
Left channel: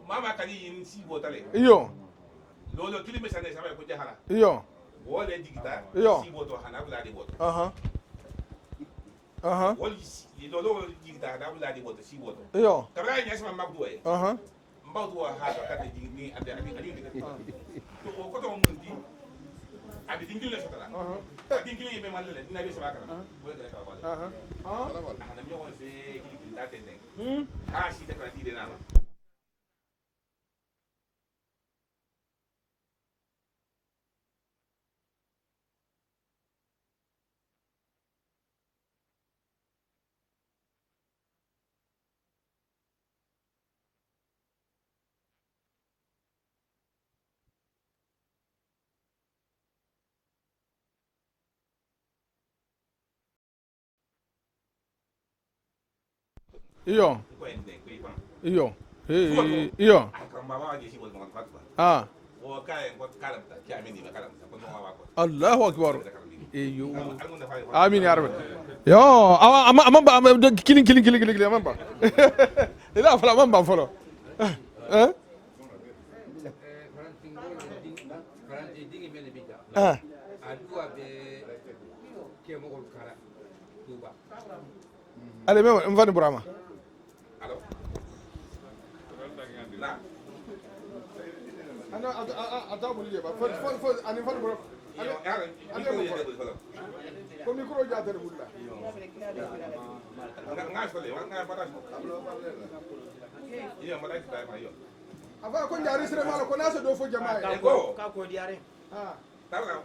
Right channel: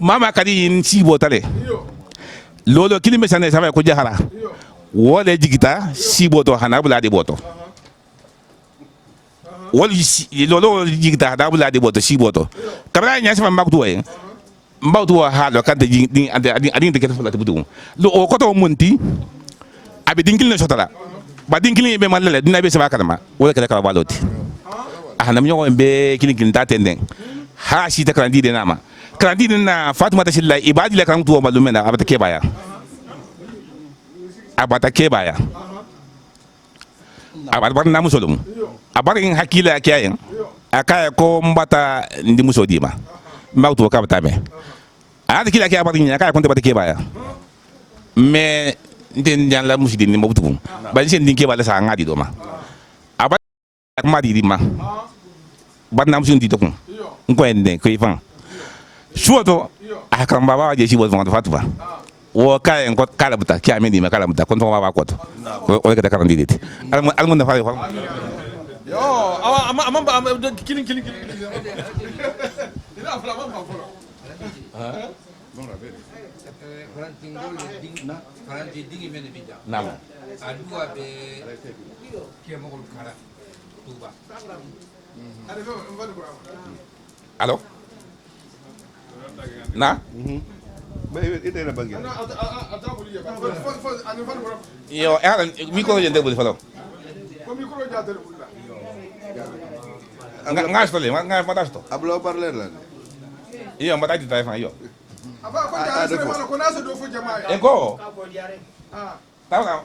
mama kadi in si botale lolo kilime sane sama ko jahara wala jigita si boto hana bula de boto wala lolo jigita da bula de boto si boto kabra nya sama mbaktu e mbaktu ha lo kan de adin de kete fula budu lo o koto munti abi dinkil ne sotala ba dinkil be malale dina be sama kalma wala kala kala baloti ahna mi nyogo be kilin ta tenden ha si ta krandi de nama krandi na fatima ta shilla ibadi la kan tuwa malumena abata ke baya abata ke baya abar na musolum abar in hakila kiyayen akaya ko mbata ndi musodima mbautu ka batame ada kila kiya abar ni akaya ko bata ke baya me den jan la musidin ni mabtu ba sen din ke bala sa ngadi do ma abar ma di ma banam sun di dokun ko ende ko ifan suoto akam baba je si bo vando fatuba wo kay ko kala buta ki ameni ma kala buta kon to baba ko to ko ka karan didit almun na fa amin ya rabbi yo ama kilin ama ba ila fala ama ba folo faranti dingi mene bija na adua be ke mo ko kala tuba ale me mvani burama allo na yo era micro jende bul falo ko micro jende bul nga stole nga madasto ablo parler la yo madati tay yo aba ko jare se ko na se do fo jamaa enko ko diare tawa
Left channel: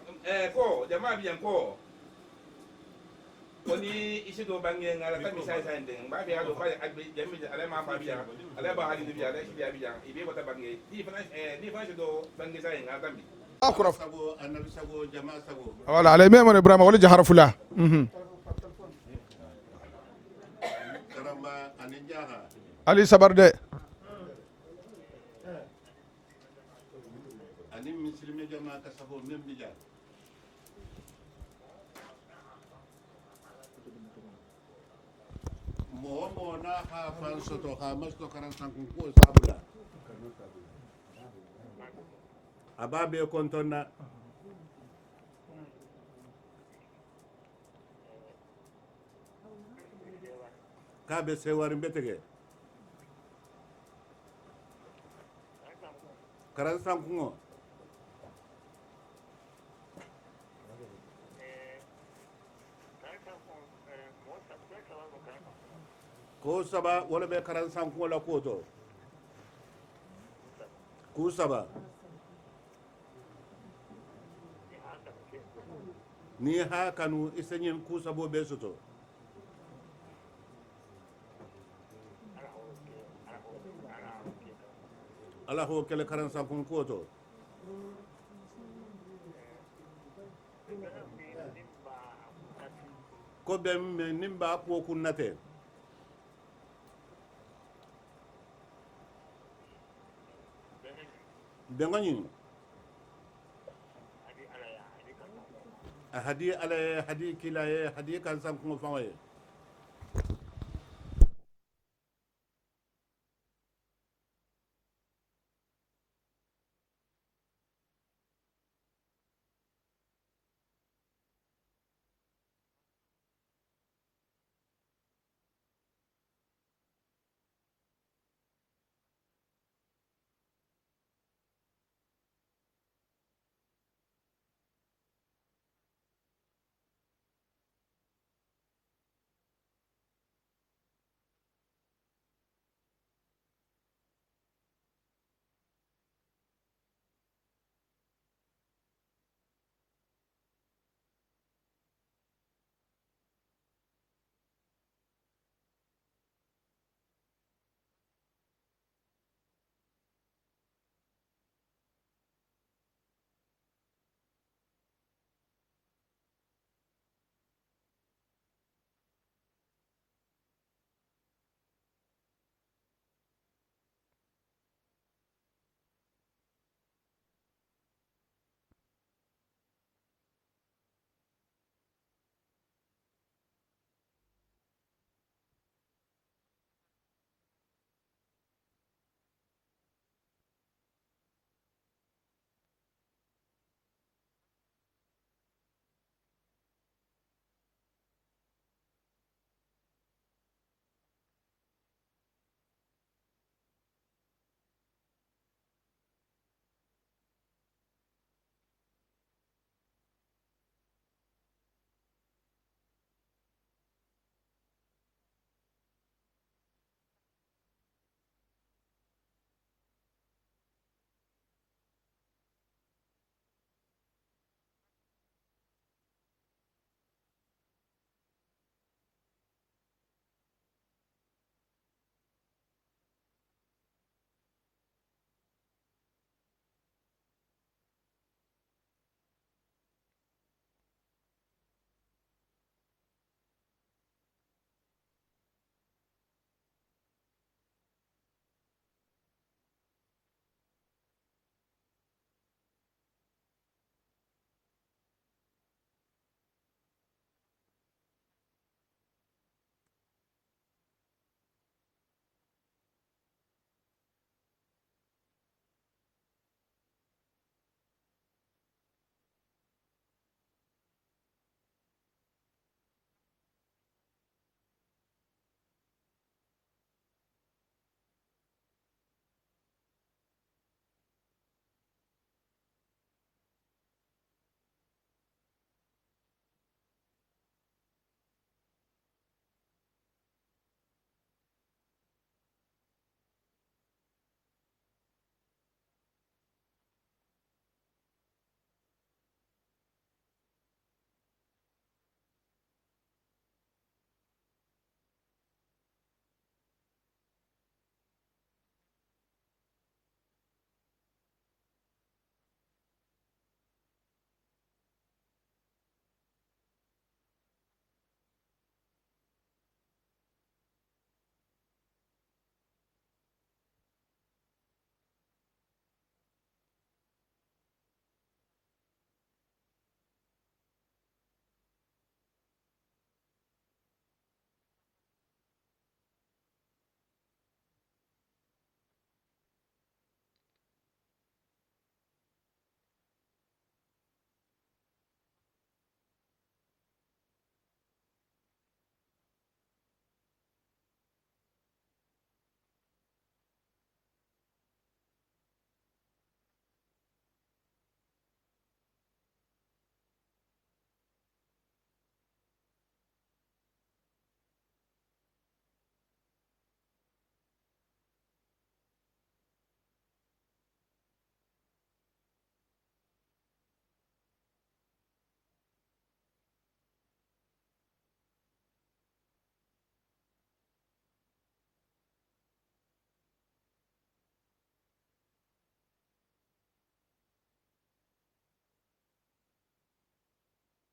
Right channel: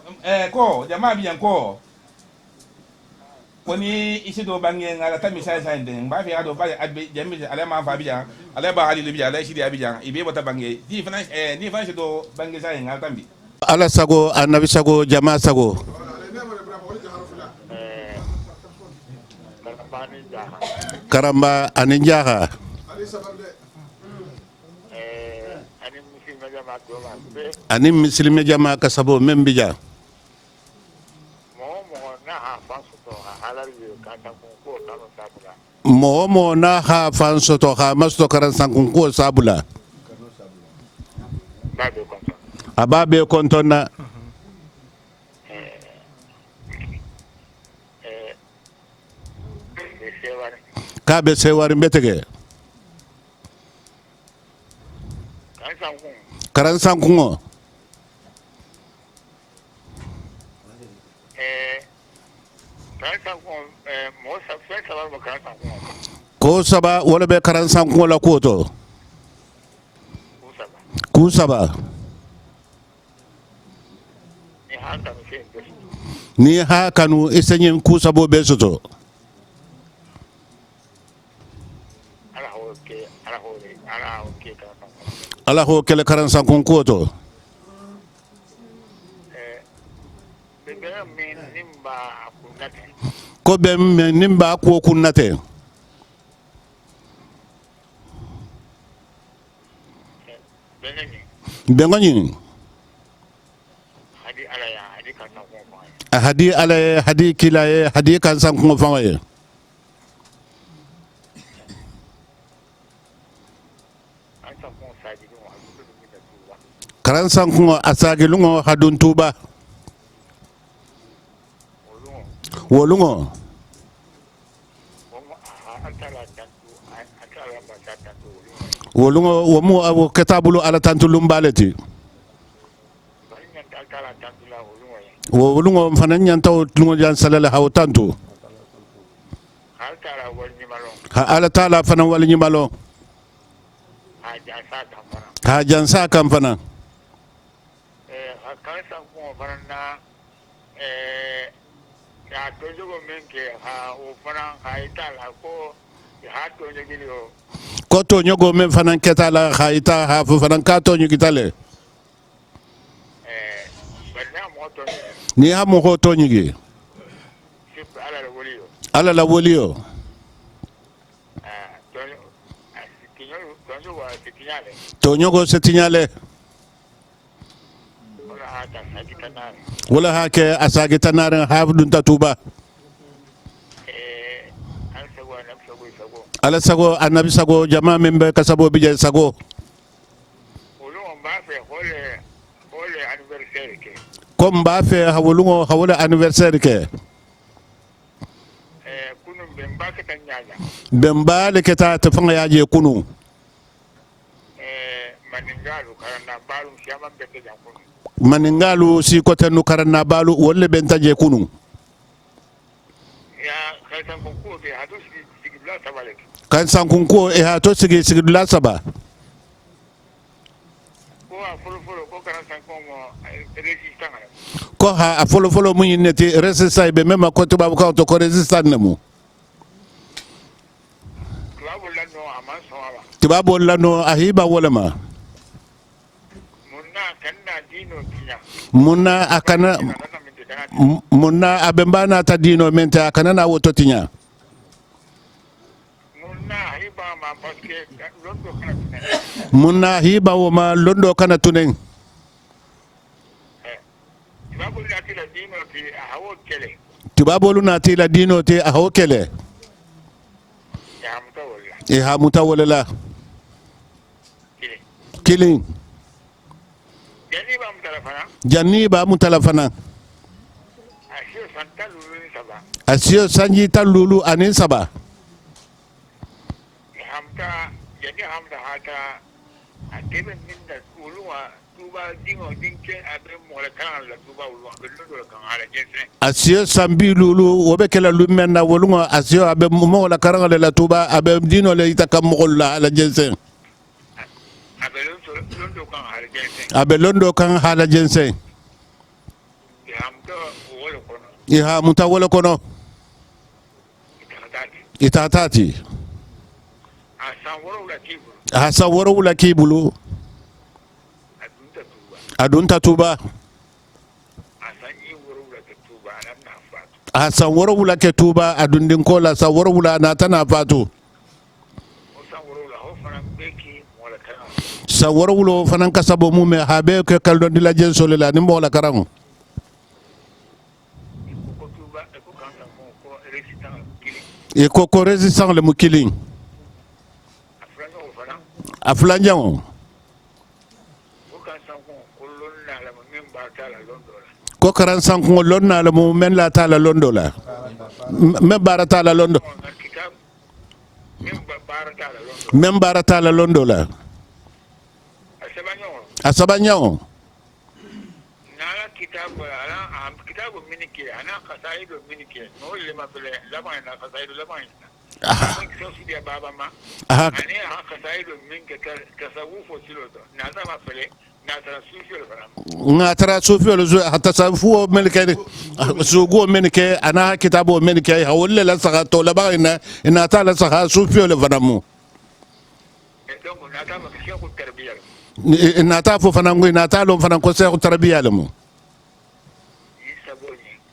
ko jamaa bi enko koni isi do bangen ala tami sai den ba fi ado ba adbe jemmi ala ma fa bijan ala ba ali bijan ala shi di abijan ibe bota bange di finance do bange sai ngal tambi ala sago annabi sago jama sago wala ala me mon ibrahima wala jahara fula karamba ani jaha ali sabarde ani muslime jama ka sabo membija mo na ha fanso to ha masto karan sankun ko sabula ababe kontona ka be sewari betege karan sankun ko saba wala be karan sankun la ko to ku saba ni ha kanu isenyen ku sabo be soto ala ho kele karan sankun ko to ko be men nimba ko kunnate bengani hadi ala hadi kila hadi kan sankun fawaye karan sankun asagi lungo hadun tuba wolungo wolungo womu abo ketabulu ala tantulum baleti wolungo fanan nyantaw lungo jan salala haw tantu ha ala taala fanan wal nyimalo ha jansa kam fanan ko to nyogo men fanan ketala khayta ha fu fanan ka to nyugitale ni ha mo ko to nyugi ala la wolio to nyogo setinyale wala ha ke asagi tanare ha dun tatuba ala sago annabi sago jama membe kasabo bije sago comme ba fe hawlungo hawla anniversaire ke bemba le keta te fanga yaje kunu maningalu si kote nu karana balu wolle bentaje kunu kan sankun ko e ha to sigi la saba ko ha a folo mun neti resistance be mema ko to babu ko to ko resistance nemu tibabu lano ahiba wala ma munna akana munna abembana ta dino mente akana na woto tinya munna hiba wo ma londo kana tunen tibabolu na tila dino te a hokele e ha mutawala la killing janni ba mutalafana asio sanji talulu anin saba asio sambi lulu wobe kala lumenna wolunga asio abe mo la karanga la tuba abe dino le itakamulla ala jensen abe londo kan hala jensen iha mutawala kono itatati asa woro la kibulu adun tatuba asa woro la ketuba adun din kola sa woro la na tana fatu sa woro wulo fanan kasabo mume habe ke kaldo dila jenso la ni mo la karango e ko resistant le mukiling aflanjao ko karan sanko lonna la mu men la tala londo la me barata la londo men barata la londo la asabanyao nala kitabu minike ana kasaido minike no le mabele lama na kasaido lama so si baba ma ani ha kasaido minke tasawufo siloto na zama fele ngatara sufiyol zo hatasafu men ke sugo men ke ana kitabo men ke hawle la saga to la ba ina ta la saga sufiyol fanamu ina ta fo fanangu ina ta lo fanan ko se ko tarbiya lamu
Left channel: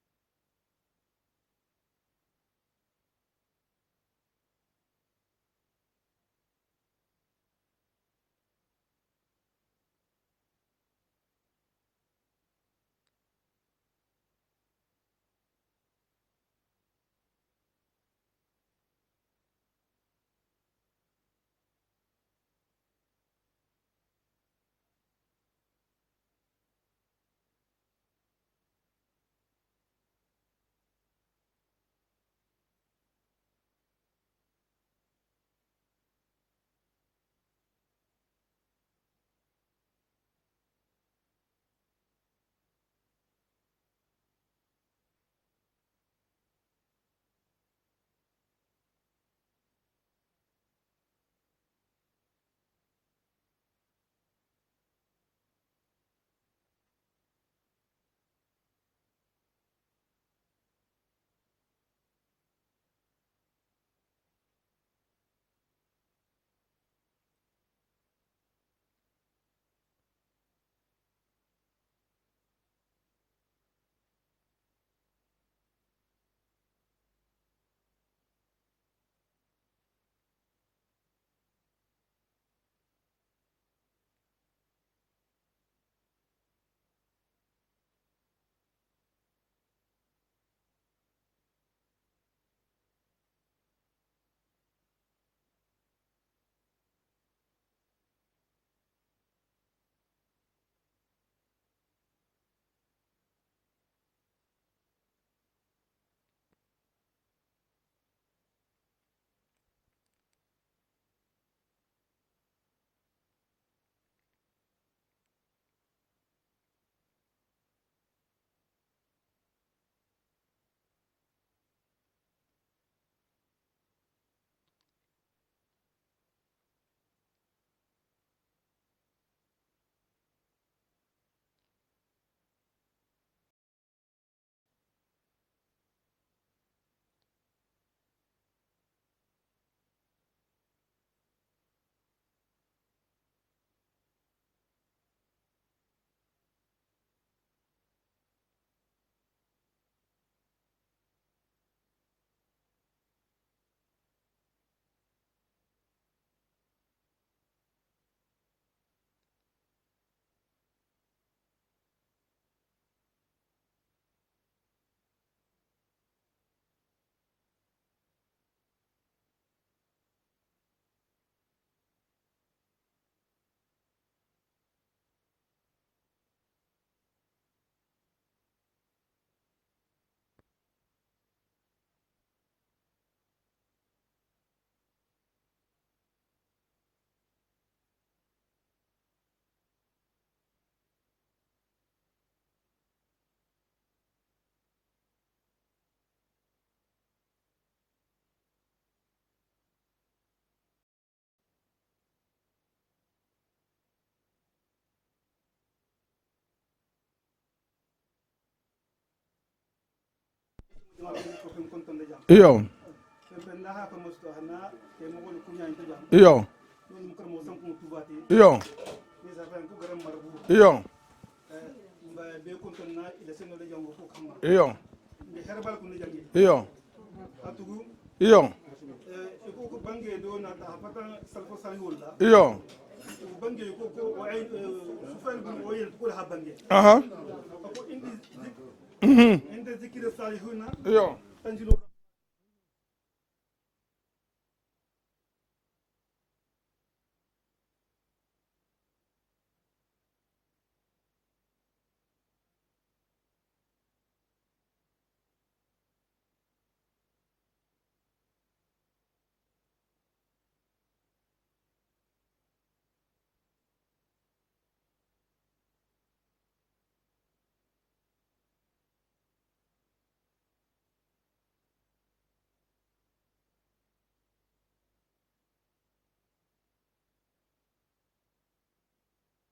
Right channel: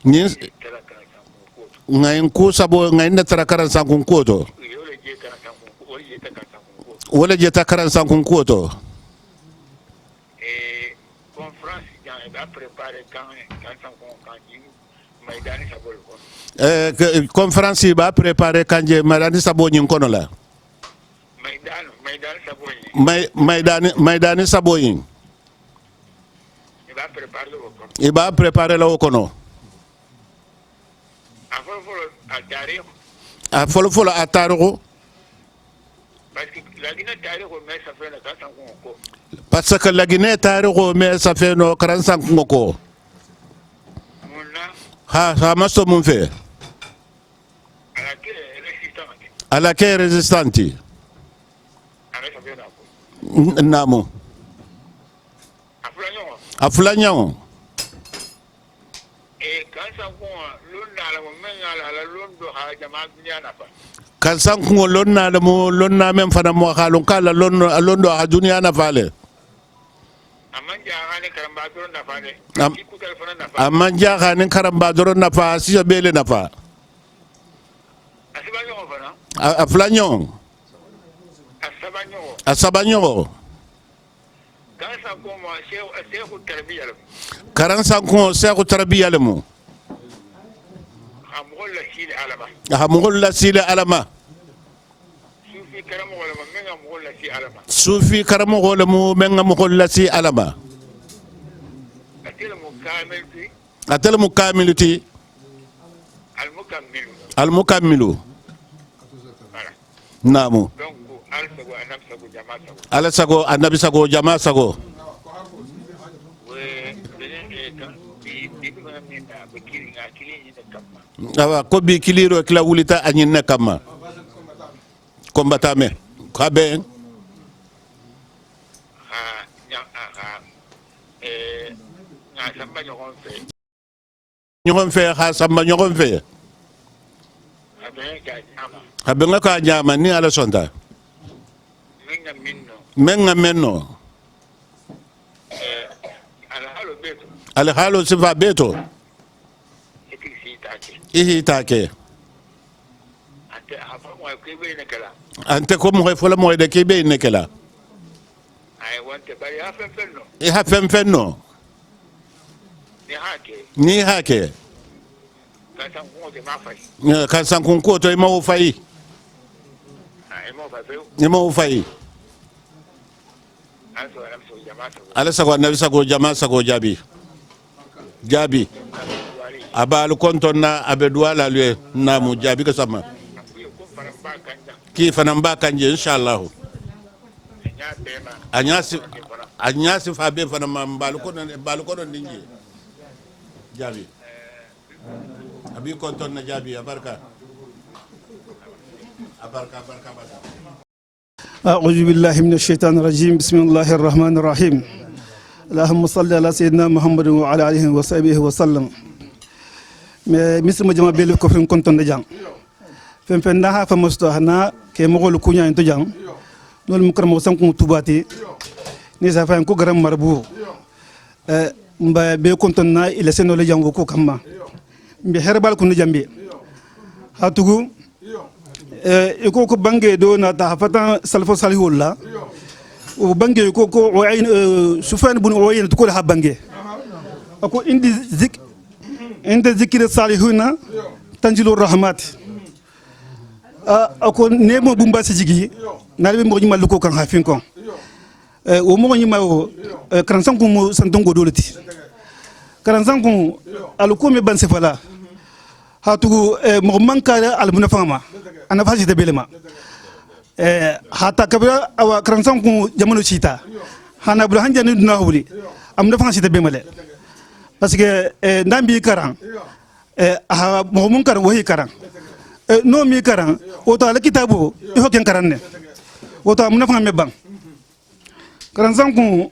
ni ngayin ku sabo ngayin da tarakaran sankun koto wala je takaran sankun koto conférence ba préparer kanje Maidani Sabo nyin kono la Maidani Sabo nyin iba préparer la kono a folo a tarihu parce que la Guinée tarihu mais ça fait no 45 ngoko ha maso mun fe ala ke resistanti namo aflanyo kansan ko lonna la mo lonna men fana mo halon kala londo ha duniya na fale amman jaxanin karamba doron nafa siya bele nafa a flanyo a sabanyo karansan ko seku tarbiya lemu hamugol la sile alama sufi karamo wala mu menga mugol la si alama atel mukamilati al mukammilu namu ala sago annabi sago jama sago awa ko bi kiliro kila wulita anyin na kama kombatame kabe ñogon fe ha samba ñogon fe habe nga ka nyama ni ala sonta menga menno ala halo sifa beto ihi take ante ko mo fola mo de kebe ne kala e ha fenno ni hake kan sankun ko to ma wo fayi ni ma wo fayi ala sago nabi sago jama sago jabi abal konton na abedwa la lue na mu jabi ka sama ki fanan ba kanje inshallah anyasi fa be fanan ma bal ko don dinji jabi abi konton na jabi abarka أعوذ بالله من الشيطان الرجيم بسم الله الرحمن الرحيم اللهم صل على سيدنا محمد وعلى آله وصحبه وسلم مثل ما جمع بيلو كفرين كنتم نجام فين نها فمستوحنا كي مغول كونيا انتو جام نول مكرم وسنكم توباتي نيسا فين كو غرام مربو mba be kontonna ila seno le jango ko kamma mbi herbal ko njambi hatugu iko ko bange do na ta fatan salfo salihullah o bange ko o ayn sufan bun o yen to ko ha bange ako indi zikir salihuna tanjilur rahmat ako nemo bumba si jigi nalbe mo nyima luko kan hafin kon o mo nyima o kransan ko mo santongo dolati kransan ko aluko me ban sefala hatugu mo manka al munafama ana faji de belema hata kabira awa kransan ko jamanu chita hana bul hanjani duna huli am na faji de bemale parce que ndambi karan aha mo mun kar wahi karan no mi karan o to ala kitabu e hoken karanne o to am na fama me bang kransan ko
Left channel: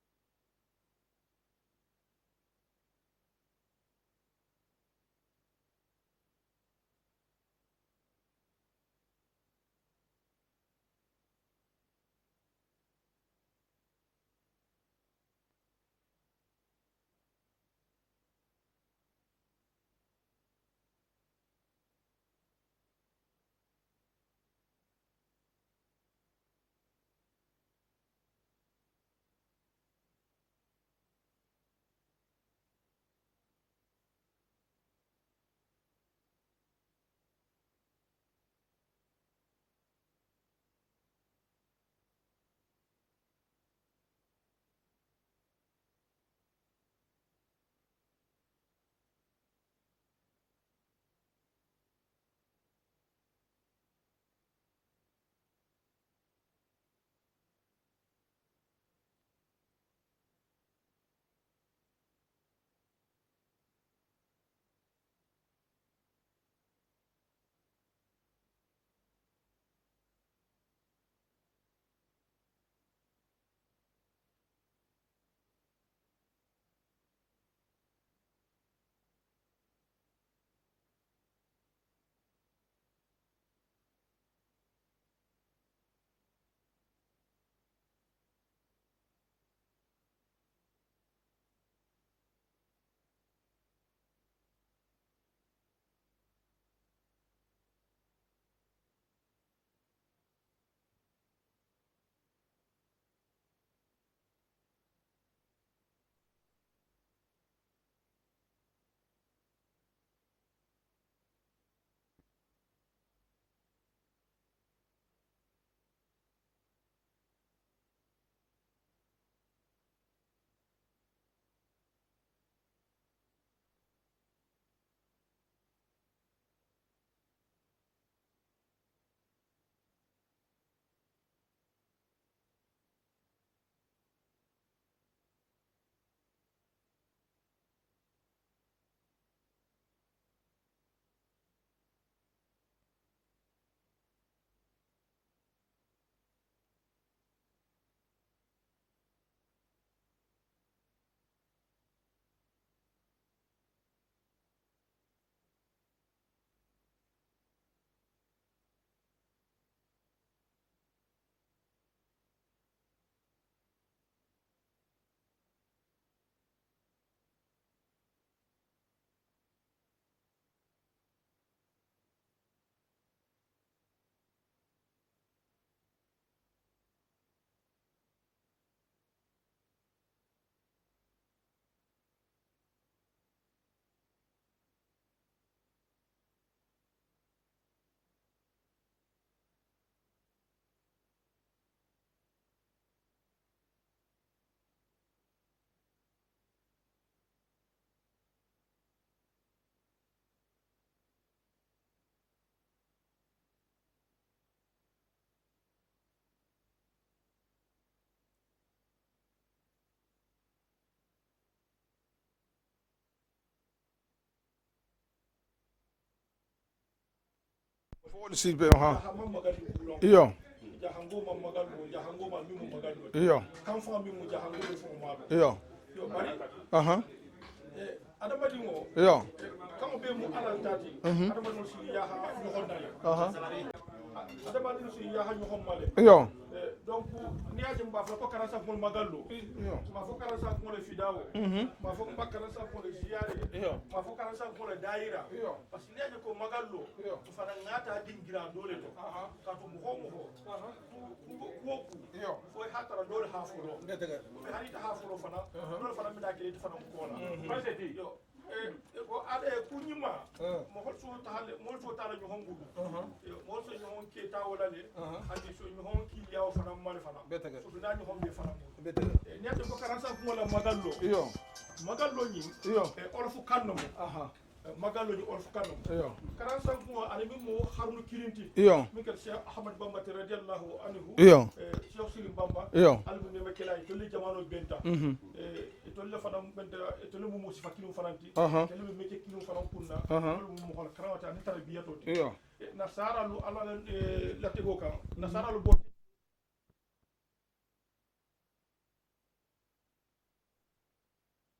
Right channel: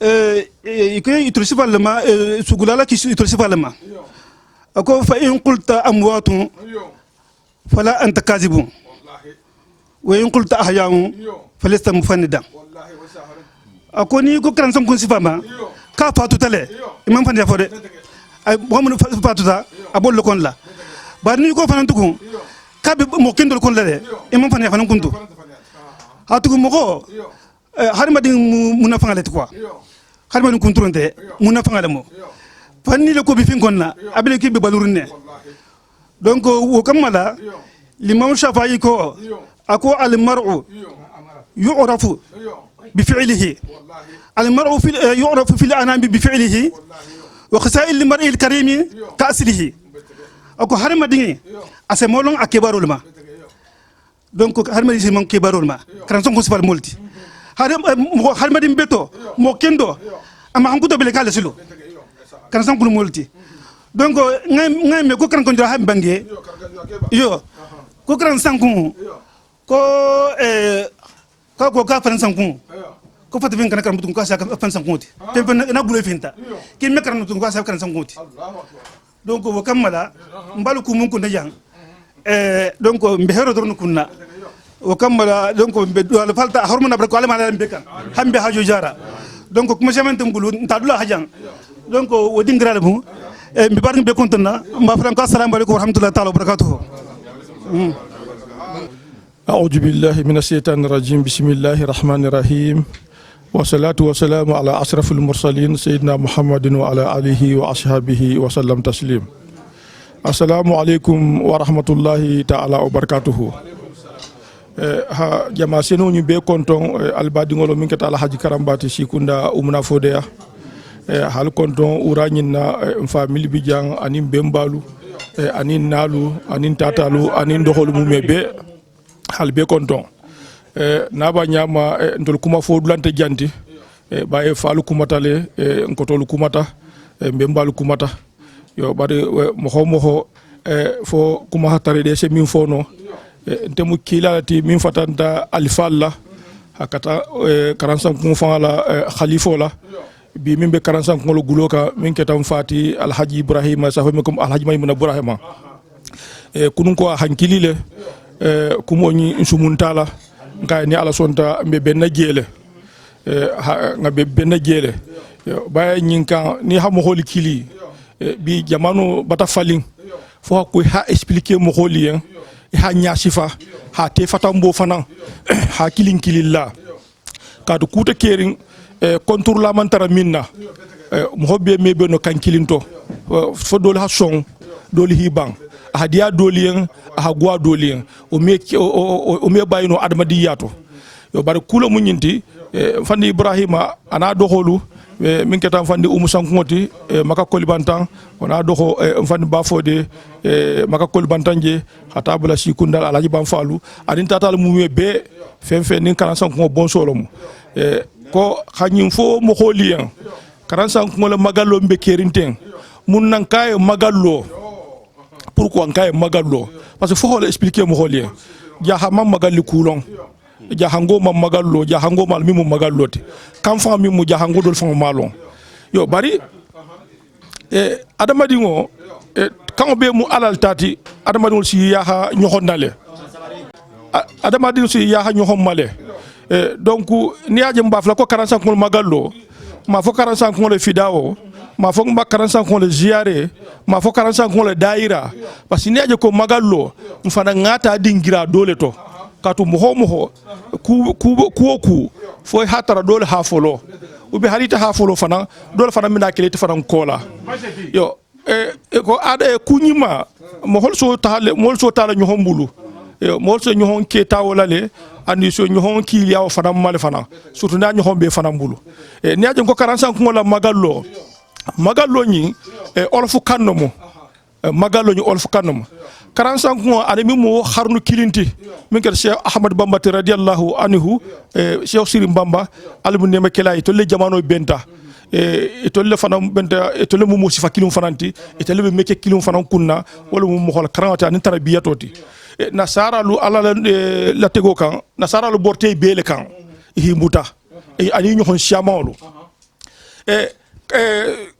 iko itursi falma sugulala ki itursi falma ako fa in qulta amwatun fala anta kazibun wa in qulta ahya'un falasta mufannidan ako ni ko kan sam kun sifama ka fatu tale imam fandi fode ay mohamed fatu ta abol kon la bar ni ko fanan tukun ka be mo kendol kon la de imam fandi fanan kuntu hatu mo ko har madin munafangale quoi har madin kunturonte munafangale mo fanni le ko bi fin kon la abele ki be balurne donc wo kamala l'imam shafi'i ko ako al mar'u yu'rafu bi fi'lihi al mar'u yu'rafu fil anami bi fi'lihi wa khasa'il al mar'i al karim ka aslihi ako har madin ase molon akibarul ma donc har madin si mon kibarul ma kan son ko sifal molti har madin beto mo kendo ama hankuto bele kala silo kan san kulu molti donc ngay me ko kan ko ha bangi yo ko kan san ko ko ka fan san ko fata fin kan mutun ko sa fan san ti te na bule finta ki me kan mutun ko sa kan san ti donc wo kamala mbalu ku mun ko najang donc mbe hero dorno kunna wo kamala donc mbe do falta hormona bar ko ala mala mbe kan hambe haju jara donc kuma jamante ngulu ntadula hajang donc wo dingrale bu mbi bar mbe kontona mba franco assalamu alaykum wa rahmatullahi ta'ala wa barakatuh أعوذ بالله من الشيطان الرجيم بسم الله الرحمن الرحيم والصلاة والسلام على أشرف المرسلين سيدنا محمد وعلى آله وأصحابه وسلم تسليم السلام عليكم ورحمة الله تعالى وبركاته جماعة سنو نبي كنتم البادي ngolo min kata alhaji karambati sikunda umna fodea hal konton uranyina family bijang anin bembalu anin nalu anin tatalu anin doholu mumebe hal be konton naba nyama ndol kuma fo dulante janti baye falu kumatale nkotolu kumata bembalu kumata yo bari moho fo kuma hatare de se min fono ntemu kilati min fatanta alfalla hakata 45 kun fala khalifo la bi min be 45 kun lo guloka min ketam fati alhaji ibrahima safamekum alhaji maymuna ibrahima kunun ko hankilile kumoñi insumuntala nga ni ala sonta mbe benna jele nga be benna jele baye nyinka ni ha mo holi kili bi jamanu bata falin fo ko ha expliquer mo holi en ha nyasifa ha te fatambo fana ha kilin kililla kadu kuta kerin contour la mantara minna mo hobbe mebe no kan kilinto fo dole ha son dole hibang hadiya dolien ha gwa dolien o me bayino adamadiyato yo bar kula munyinti fandi ibrahima ana doholu min ketam fandi umusankoti maka kolibantan wana doho fandi bafode maka kolibantanje hata bula sikundal alaji banfalu adin tatal mume be fenfe nin karansan ko bon solomo ko khanyim fo mo holien karansan ko le magallo mbe kerinten mun nan kay magallo pourquoi ngaye magallo parce que faut expliquer mo holien ja hamam magalli kulon ja hango mam magallo ja hango mal mimu magallote kam fa mimu ja hango dol fa malon yo bari adamadi ngo kan be mu alal tati adamadi ngo si yaha nyohondale adamadi si yaha nyohomale donc ni aje mbafla ko 45 ko magallo ma fo 45 ko le fidao ma fo 45 ko le ziare ma fo 45 ko le daira parce que ni aje ko magallo mfana ngata dingira dole to katu moho ku fo hatara dole ha folo ubi harita ha folo fana dole fana mina kelete fana kola yo ko ada kunyima mohol so tala nyohombulu yo mohol so nyohon ke tawolale andi so nyohon ki yaw fana mal fana surtout na nyohon be fana mbulu ni aje ko 45 ko la magallo ni olfu kannomo magallo ni olfu kannomo 45 ko adami mo harnu kilinti min ker Cheikh Ahmad Bamba radiyallahu anhu Cheikh Sirim Bamba almu nema kelay to le jamano benta to le fana benta to le mo sifa kilum fananti to le meke kilum fanan kunna wala mo xol karawata ni tarbiyatoti nasara lu ala la tego kan nasara lu borte bele kan himbuta ani ñu xon siamawlu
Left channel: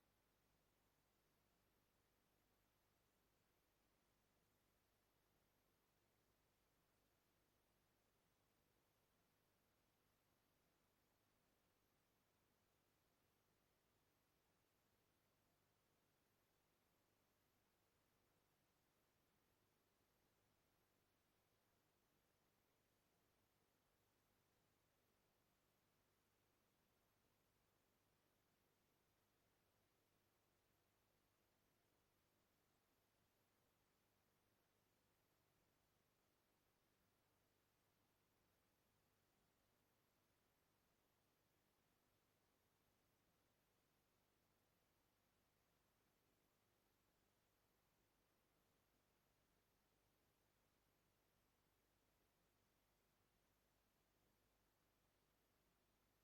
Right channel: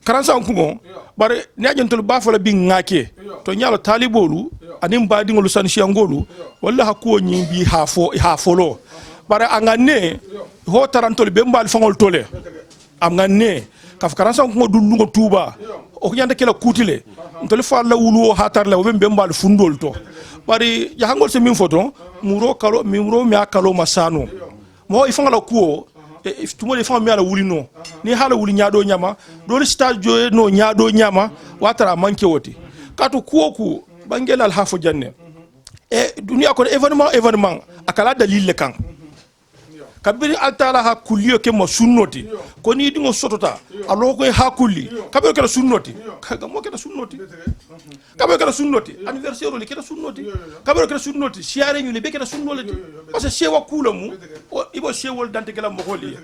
karansan kungo bare ne ajentol ba fala bi ngake to nyaalo talibolu anim ba dingolu sanshiyangolu walla hakko nyi bi ha folo bare angane ho tarantol be mbal fangol tole am ngane kaf karansan kungo dullugo tuba o nyanda kala kutile ntol fa la wulu ha tar la be mbal fundol to bare ya hangol se min foto muro mi akalo masano mo ifangala kuo tumo le fami ala wuli no ni hala wuli nyaado nyama do stage jo no nyaado nyama watara manke woti katu kuoku bangela al hafo janne dunia ko événement akala dalil le kan kabiri altala ha kulliyo ke mo sunnoti ko ni dingo sotota alo ko ha kulli kabiri kala sunnoti mo kala sunnoti kabiri kala sunnoti anniversaire le kala sunnoti kabiri kala sunnoti siare ñu le be kala sunnoti parce que sewa kulamu ibo sewol dante kala mo holi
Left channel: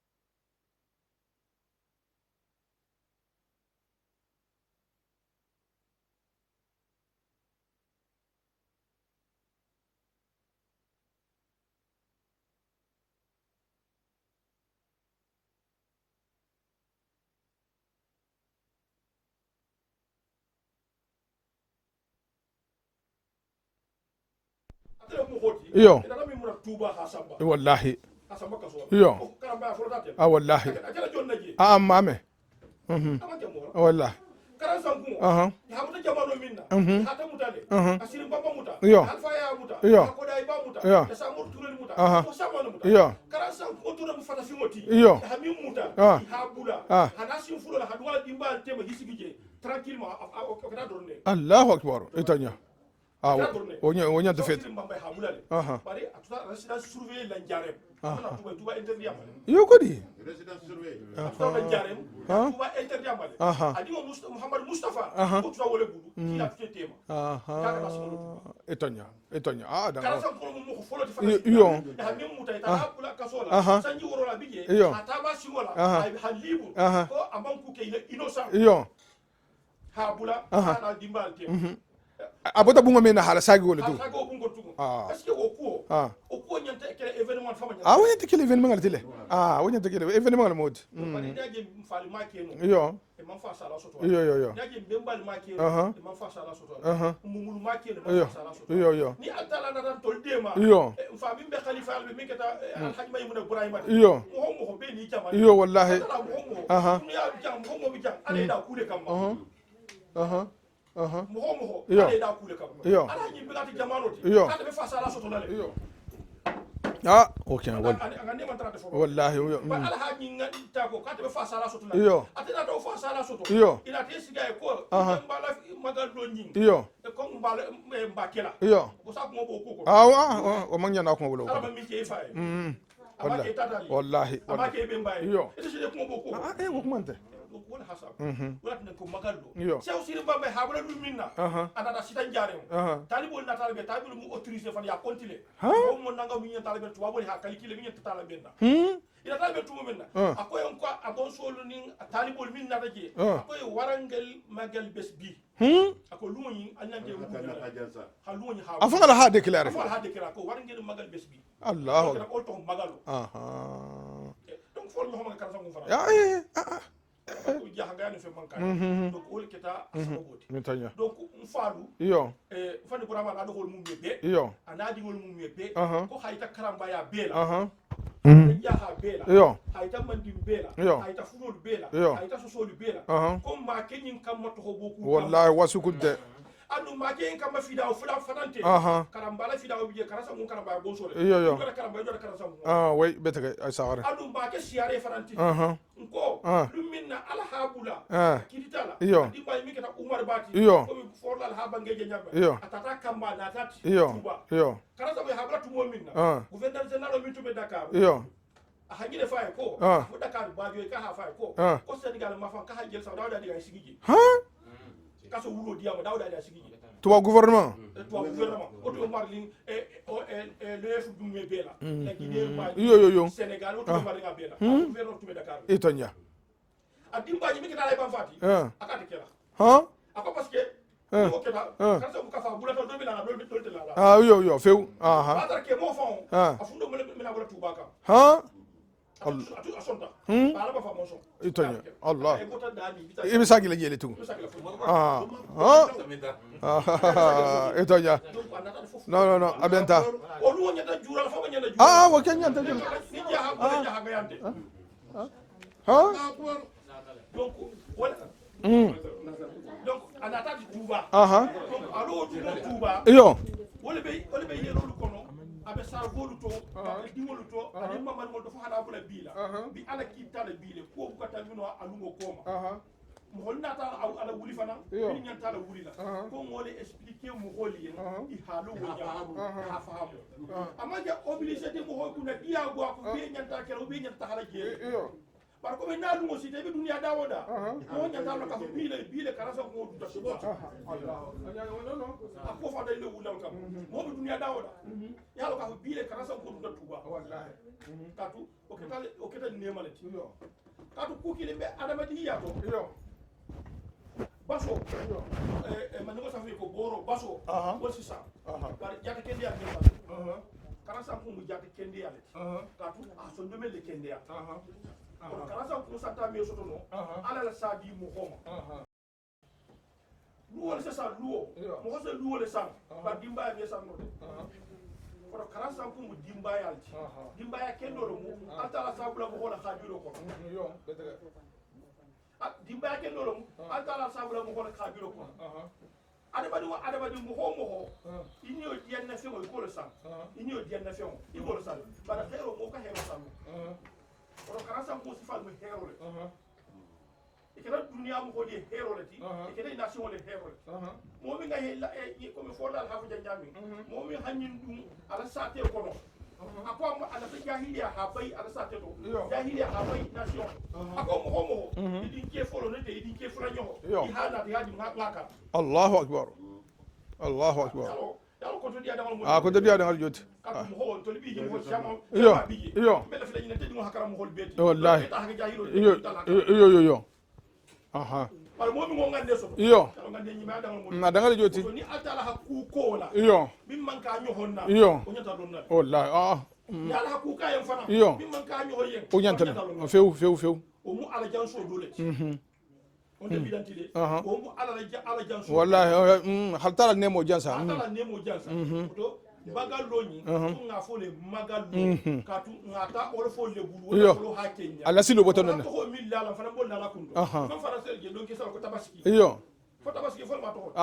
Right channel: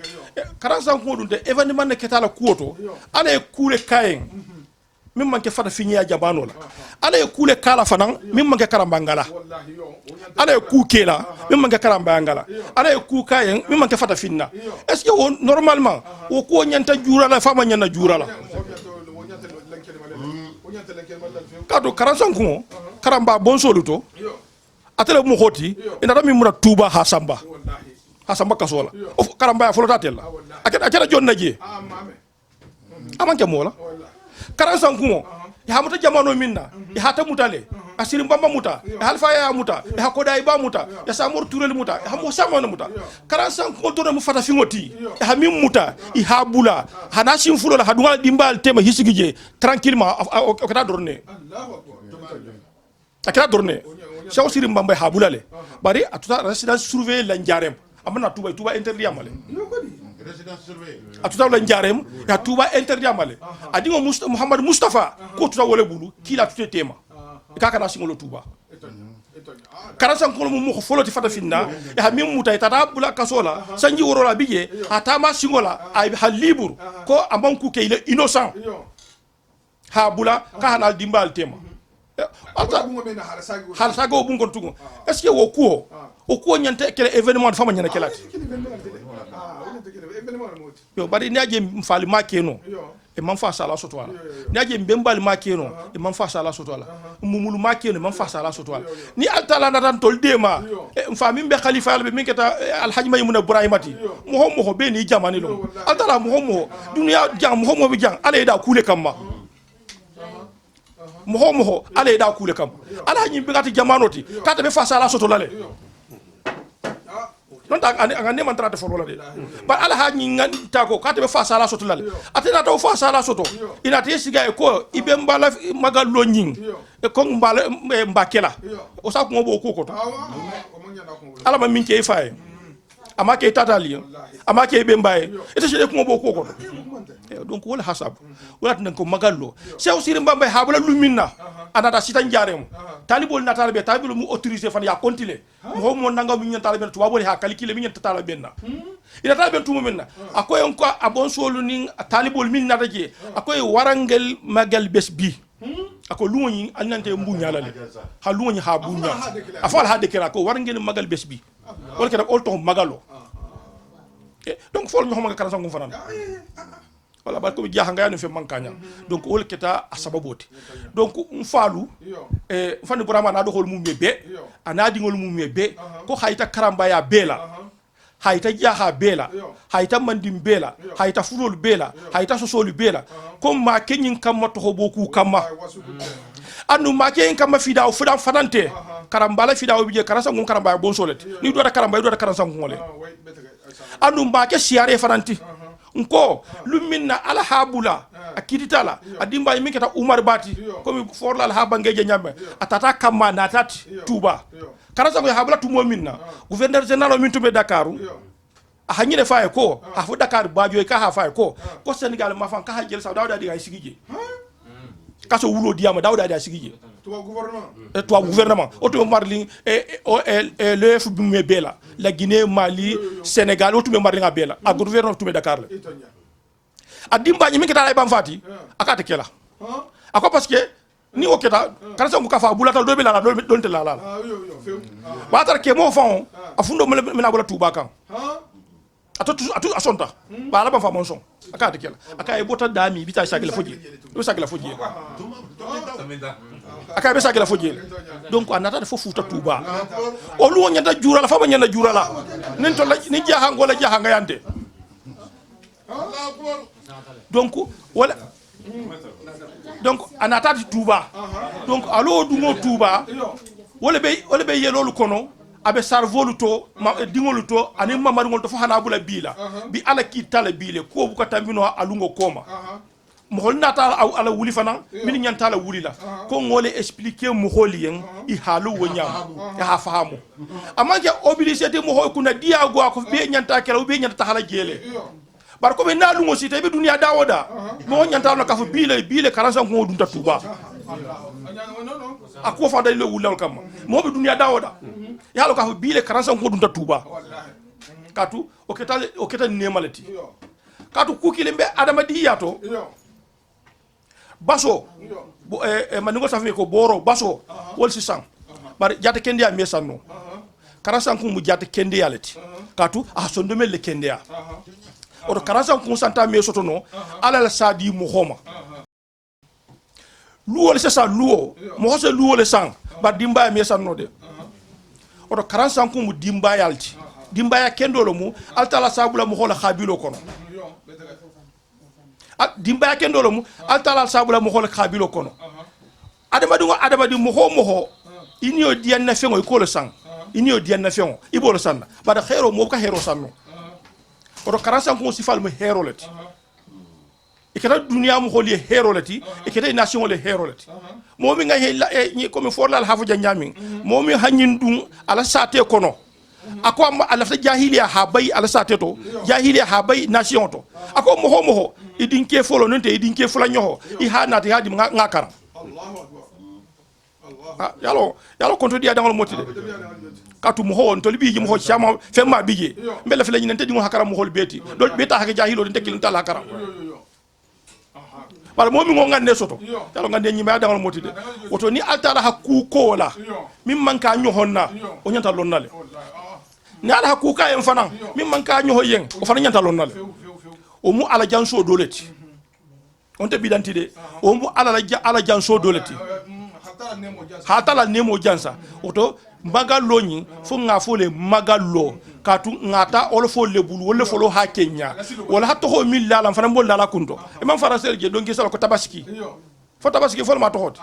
karansan ko dun de événement ne ketala kuoto ala e kule kayen min manke fata finiya jabano la ala e kule kala fanan min manke karambangala ala e ku kela min manke karambangala ala e ku kayen min manke fata finna est ce que normalement o ko nyanta jura la fama nyana jura la kado karansan ko karamba bon soluto atele mo hoti ina dami muna tuba hasamba wallahi hasamba kasola karamba ya folota tel wallahi akela jonna je mame amanke mola wallahi karansan kungo ya muta jamano minna ya hata mutale asiri mbamba muta ya halfa ya muta ya koda iba muta ya samor turel muta ya ko samano muta karansan kungo to mu fata fingoti ya mim muta i habula hanasin fulo la hadunga dimbal tema hisigije tranquillement o kata dorne Allahu akbar itanya akira dorne shaw siri mbamba habula le bari atuta residence surveiller la njarem amana tuba interdit amale yo kodi atuta la njarem ya tuba interdit amale adingo Muhammad Mustafa ko tuta wole bulu kila tute tema kaka na singolo tuba etanya karansan ko mo ko foloti fata finna ya mim muta ita bula kasola sanji worola bije atama singola ay halibur ko amanku ke ile innocent ha bula ka hanal dimbal tema abota bungo mena hala sago bungo tugo est ce que wo kuo nyante kele événement fama nyana kala kele événement ngal tele wonyante kele événement ngal modi yo bari niaje mfali makeno e man fa sala soto ala niaje mbembali makeno e man fa sala soto ala mumulu makeno man fa sala soto ala ni altala natan tol dema mfa mimbe khalifa albe minketa alhaji maymuna ibrahimati mo be ni jamani altala mo dunya jam mo bi jam ala da kule kamma moho ala da kule kam ala nyi bigati jamanoti kata be fasa ala soto lale okay non anga ne man trate folo lale ba ala ha nyi nganta ko kata be fasa ala soto lale atena to fasa ala soto ina te siga e ko ibe mbala magal lo nyin e ko mbala mbakela o sa ko bo ko o manya na ko ala ma minke faye amake tatali amake be mbaye ete sele ko bo ko donc wala hasab wala tan ko magallo sew siri mbamba habula luminna anata sitan jarem talibol na talbe tabilu mu autoriser fan ya kontile mo nanga mi nyen talbe to wabole ha calculer mi nyen talbe na ina talbe tumo minna akoy on ko abon solu nin talibol min na daje akoy warangel magal bes bi ako luñi annante mbuñala le ha luñi ha bu afala ha déclare ko warangel magal bes bi wala ke ol to magalo donc fol ñu xama kala sangu fanan wala ba ko bi jaxa nga yanu fe mankanya donc ol keta asababoti donc falu fani burama na do hol mum be ana dingol mum be ko hayta karamba ya bela hayta jaha bela hayta mandim bela hayta fulol bela hayta sosolu bela ko ma kenyin kamma to boku kamma anu ma kenyin kamma fida o fudan fadante karambala fida o bije karasa ngun karamba bon solet ni do da karamba do da karasa ngun anu ma ke siare fadanti nko luminna ala habula akiditala adimba mi keta umar bati ko mi forla al habangeje nyambe atata kamma na tati tuba karasa ko habula tumo minna gouverneur général min tube dakaru a hanyine faye ko a fu dakar bajo ka ha faye ko Sénégal ma fan ka ha jël sa dawda di ay sigije kaso wulo diama dawda di ay sigije toi gouvernement auto marli le fu me bela la Guinée Mali Sénégal auto me marli nga bela a gouvernement tume Dakar la etonya adimba ni mi keta ay bam fati akata kela ako parce que ni o keta kana sangu kafa bulata do be la don te la yo feu batar ke mo fon afundo mena bola tuba kan atu asonta bala ba fa mon son akade kela akay bota dami bita sakila foji akay be sakila foji donc anata fo futa tuba o lu nyanda jura la fa ba nyanda jura la nin to ni jaha ngola jaha ngayande donc wala donc anata tuba donc alo dungo tuba wala be yelolu kono abe sarvolu to dingolu to ani mamarngol to fo hana bula bila bi ala ki tala bile ko bu ko tambino alungo koma mo hol nata ala wuli fana min nyanta la wuli la ko ngole expliquer mo holien i halu wonyam ya ha fahamu amanje obligé de mo ho kuna dia go ko be nyanta kala be nyanta hala jele bar ko be nalungo site be dunia dawoda mo nyanta no kafu bile karansa ko dun tatuba ako fa dalilo wulal kam mo be dunia dawoda yalo ka bile karansa ko dun tatuba katu o keta nemalati katu kukile mbe adama di yato baso maningo safi ko boro baso wol sisan bar jata kende ya mesanno karansa ko mu jata kende yalati katu so ndemel le kende ya o karansa ko santa mesoto no ala la sadi mo homa luo le sasa luo mo hose luo le sang ba dimba mi sanno de oto 45 ko mu dimba yalti dimba ya kendolo mu altala sabula mo hola khabilo kono dimba ya kendolo mu altala sabula mo hola khabilo kono adama di mo ho inio dian na fengo ko le sang inio dian na fengo ibolo sanna bada khero mo ka hero sanno oto 45 ko sifal mo hero leti ikata dunia mo holi hero lati ikata nation le hero lati momi nga he comme forlal hafu janyamin momi hanyin dum ala sate kono ako ala fa jahiliya habay ala sate to jahiliya habay nation to ako mo idinke folo nonte idinke fula nyoho I hanati hadi ngakara Allahu akbar yalo konto dia dangal moti katu mo ho on to libi mo ho chama femma bije mbele fele nyinte di mo hakara mo hol beti do beta hake jahilo de tekin tala hakara yo wala momi ngo ngande soto yalo ngande nyima dangal moti oto ni altara hakku ko la min manka nyohonna o nyanta lonnale wallahi ni ala hakku ka en fana min manka nyoho yen o fana nyanta lonnale few o mu ala janso doleti on te bidantide o mu ala janso doleti hatala nemo jansa oto magallo nyi fo nga fo le magallo katu ngata ol fo le bulu wala fo lo hakenya wala hatto ho milla lam fana bolla la kunto imam farasel je donki sala ko tabaski fo tabaski fo ma to hot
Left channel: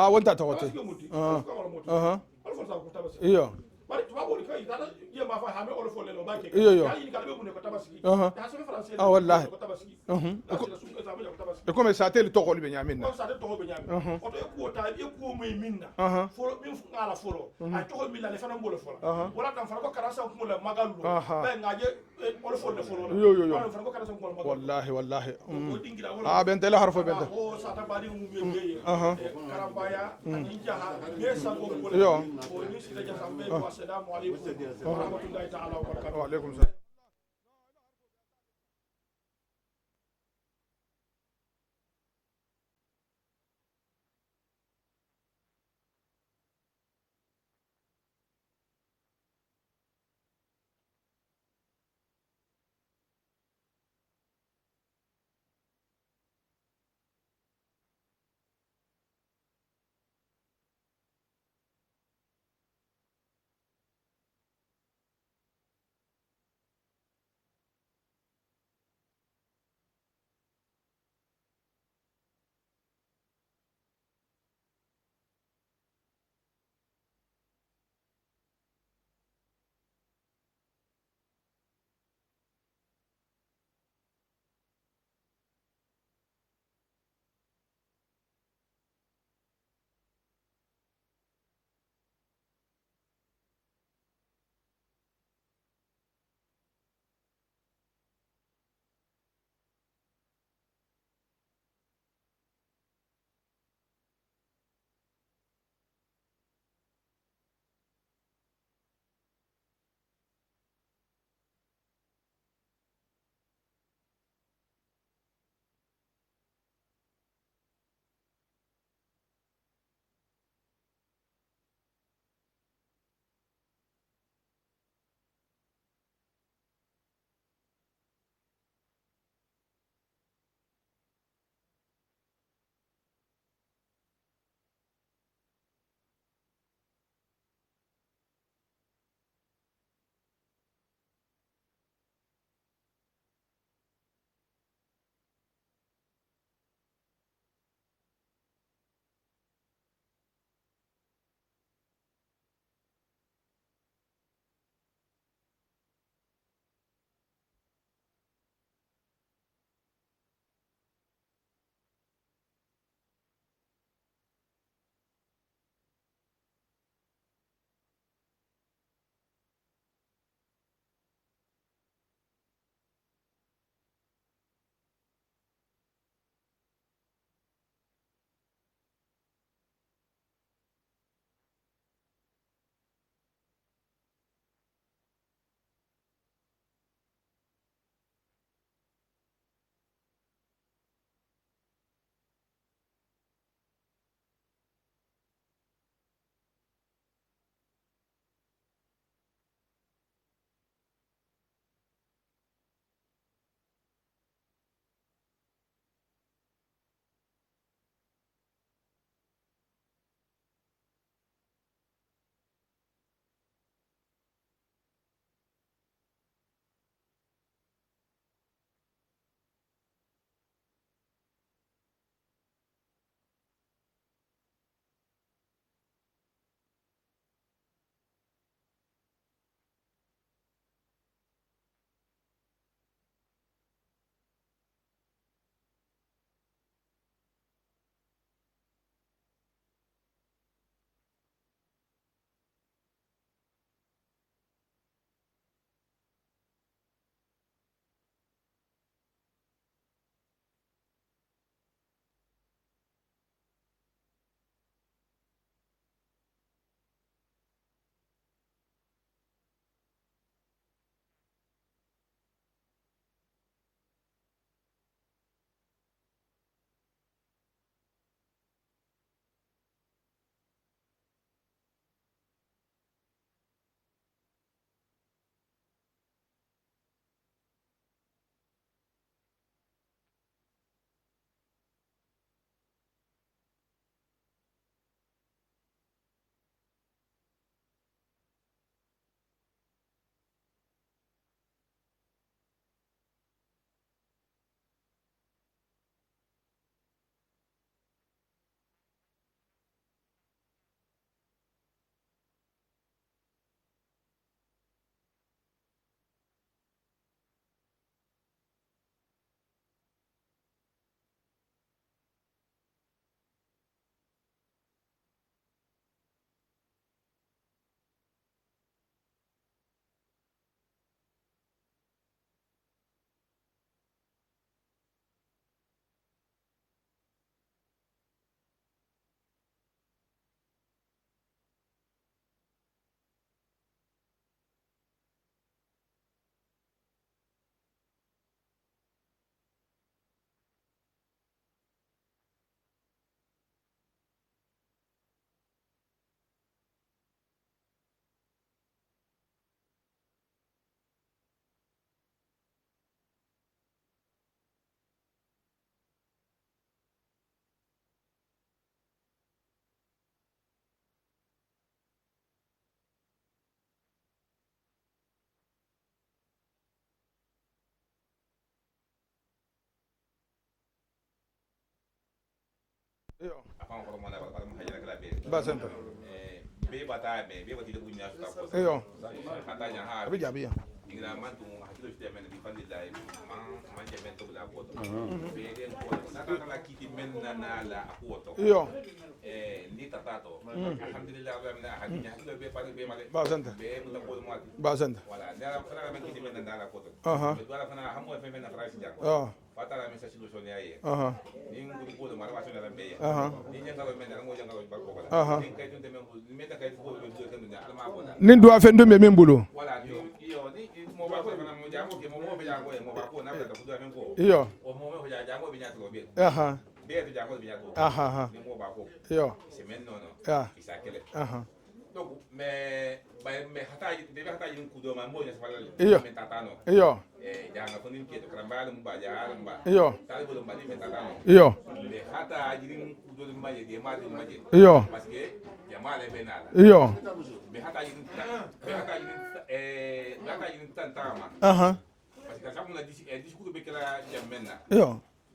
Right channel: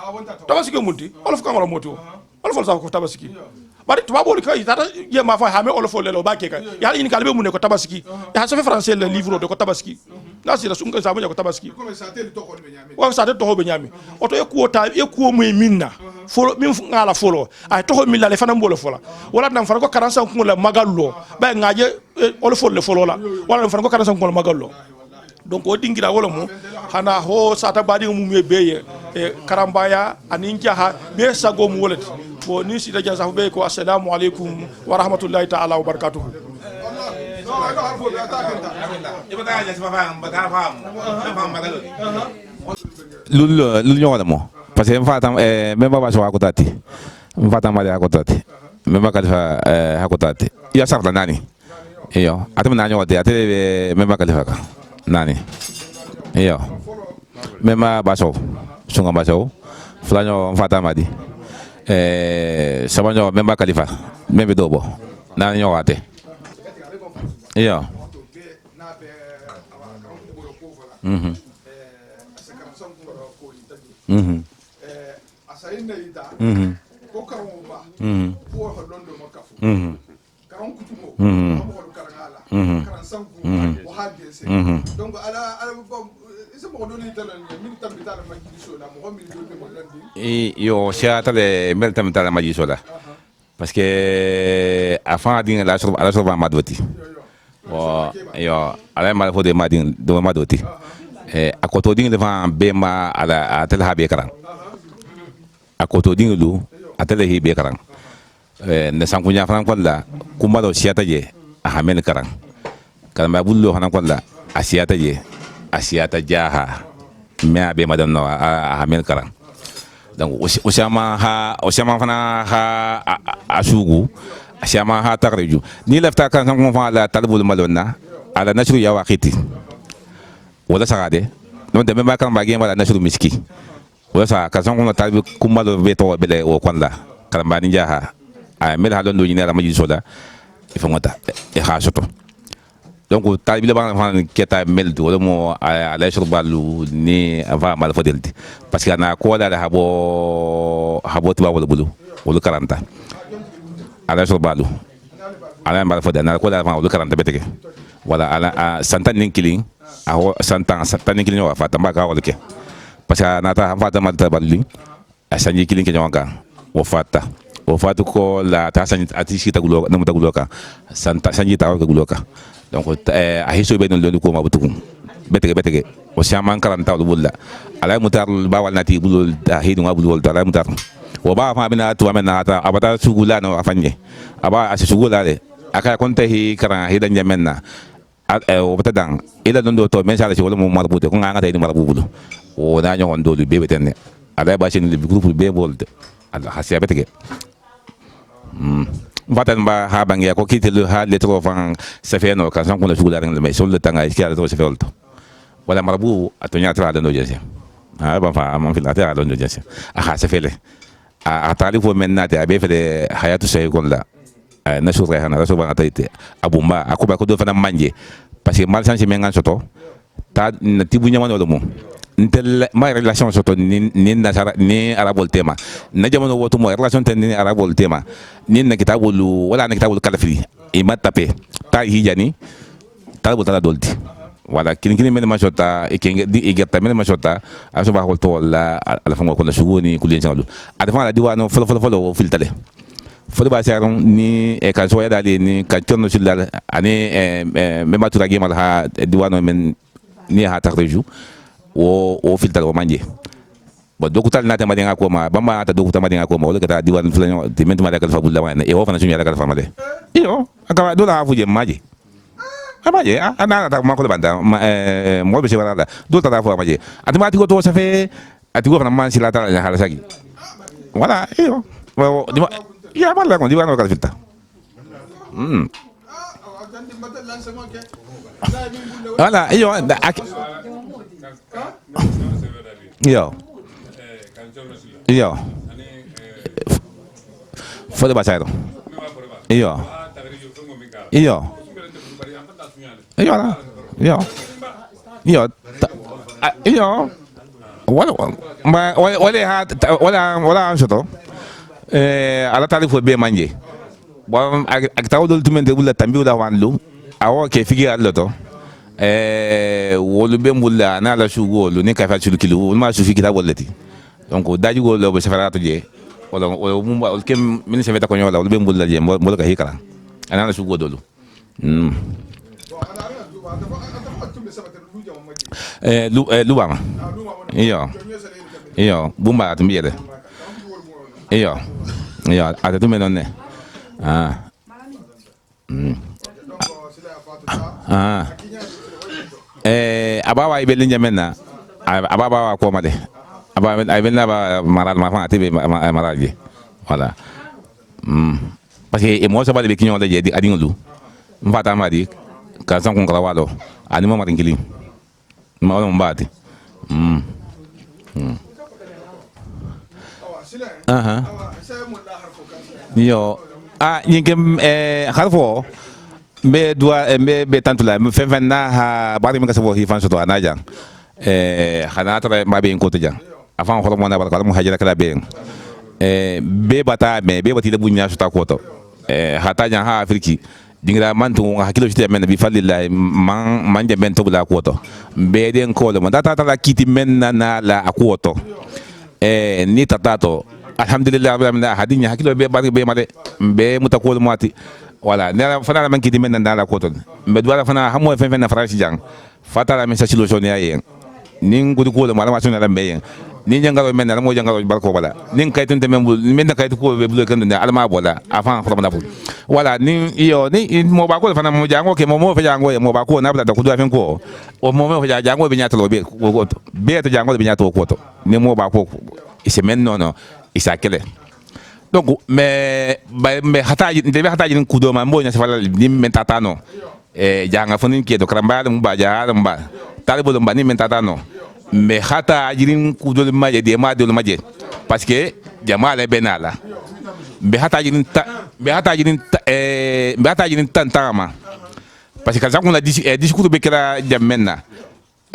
tabaski munti ol fo kangolo moti ol fo sa ko tabaski bari tuba boli kay tata ye ma fa hame ol fo le lo bakke kay ya ni kalbe mun ko tabaski ya sa fe français le livre de ko tabaski na si la sunga sa ko tabaski comme ça tel to ko be nyami wa sa tel to ho be nyami oto e ko mu minna fo min ngala folo ay to ho milla le fana mbolo fola wala nan fana ko 45 ko la magallo ba ngaje ol fo le folo la wala nan fana ko 45 ko la magallo donc o dingira wala mo hana ho sa ta badi mu me beye karambaya anin jaha be sago mu wala bo ni si da jaza be ko assalamu alaikum wa rahmatullahi ta'ala wa barakatuh lulu ñoo mo parce que mfatam memba ba so akotati mfatam mali akotati memba kalifa akotati ya sarta nani iyo atam nani wate ate memba kalifa ka nani iyo memba ba so sunga ba so flanyo mfatam madi sabanyo memba kalifa membe dobo nani ñoo wate iyo yo siatale mel tam tala majiso la parce que afan din la so madoti bo yo ala mal fo de madin do madoti akoto din devant bema ala atel habe karan akoto din lu atel hibe karan ne sankunya fran kwalla kuma do siata je a hamen karan kalma bullo hanan kwalla asiata je asiata jaha me abe madan no a hamen karan donc osama fana ha asugu osama ha tarju ni lafta kan kan fa la talbul malonna ala nashru ya waqiti wala sagade non de memba kan bagi wala nashru miski wala sa ka son ko tabi kumalo be to bele o kwanda karamba ni jaha a mel halon do ni ala maji soda ifo ngota e khasoto donc tabi le ban fan keta mel do wala mo ala nashru balu ni ava mal fodelti parce que na ko la habo tiba wala bulu wala karanta ala nashru balu ala mal fodel na ko la wala karanta beteke wala ala santan nin killing aho santan nin killing wa fata mbaka wala ke parce que nata fata malta balli asanji killing ke nyonga wo fata ko la ta sanji atishi tagulo na mutagulo ka santa sanji tawo ka guloka donc a hiso be non lo ko mabutukum betege o shaman karanta wala bulla ala mutar ba wal nati bulul da hidu ngabul wal ala mutar wo ba fa bina to amena ata abata sugula no afanye aba asugula le aka konta hi kara hidan jamenna o batadang ila dondo to men sala ci wala mo marbute ko nga tay ni marbubu o da nyon do lu bebe tenne ala ba shin le groupe be bolde ala hasiya betege vatan ba ha bangi ko kitelu ha le tro fan safeno ka san ko la sugula le mais sol le tanga ki ala to se felto wala marbu atonya tra do jese ha ba fa am fil ata do jese aha se fele a talifu men nate abe fele hayatu sey kon la na sura hana raso ba taite abumba akuba ko do fana manje parce que mal sanse mengan soto ta na tibu nyamano do mo ntel ma relation soto ni nasara ni arabol tema na jamono woto mo relation ten ni arabol tema ni na kitabulu wala na kitabulu kalafiri e matape ta hijani ta botala dolti wala kin men ma sota e ken di e getta men ma sota aso ba hol to wala ala fango ko la sugoni kulien chalu adfa la diwano folo filtale fodi ba saron ni e ka soya dali ni ka tonno silal ani me matura gemal ha diwano men ni ha tarju o filtale o manje bo dokutal na tema dinga ko ma bamba ta dokutal ma dinga ko ma wala ka diwano fulanyo de men ma da kal fabulla wa e o fana sunya da kal famale iyo aka do la fuje maje amaje ana ta ma ko banda mo be se wala do ta fo amaje atma ti ko to sa fe ati ko fana man silata la hala sagi wala iyo ya mala con divano kala filta wala iyo fode basayro iyo wala ansoto ala tali fo be manje bon ak tawdol tumen de bulla tambi wala wanlu awo ke figi allo to wolu be mulla na la shugo lu ne ka fa chulu kilo ma su figi ta wollati donc daji go lo be safarato je wala mum wal kem min se veta ko nyola wolu be mulla je mo ka hikala ana la shugo dolu lubama iyo bumba atmiede iyo ata tu menon ne abawa ibelin jamenna abawa ko made aba ibelna ba maral ma fa tibe maralje voilà parce que mo sabale be kinyo de di adingulu mfata madi ka san kun krawalo ani mo marin kilin ma wala mbati yo nyingem harfo be dua be tantula fen na ha bari mi kasabo hi fan soto anaja khana tara ma be ko tejang afan ko mo na barka mo hajira kala be be bata be bati da bunya sota ko to hata jan ha afriki dingra man to hakilo shite men bi fallillahi man je ben to bula ko to be den ko mo data tala kiti men na la ko to ni tatato alhamdulillah rabbil hadinya hakilo be bari be made be mutakol mati wala ne fana man kiti men na la ko to be dwala fana hamo fen na farasi jang fatala men sa solution ya yen nin gudu ko mala ma sunna lambe yen nin jangalo men na mo jangalo barko wala nin kaytun te men men na kaytu ko be bulo kan ne alma bola wala nin iyo ni mo ba ko fana mo jango ke mo fe jango mo ba ko na bla da ko do fen ko o mo fe jango be nyato be ko be to jango be nyato ko to ni mo ba ko ise men no isa kele donc mais hataji ndebe hataji ni kudo ma mbonya sefala ni mentata no janga fonin ke do kramba dum ba ja dum ba talibo dum ba ni mentata no mais hataji ni kudo ma je de ma de ma je parce que jama le benala be hataji ni tantama parce que zakuna discours be kala jammenna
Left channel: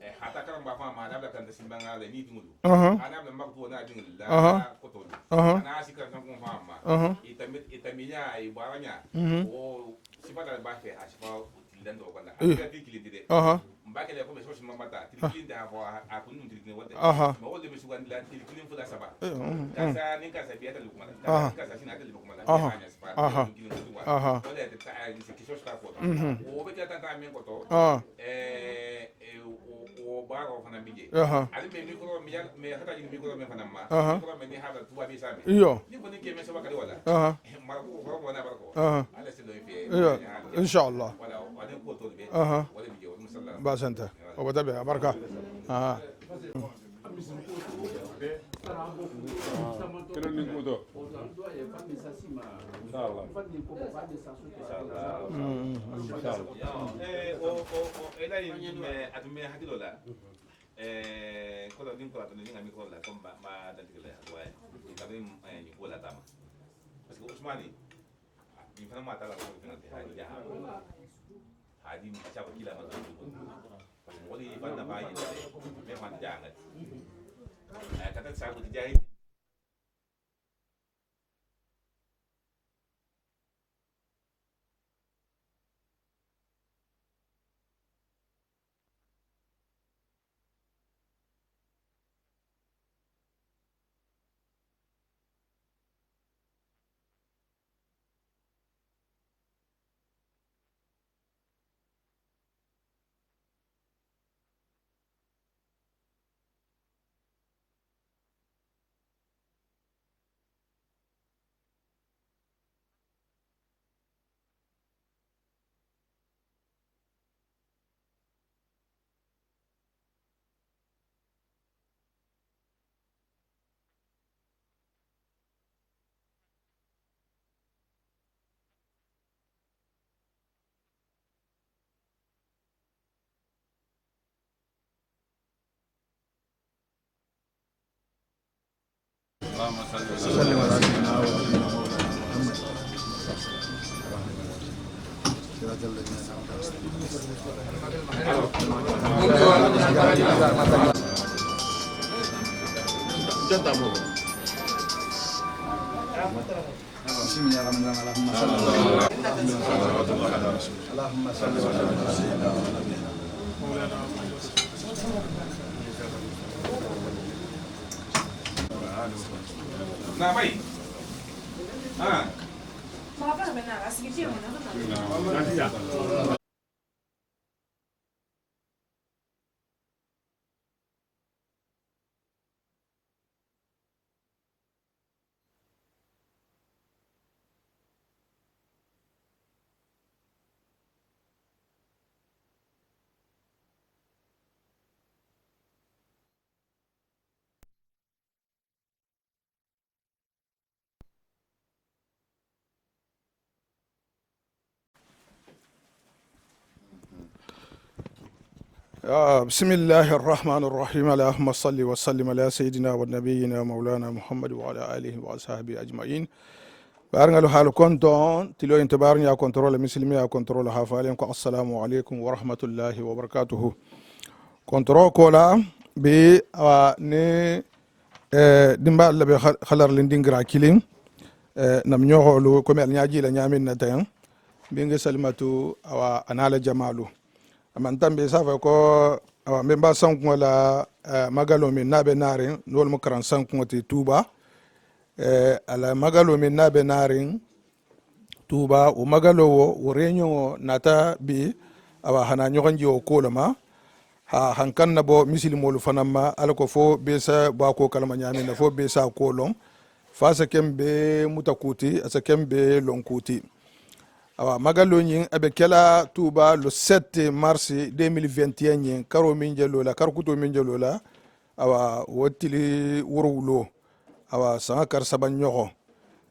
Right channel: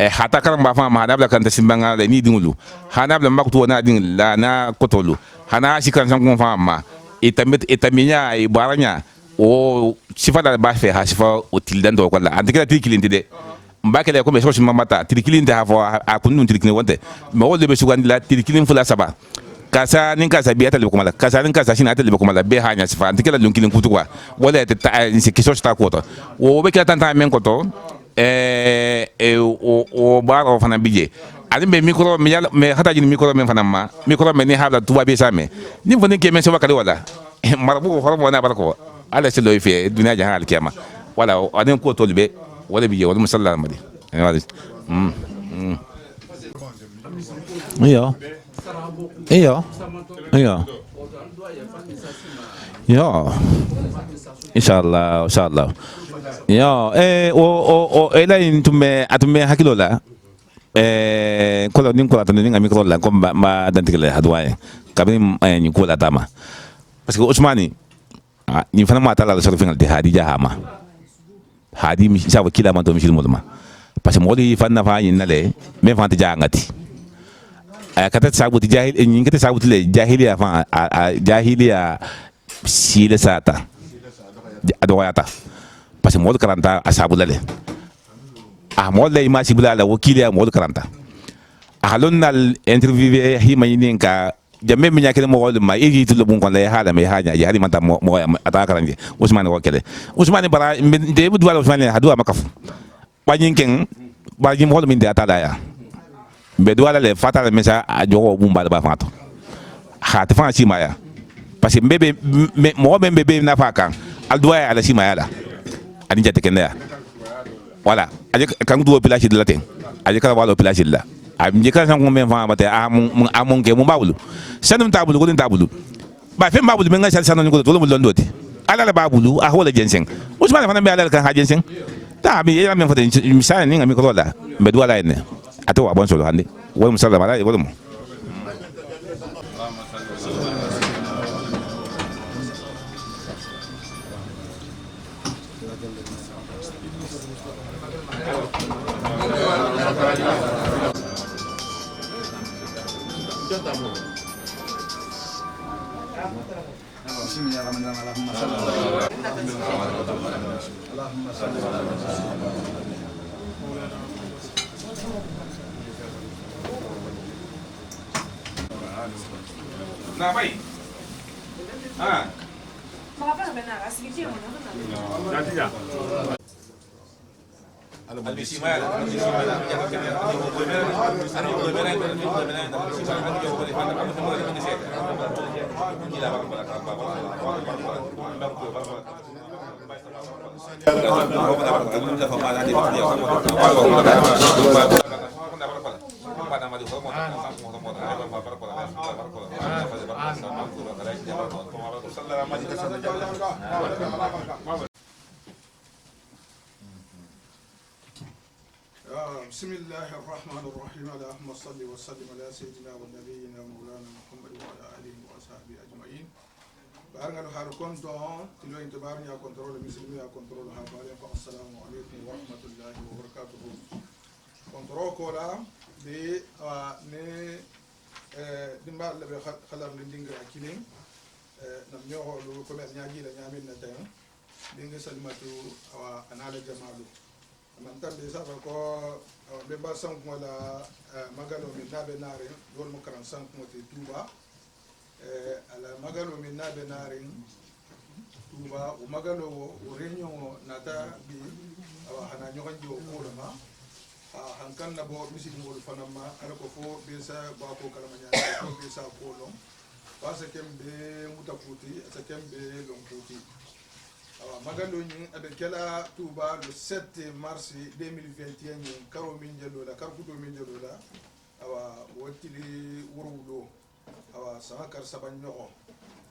hata karamba fa ma dabla kan tasimbanga le ni dingulu hanabla makto na ding la na kotolu hana sikan san kon fa ma etaminya e baranya o sifada ba fe ha sifa o tildan do kola adikira tikilindi de mbakele ko be so mamata tikilindi ha fo a kunun tikilindi wonte me wolde be sugandi la tikilindi fula saba kasa nin kasa biya talibe kumala kasa nin kasa shina talibe kumala be hanya sifa antikela lunkilin kutukwa wala ta ni kiso sta koto o be kala tanta men koto o ba ko fana bije ali be micro me hata jini micro men fana ma micro men ni habla tuba be same ni fone ke men so bakali wala marabu ko hormo na barako ala se lo ife dunya jahan al kiyama wala adin ko tolbe wala bije wala musallama Iya. Ya. Insyaallah. Ya, elain tume atume hakilola. Kalau ning kola tani ngami kola ko ma dantikele hadwaye. Kabi ni kola tama. Parce que Ousmani ni fana ma tala so fingal de hadi jahama. Hadi mi sawa kila ma to mi shilmulma. Parce que modi fanna fa yin nale me fa ta jangati. Kata sabuti jahil in kata sabuti le jahiliya fa jahiliya sile sata adoyata parce que mod karanta asabulale mod le ma sibulala wakiliya mod karanta halonnal interview hi mayininka jamme mi nyakene mo wol ma igi tulo bun kon le hala me haja ya mata mo ata karanje Ousmane wakele Ousmane bara de bu wala Ousmane hadu makaf banyinken ba jim hol min de atalaya be douala le fatale mesa a jogo bumba ba fato khati fa ci maya parce que mbebe mo mbebe na fa kan al doya ala ci maya la ani jate kenda voilà aje kan do pilaci de latin aje kala walo pilaci la am je kan san ko men fa mate amon ke mo bawlu sanum tabulu ko din tabulu ba fe babulu men ngal sanon ko to lo londoti ala la babulu a hola jensen Ousmane fa na be ala kan ha jensen ta bi ya men fa de misale ni ngami ko la be douala ene atau abang solo handi wala musalla mala wala mo Nah, baik. Apa benar? Asli dia mana? Nanti ya. بسم الله الرحمن الرحيم اللهم صل وسلم على سيدنا ونبينا مولانا محمد وعلى اله وصحبه اجمعين بارغالو حال كونتون تيلو انتبارني يا كنترول مسلمي يا كنترول حافالين السلام عليكم ورحمه الله وبركاته كنترول كولا بي ني ديمبا لبي خلار لندينغرا كيلين نام نيوخولو كومي نياجي لا نيامين نتان بينغ سلماتو اوا انال جمالو amantambe safa ko memba sanku la magalo min nabe narin nol mo karan sanku ti tuba ala magalo min nabe narin tuba o magalo wo renyo nata bi awa hana nyoganji o kolama ha hankan na bo misilimo lu fanama ala ko fo be sa ba ko kalma nyami na fo be sa kolon fasa kembe mutakuti asa kembe lonkuti awa magalo nyin abe kela tuba le 7 mars 2021 nyin karo min jelo la karkuto min jelo la awa wotili worowulo awa sanga kar saban nyoko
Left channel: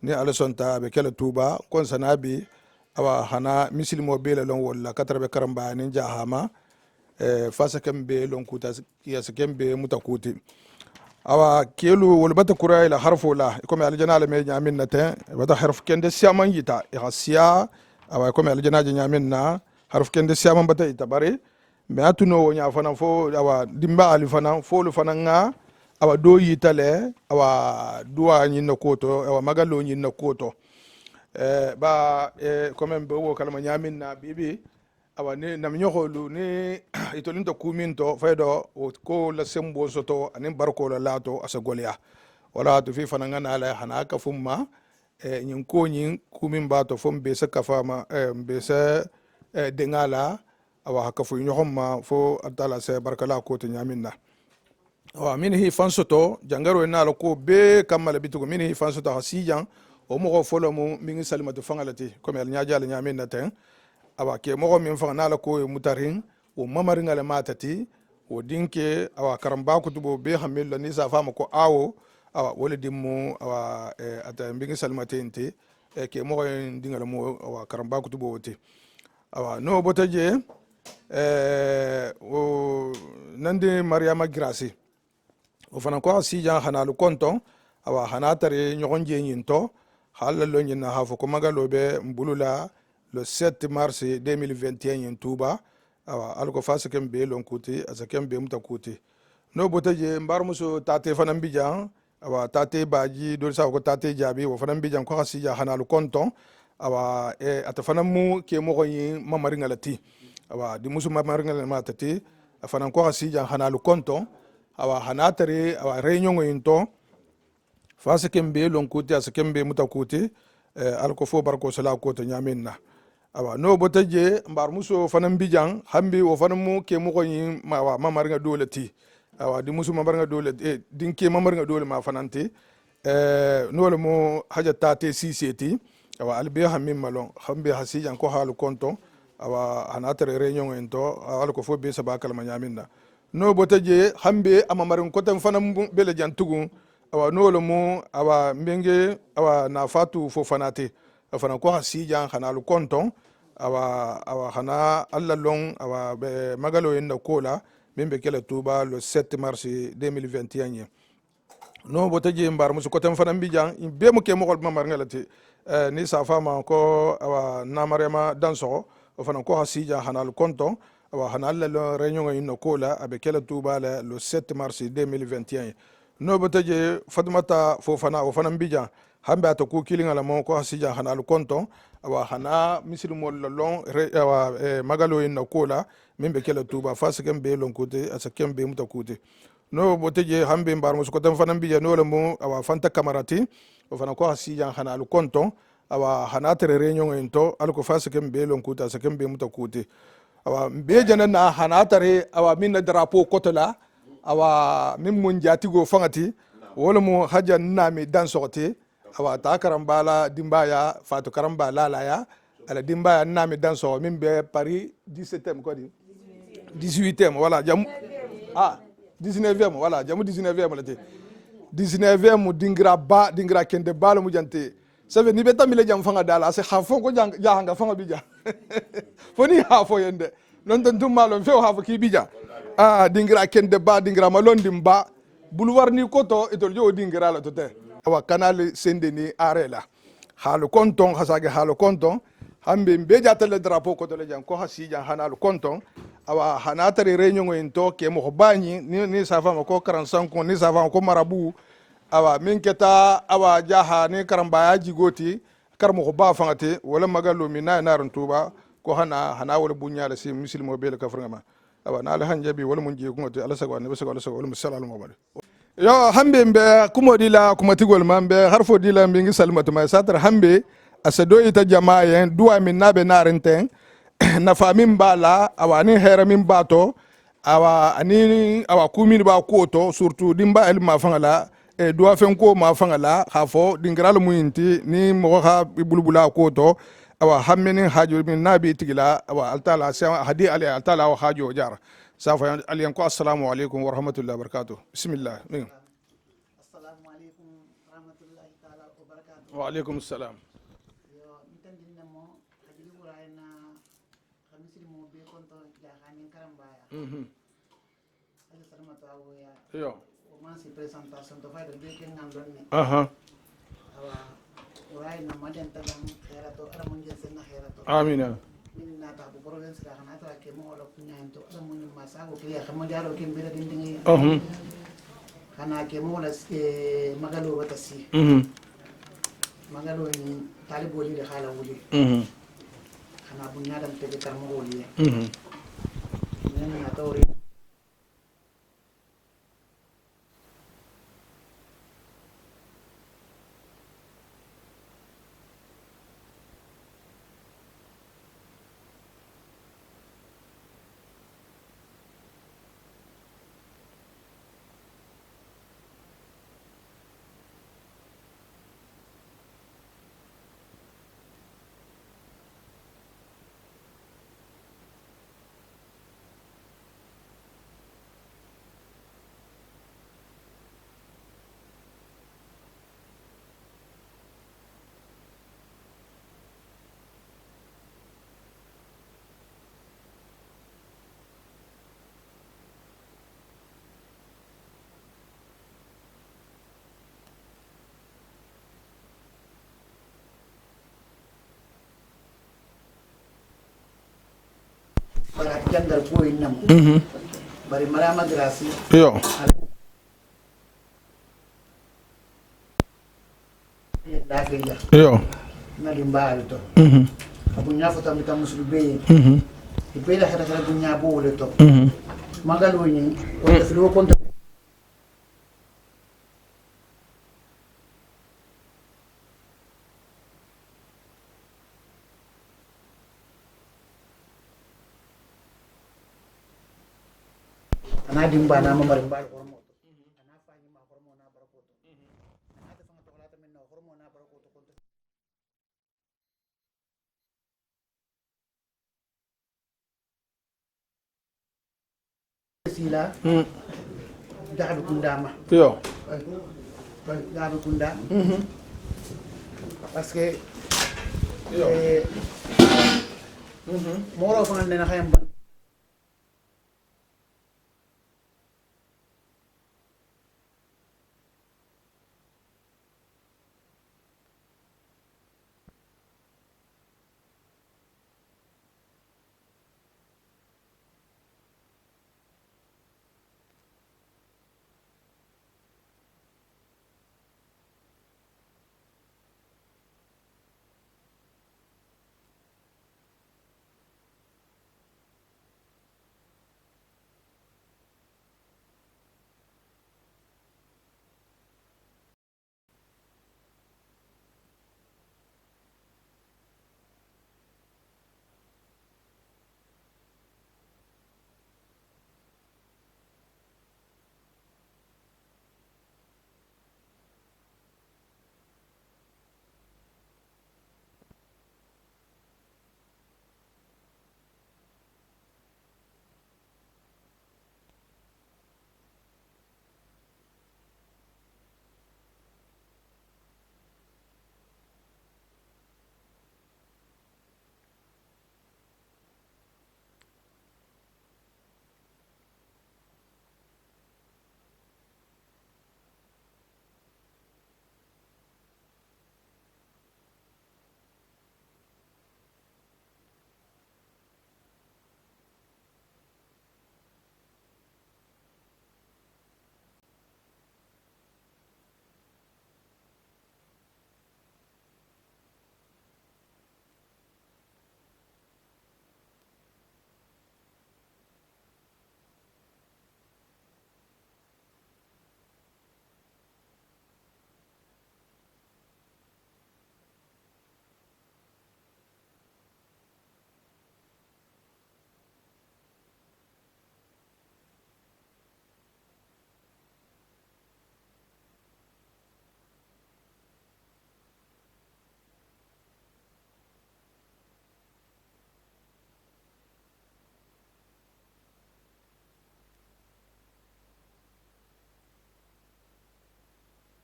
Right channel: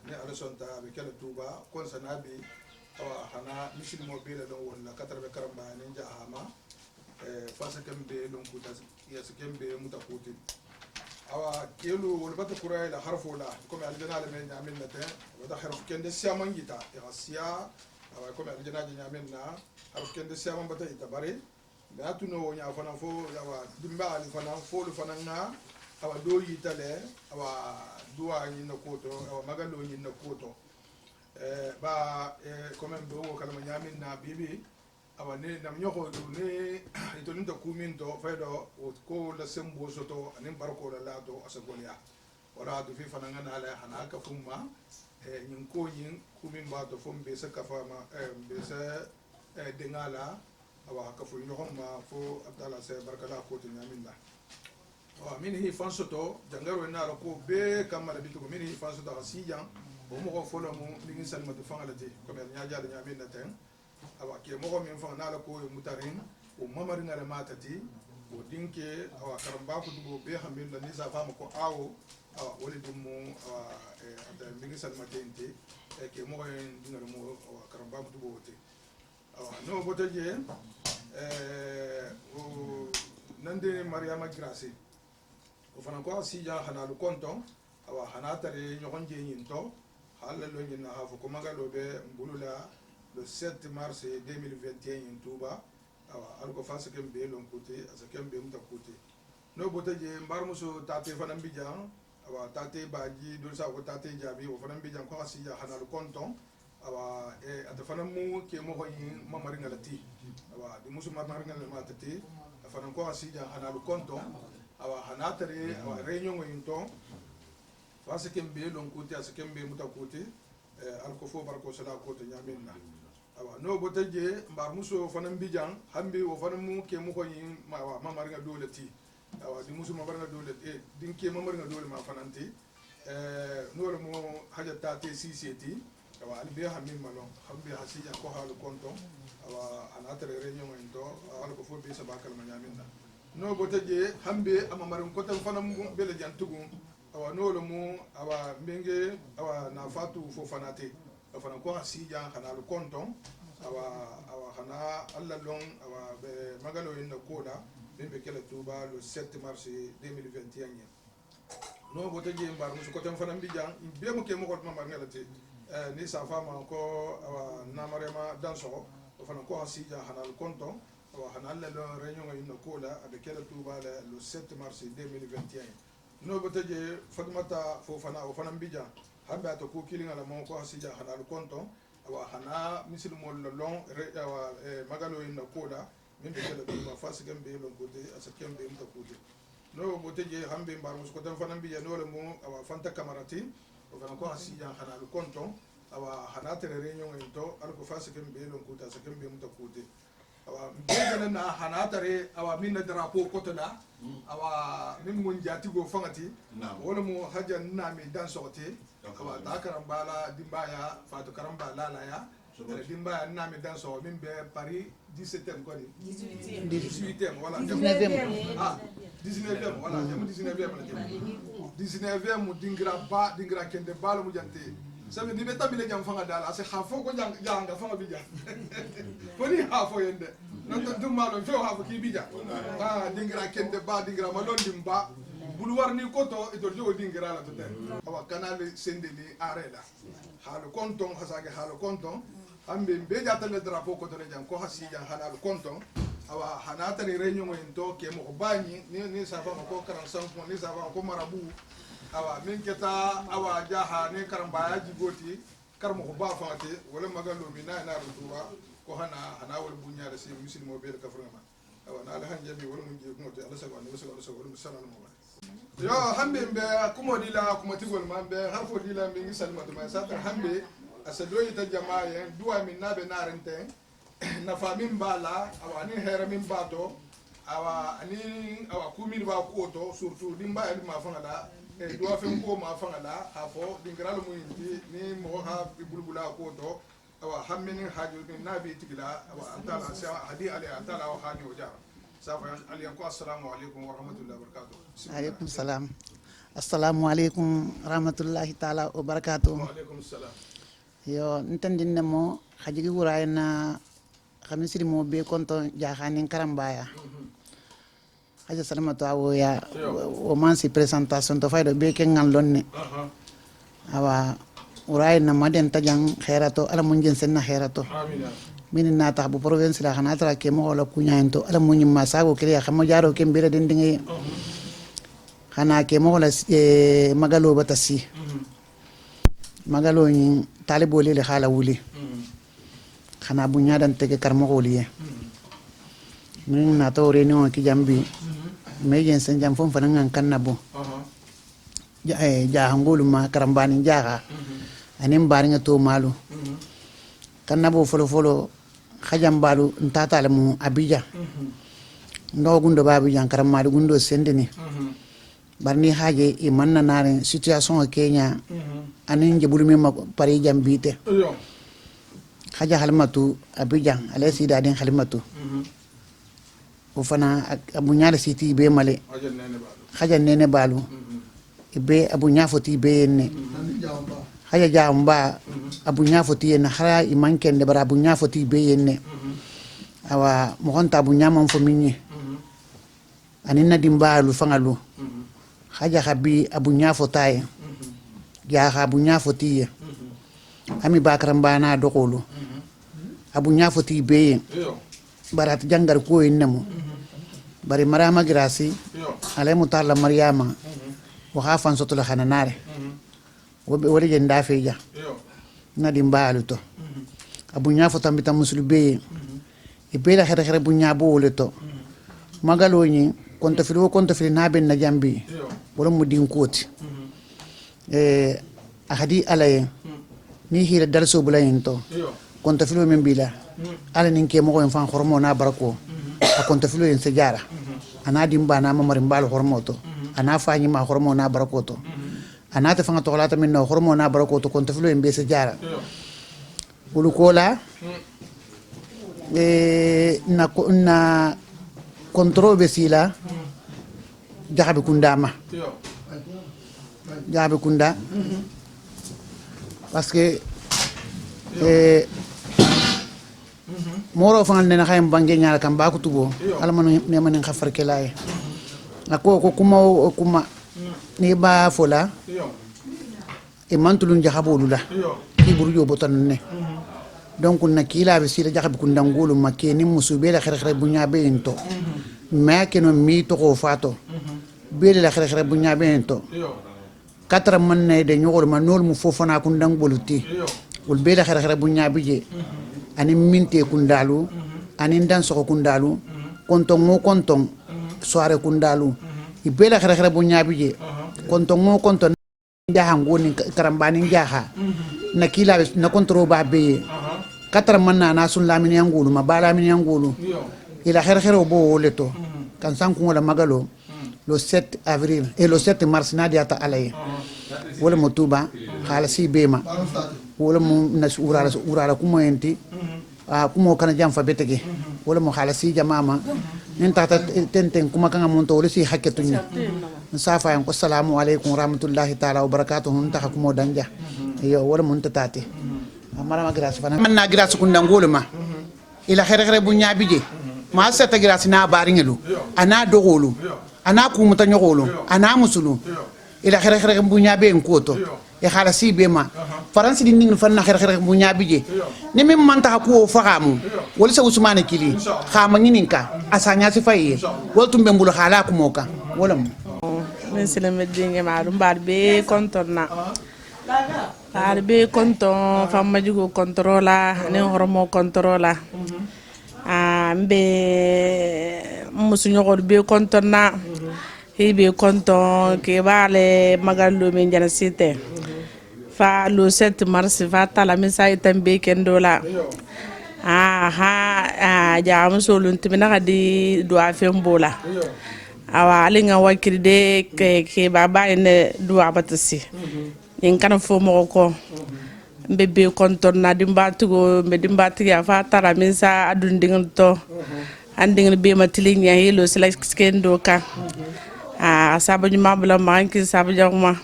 ni ala sonta be kala tuba kon sanabi awa hana misilimo bele lon walla katara be karamba ni jahama fasa kembe lon kuta ya kembe mutakuti awa kelu wol bata kura ila harfo la comme aljana la me nyamin nate wata harf kende siaman yita ya sia awa comme aljana nyamin na harf kende siaman bata ita bare me atuno wonya fana fo awa dimba ali fana fo lu fana nga awa do yitale awa duwa nyinna koto awa magalo nyinna koto ba comme be wo kalma nyamin na bibi awa ne nam ñoxolu ne itolinto kuminto faydo ko la sembo soto anin barko la lato asa golya wala to fi fananga na la hana ka fumma ñin ko ñin kumin bato fom be sa kafama be sa dengala awa ka fu ñoxoma fo abdala se barkala ko to ñaminna wa min hi fansoto jangaro na la ko be kamala bitugo min hi fansoto hasijan o mo folo mu min salimatu fangalati comme el ñaajal ñaminna ten awa ke mogo min fanga nala ko mutarin o mamarin ale matati o dinke awa karamba kutubo be hamilla ni sa fama ko awo awa wala dimmu awa ata mbingi salmatente ke mogo dingala mo awa karamba kutubo wote awa no botaje o nande mariama grasi o fana ko sijan hanalu konton awa hanatare nyogonje nyinto halalo nyina hafo ko magalo be mbulula le 7 mars 2021 en Touba awa alko fasa kem be lon kuti asa kem be muta kuti no botaje mbar muso tate fanam bijan awa tate baji do sa ko tate jabi wo fanam bijan ko hasiya hanalu konton awa ata fanam mu ke mo yi mamari ngalati awa di musu mamari ngal matati fanam ko hasiya hanalu konton awa hanatare awa réunion into fasa kem be lon kuti asa kem be muta kuti alko fo barko sala ko to nyaminna awa no botaje mbar muso fanam bijang hambi wo fanam mu ke mu ko yi ma mamar nga dolati awa di musu mamar nga dole din ke mamar nga dole ma fanante no le mo haja tate CCT awa albe hammi malon hambi hasijan ko halu konton awa anatre réunion ento ala ko fo be sabakal ma nyaminda no botaje hambe amamar ko tan fanam bele jantugu awa no le mo awa mbenge awa na fatu fo fanate afana ko hasijan hanalu konton awa hana alla long awa be magalo en kola membe kala tuba le 7 mars 2021 no botaje mbar musu ko tan fana bijan be mo ke mo gol mamar ngalati ni sa fama ko awa na mariama danso afana ko hasijan hanalu konton awa hana alla lo réunion en kola abe kala tuba le 7 mars 2021 no botaje fatmata fo fana o fana bijan hambe ata ku kilinga la mo ko hasijan hanalu konton awa hana misilmo lon awa magalo en kola membe kala tuba fasikem be lon kote asakem be muta kote no boteje hambe mbar mo ko tan fanan biya no la mo awa fanta kamarati o fana ko hasijan hanalu konton awa hana tere réunion en to alko fasikem be lon kote asakem be muta kote awa be janana hana tere awa minna drapeau kotola awa min mun jatigo fangati wala mo haja nami dan sorti awa ta karambala dimbaya fatu karambala la ya ala dimbaya nami dan so min be Paris 17e ko di 18e voilà jamu 19e voilà jamu 19e la te 19e dingra kende balo mu jante sabe ni beta mile jam fanga dala se hafo ko janga fanga bija foni hafo yende non tan dum malo fe hafo ki bija dingra kende dingra malon dimba boulevard ni koto itol jo dingra la to ten awa canal sendeni arela halu konton hasage halu konton hambe be jatale drapeau ko dole jam ko hasijan hanalu konton awa hanatare réunion into ke mo bani ni safa ko 45 ko ni safa ko marabu awa min keta awa jaha ni karamba jigoti karmo ko ba fangate wala magalo mi na naran tuba ko hana wala bunyala si muslimo be le kaframa awa na alhanjabi wala mun je ko to ala sagwa ne sagwa wala musalamu mabare yo hambe mbe kumodi la kumatigol mambe harfo dila mbingi salmatu ma satra hambe asado ita jamaa yen duwa min nabe narenten na famin bala awani hera min bato awa ani awa kumin ba koto surtout dimba el ma fangala duwa fen ko ma fangala hafo dingral muyinti ni mo ha bulbula koto awa hammeni hajo min nabi tigila awa altala sa hadi ali altala wa hajo jar safa aliyan ko assalamu alaikum wa rahmatullahi wa barakatuh bismillah salam assalamualaikum rahmatullahi taala wa barakatuh. Wa alaikum salam. Yo ntandinne mo hajigi wurayna khamisiri mo be konto jahanin karambaya. Haja salamatu awoya o mansi presentation to faydo be ken ngallonne. Awa wurayna maden tajang khairato ala munjin senna khairato. Amin. Min na ta bu province la khana tra ke mo wala kunyanto ala munyin masago kiliya khamo jaro ke mbere den dingi. Xana ke mo la magalo batasi magalo ni talibo le xala wuli xana bu ñadan tege kar mo wuli min na to réunion ki jambi me yen sen jam fon fanan kan nabo ja ngolu ma karambani jaga anim bari nga to malu kan nabo folo folo xajam balu ntata le mu abija ndo gundo babu jan karamadu gundo sendeni barni haje e manna nare situation Kenya anin jebulu mi ma pare jambite haja halmatu abijan ale sida den halmatu o fana abu nyaale siti be male haja nene balu be abu nyafoti be ne haja jamba abu nyafoti ne hara i mankende bara abu nyafoti be ne awa mo honta abu nyamam fo minni anin na dimbalu fangalu haja habi abu nyafo taye ya abu nyafo tiye ami bakaramba na dokolo abu nyafo ti be barat jangar ko innamo bari mariama grasi ale mutalla mariama wa khafan sotola khananare wori jenda feja na dimbalu to abu nyafo tambita musul be e bela khara khara bu nyabo woleto magalo ni konta fili na ben na jambi wala mu din koti ahadi alaye mi hira darso bulayin to konta filo min bila ala nin ke mo ko en fan hormo na barako a konta filo en sejara ana dimba na mamari mbal hormo to ana fañi ma hormo na barako to ana ta fanga to lata min no hormo na barako to konta filo en be sejara bulu kola na control be sila jahabe kundama jahabe kunda parce que moro fangal nena xayam bange nyaala kam ba ko tugo ala man ne man khafar ke lay ako ko kuma ni ba fola e mantulun jahabulu la ki buru yo botan ne donc na kila be sila jahabe kunda ngulu makke ni musube la xere bu nyaabe into ma keno mi to ko fato bele la xere bu nyaabe into katra man ne de ñogol ma nol mu fofana ku ndang boluti ul bele xere bu nyaabe je ani minte kundalu ani ndan soko kundalu konton mo konton soare kundalu i bele xere bu nyaabe je konton mo konton jaha ngoni karambani jaha na kila na kontro ba be katra man na sun lamini angulu ma bala mini angulu ila xere bo leto kan sanku wala magalo le 7 avril et le 7 mars nadiata alay wala motuba khalasi bema wala mo nas urala kuma enti kuma kana jam fa betege wala mo khalasi jamama nin tata tenten kuma kanga monto wala si hakketunya safa en ko assalamu alaykum rahmatullahi taala wa barakatuh nta kuma danja yo wala mo ntatati amara ma grâce fana man na grâce kun ndangoluma ila xere bu ñaabije ma seta grâce na baringelu ana dogolu ana kumuta ñogolu ana musulu ila xere bu ñaabe en koto e khalasi be ma faransi di ning fan na xere bu ñaabije ni mem man ta ko faamu wala sa usmane kili xama ngininka asanya si faye wala tumbe mbulu xala ko moka wala mo men silame dinge maɗum mbaɗo ɓe contonna mbaɗo ɓe conton famma jugo contrôla anen hormo contrôla mbe musuñogoɗo ɓe contonna hiɓe conton ke ɓaale magallo min jana site fa le 7 mars fa tala min sa itan ɓe kendola ha jamusolum timina kadi duwa fembola awa alinga wakirde ke baba ene duwa batasi yin kana fo mo ko bebe konton na dimba tugo be dimba tiga fa tara min sa adun dingal to andingal be matili nya helo sila skendo ka saba nyuma bula manki saba jangma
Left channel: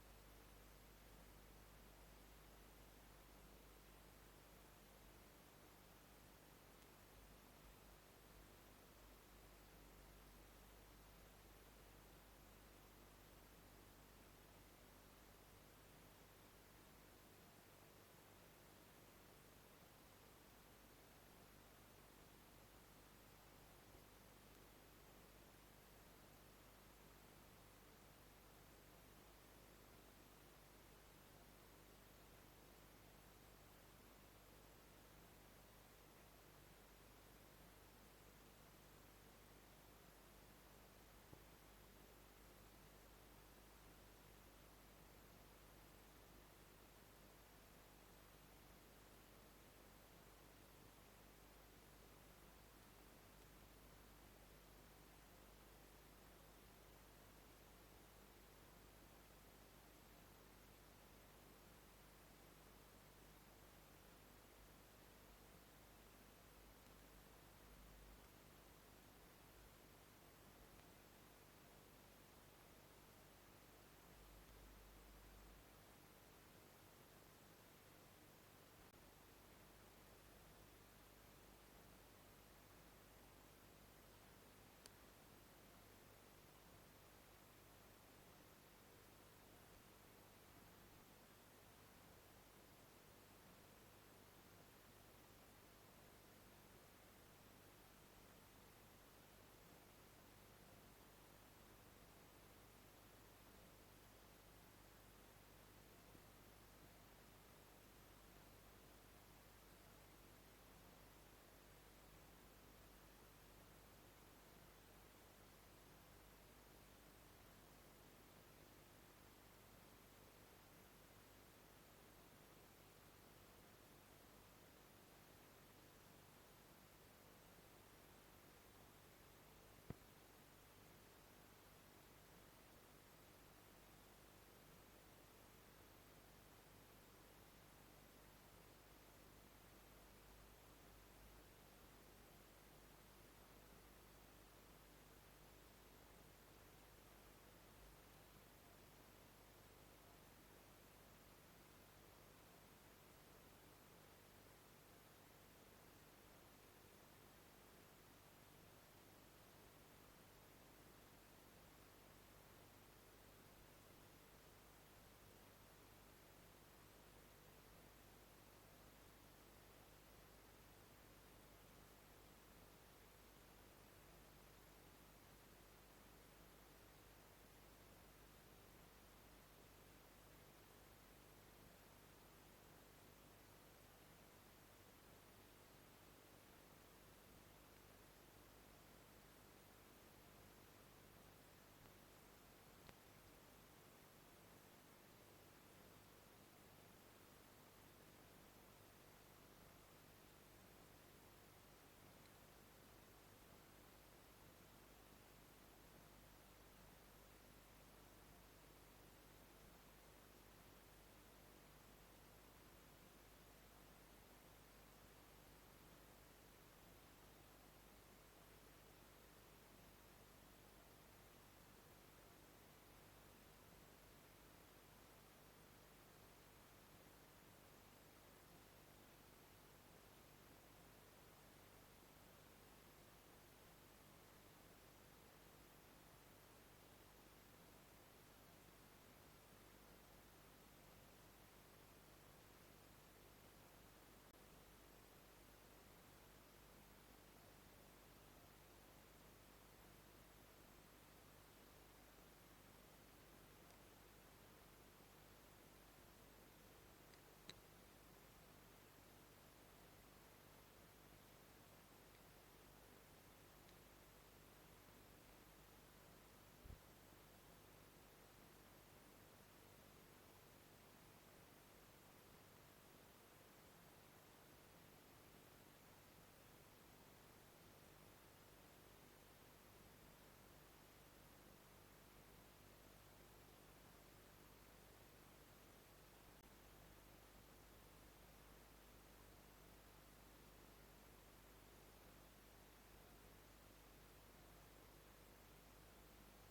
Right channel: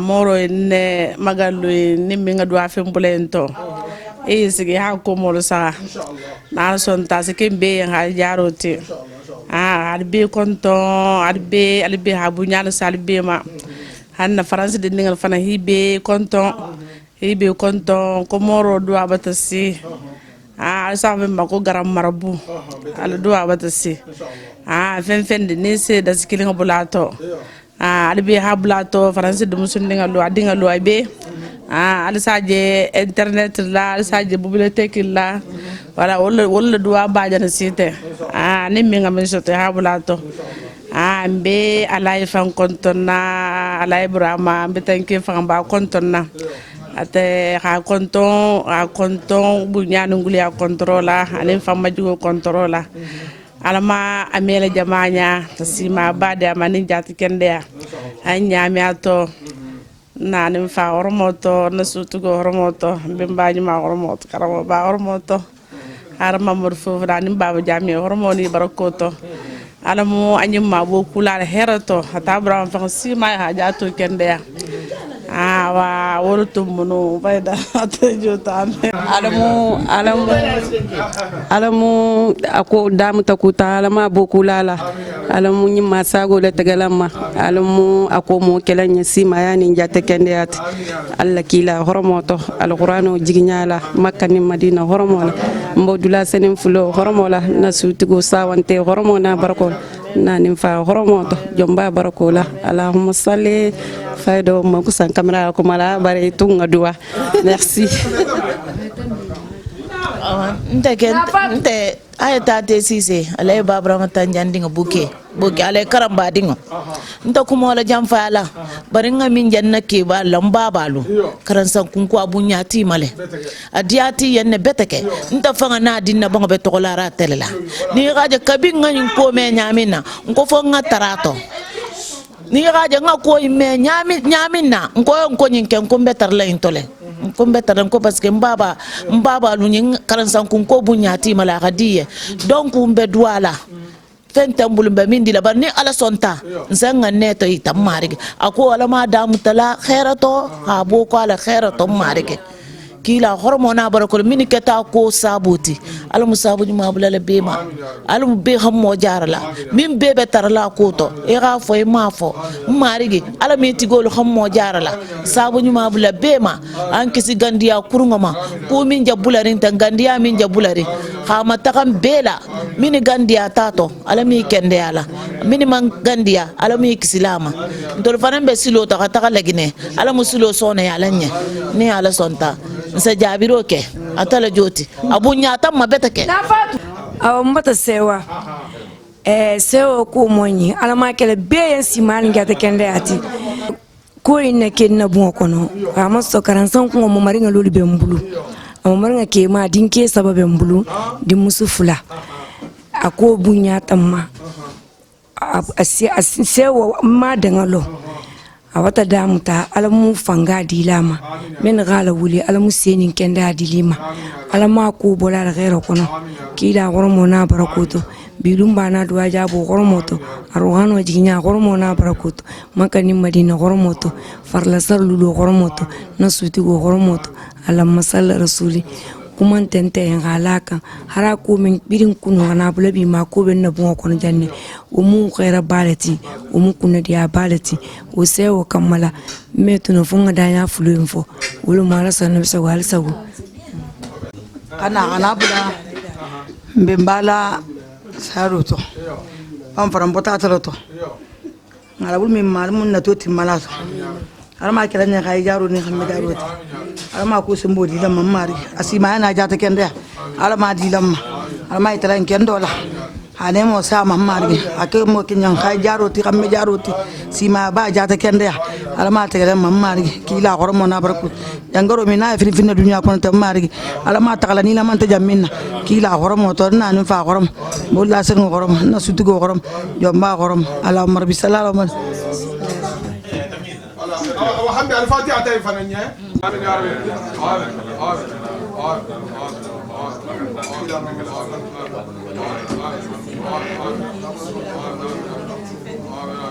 moro ne magalu ni minga do afem bulento sigi ha ko molo sa na son ta se kembe ha jaroti albe konto albe ha bunyal salbe ma hanna france de ningal fana hibe konto ko moro do abatasi sa be mako garam marabu ala do abatasi fen de ne se da sikilinga bulato albe ha bulato france de musun ningal adinga lo abe alisaje internet la alisaje bibliothèque la wala wala do abajana site ni minga men sote ha bulato mbe alay fan kontona alay brama mbe tanke fan ba kontona ate ha konton bunyanu nguli a controla anen fan majugo controla alama amela jamanya tasima bade amani jati kende anya mi ato nanim fa hormoto nasutugo hormoto bimbaji ma hormoto karamo ba hormoto arama morfo nanim baba jami hormoni barakoto alamu anyim ma bo kula herato hata bram fa sima ha jato kende wa worutum mono bayda atajota alamu ako damu takuta alama bokulala alamu nyima sago le tegalama alamu ako mo kelanya sima yani njate kendeat alla kila horomoto alquranu jiginyala makka ni madina horomola mbodula senin fulo horomola nasutugo sawante horomona barako nanim fa horomoto jomba barakola allahumma salli faydo mo kusan camera ko mala bare tunga dua merci nte ayata te sise alay babra mata jandinga buke alay karamba dingo nta kuma wala jamfa ala bari nga min janna ke ba lamba balu karan san kun ko abunya ti male adiati yenne beteke nta fanga na dinna bango be tokolara telela ni gaje kabin nga ko me nyamina ko fo nga tarato ni gaje nga ko me nyamina ko nyinken ko betar la intole ko betar ko parce que mbaba lu nyin karan san kun ko bunya ti mala gadiye donc umbe douala fentambul mbe min dila bar ni ala sonta nzanga neto itam marige ako wala ma damu tala khairato ha bo ko ala khairato marige kila hormona barakol min keta ko sabuti ala musabu ma bulala bema ala be xam mo jarala min bebe tarala ko to e ga fo e ma fo marigi ala mi tigol xam mo jarala sabu ma bulala bema an kisi gandiya kurngoma ko min jabulari tan gandiya min jabulari ha mata kam bela min gandiya tato ala mi kende ala min man gandiya ala mi kisilama dol fanan be silo ta ta lagine ala musulo sona ya lanye ni ala sonta nsa jabiro ke atala joti abunya tamma betake mbata sewa sewa ko moni alama kele be simal ngata kende ati ko inna kenna bu kono ama so karansan ko mo maringa lolu be mbulu ama maringa ke ma dinke sababe mbulu di musufula ako bunya tamma sewa ma dangalo awata damuta alamu fanga dilama men gala wuli alamu senin kenda dilima alama ko bola ghairo kono kila hormona barakoto bilumba na duwa jabo hormoto arwano jinya hormona barakoto makani madina hormoto farla sarlulo hormoto nasuti go hormoto alamma sall rasuli kuma tente en halaka hara ko min birin kunu na bulabi ma ko ben na bon kono janne o mu khaira balati o mu kunna dia balati o sewo kamala metuno funga danya fulu info wulu mala sanu sa wal sagu ana bula mbembala saruto am faram potatato ngala bul min mal mun na toti malato alama kala ne kay jaru ni xamé jaroti alama ko se mbodi lam mari asima na jata kende alama di lam alama itala kendo la ane mo sa mari ake mo kinyan kay jaroti xamé jaroti sima ba jata kende alama te lam mari kila hormo na barku jangaro mi na fi fi na dunya ko ta mari alama ta kala ni lam ta jamina kila hormo to na ni fa horom bo la sen horom na sutugo horom jomba horom ala marbi sallallahu وحمد الفاتحة تايفانية آمين يا رب آمين آمين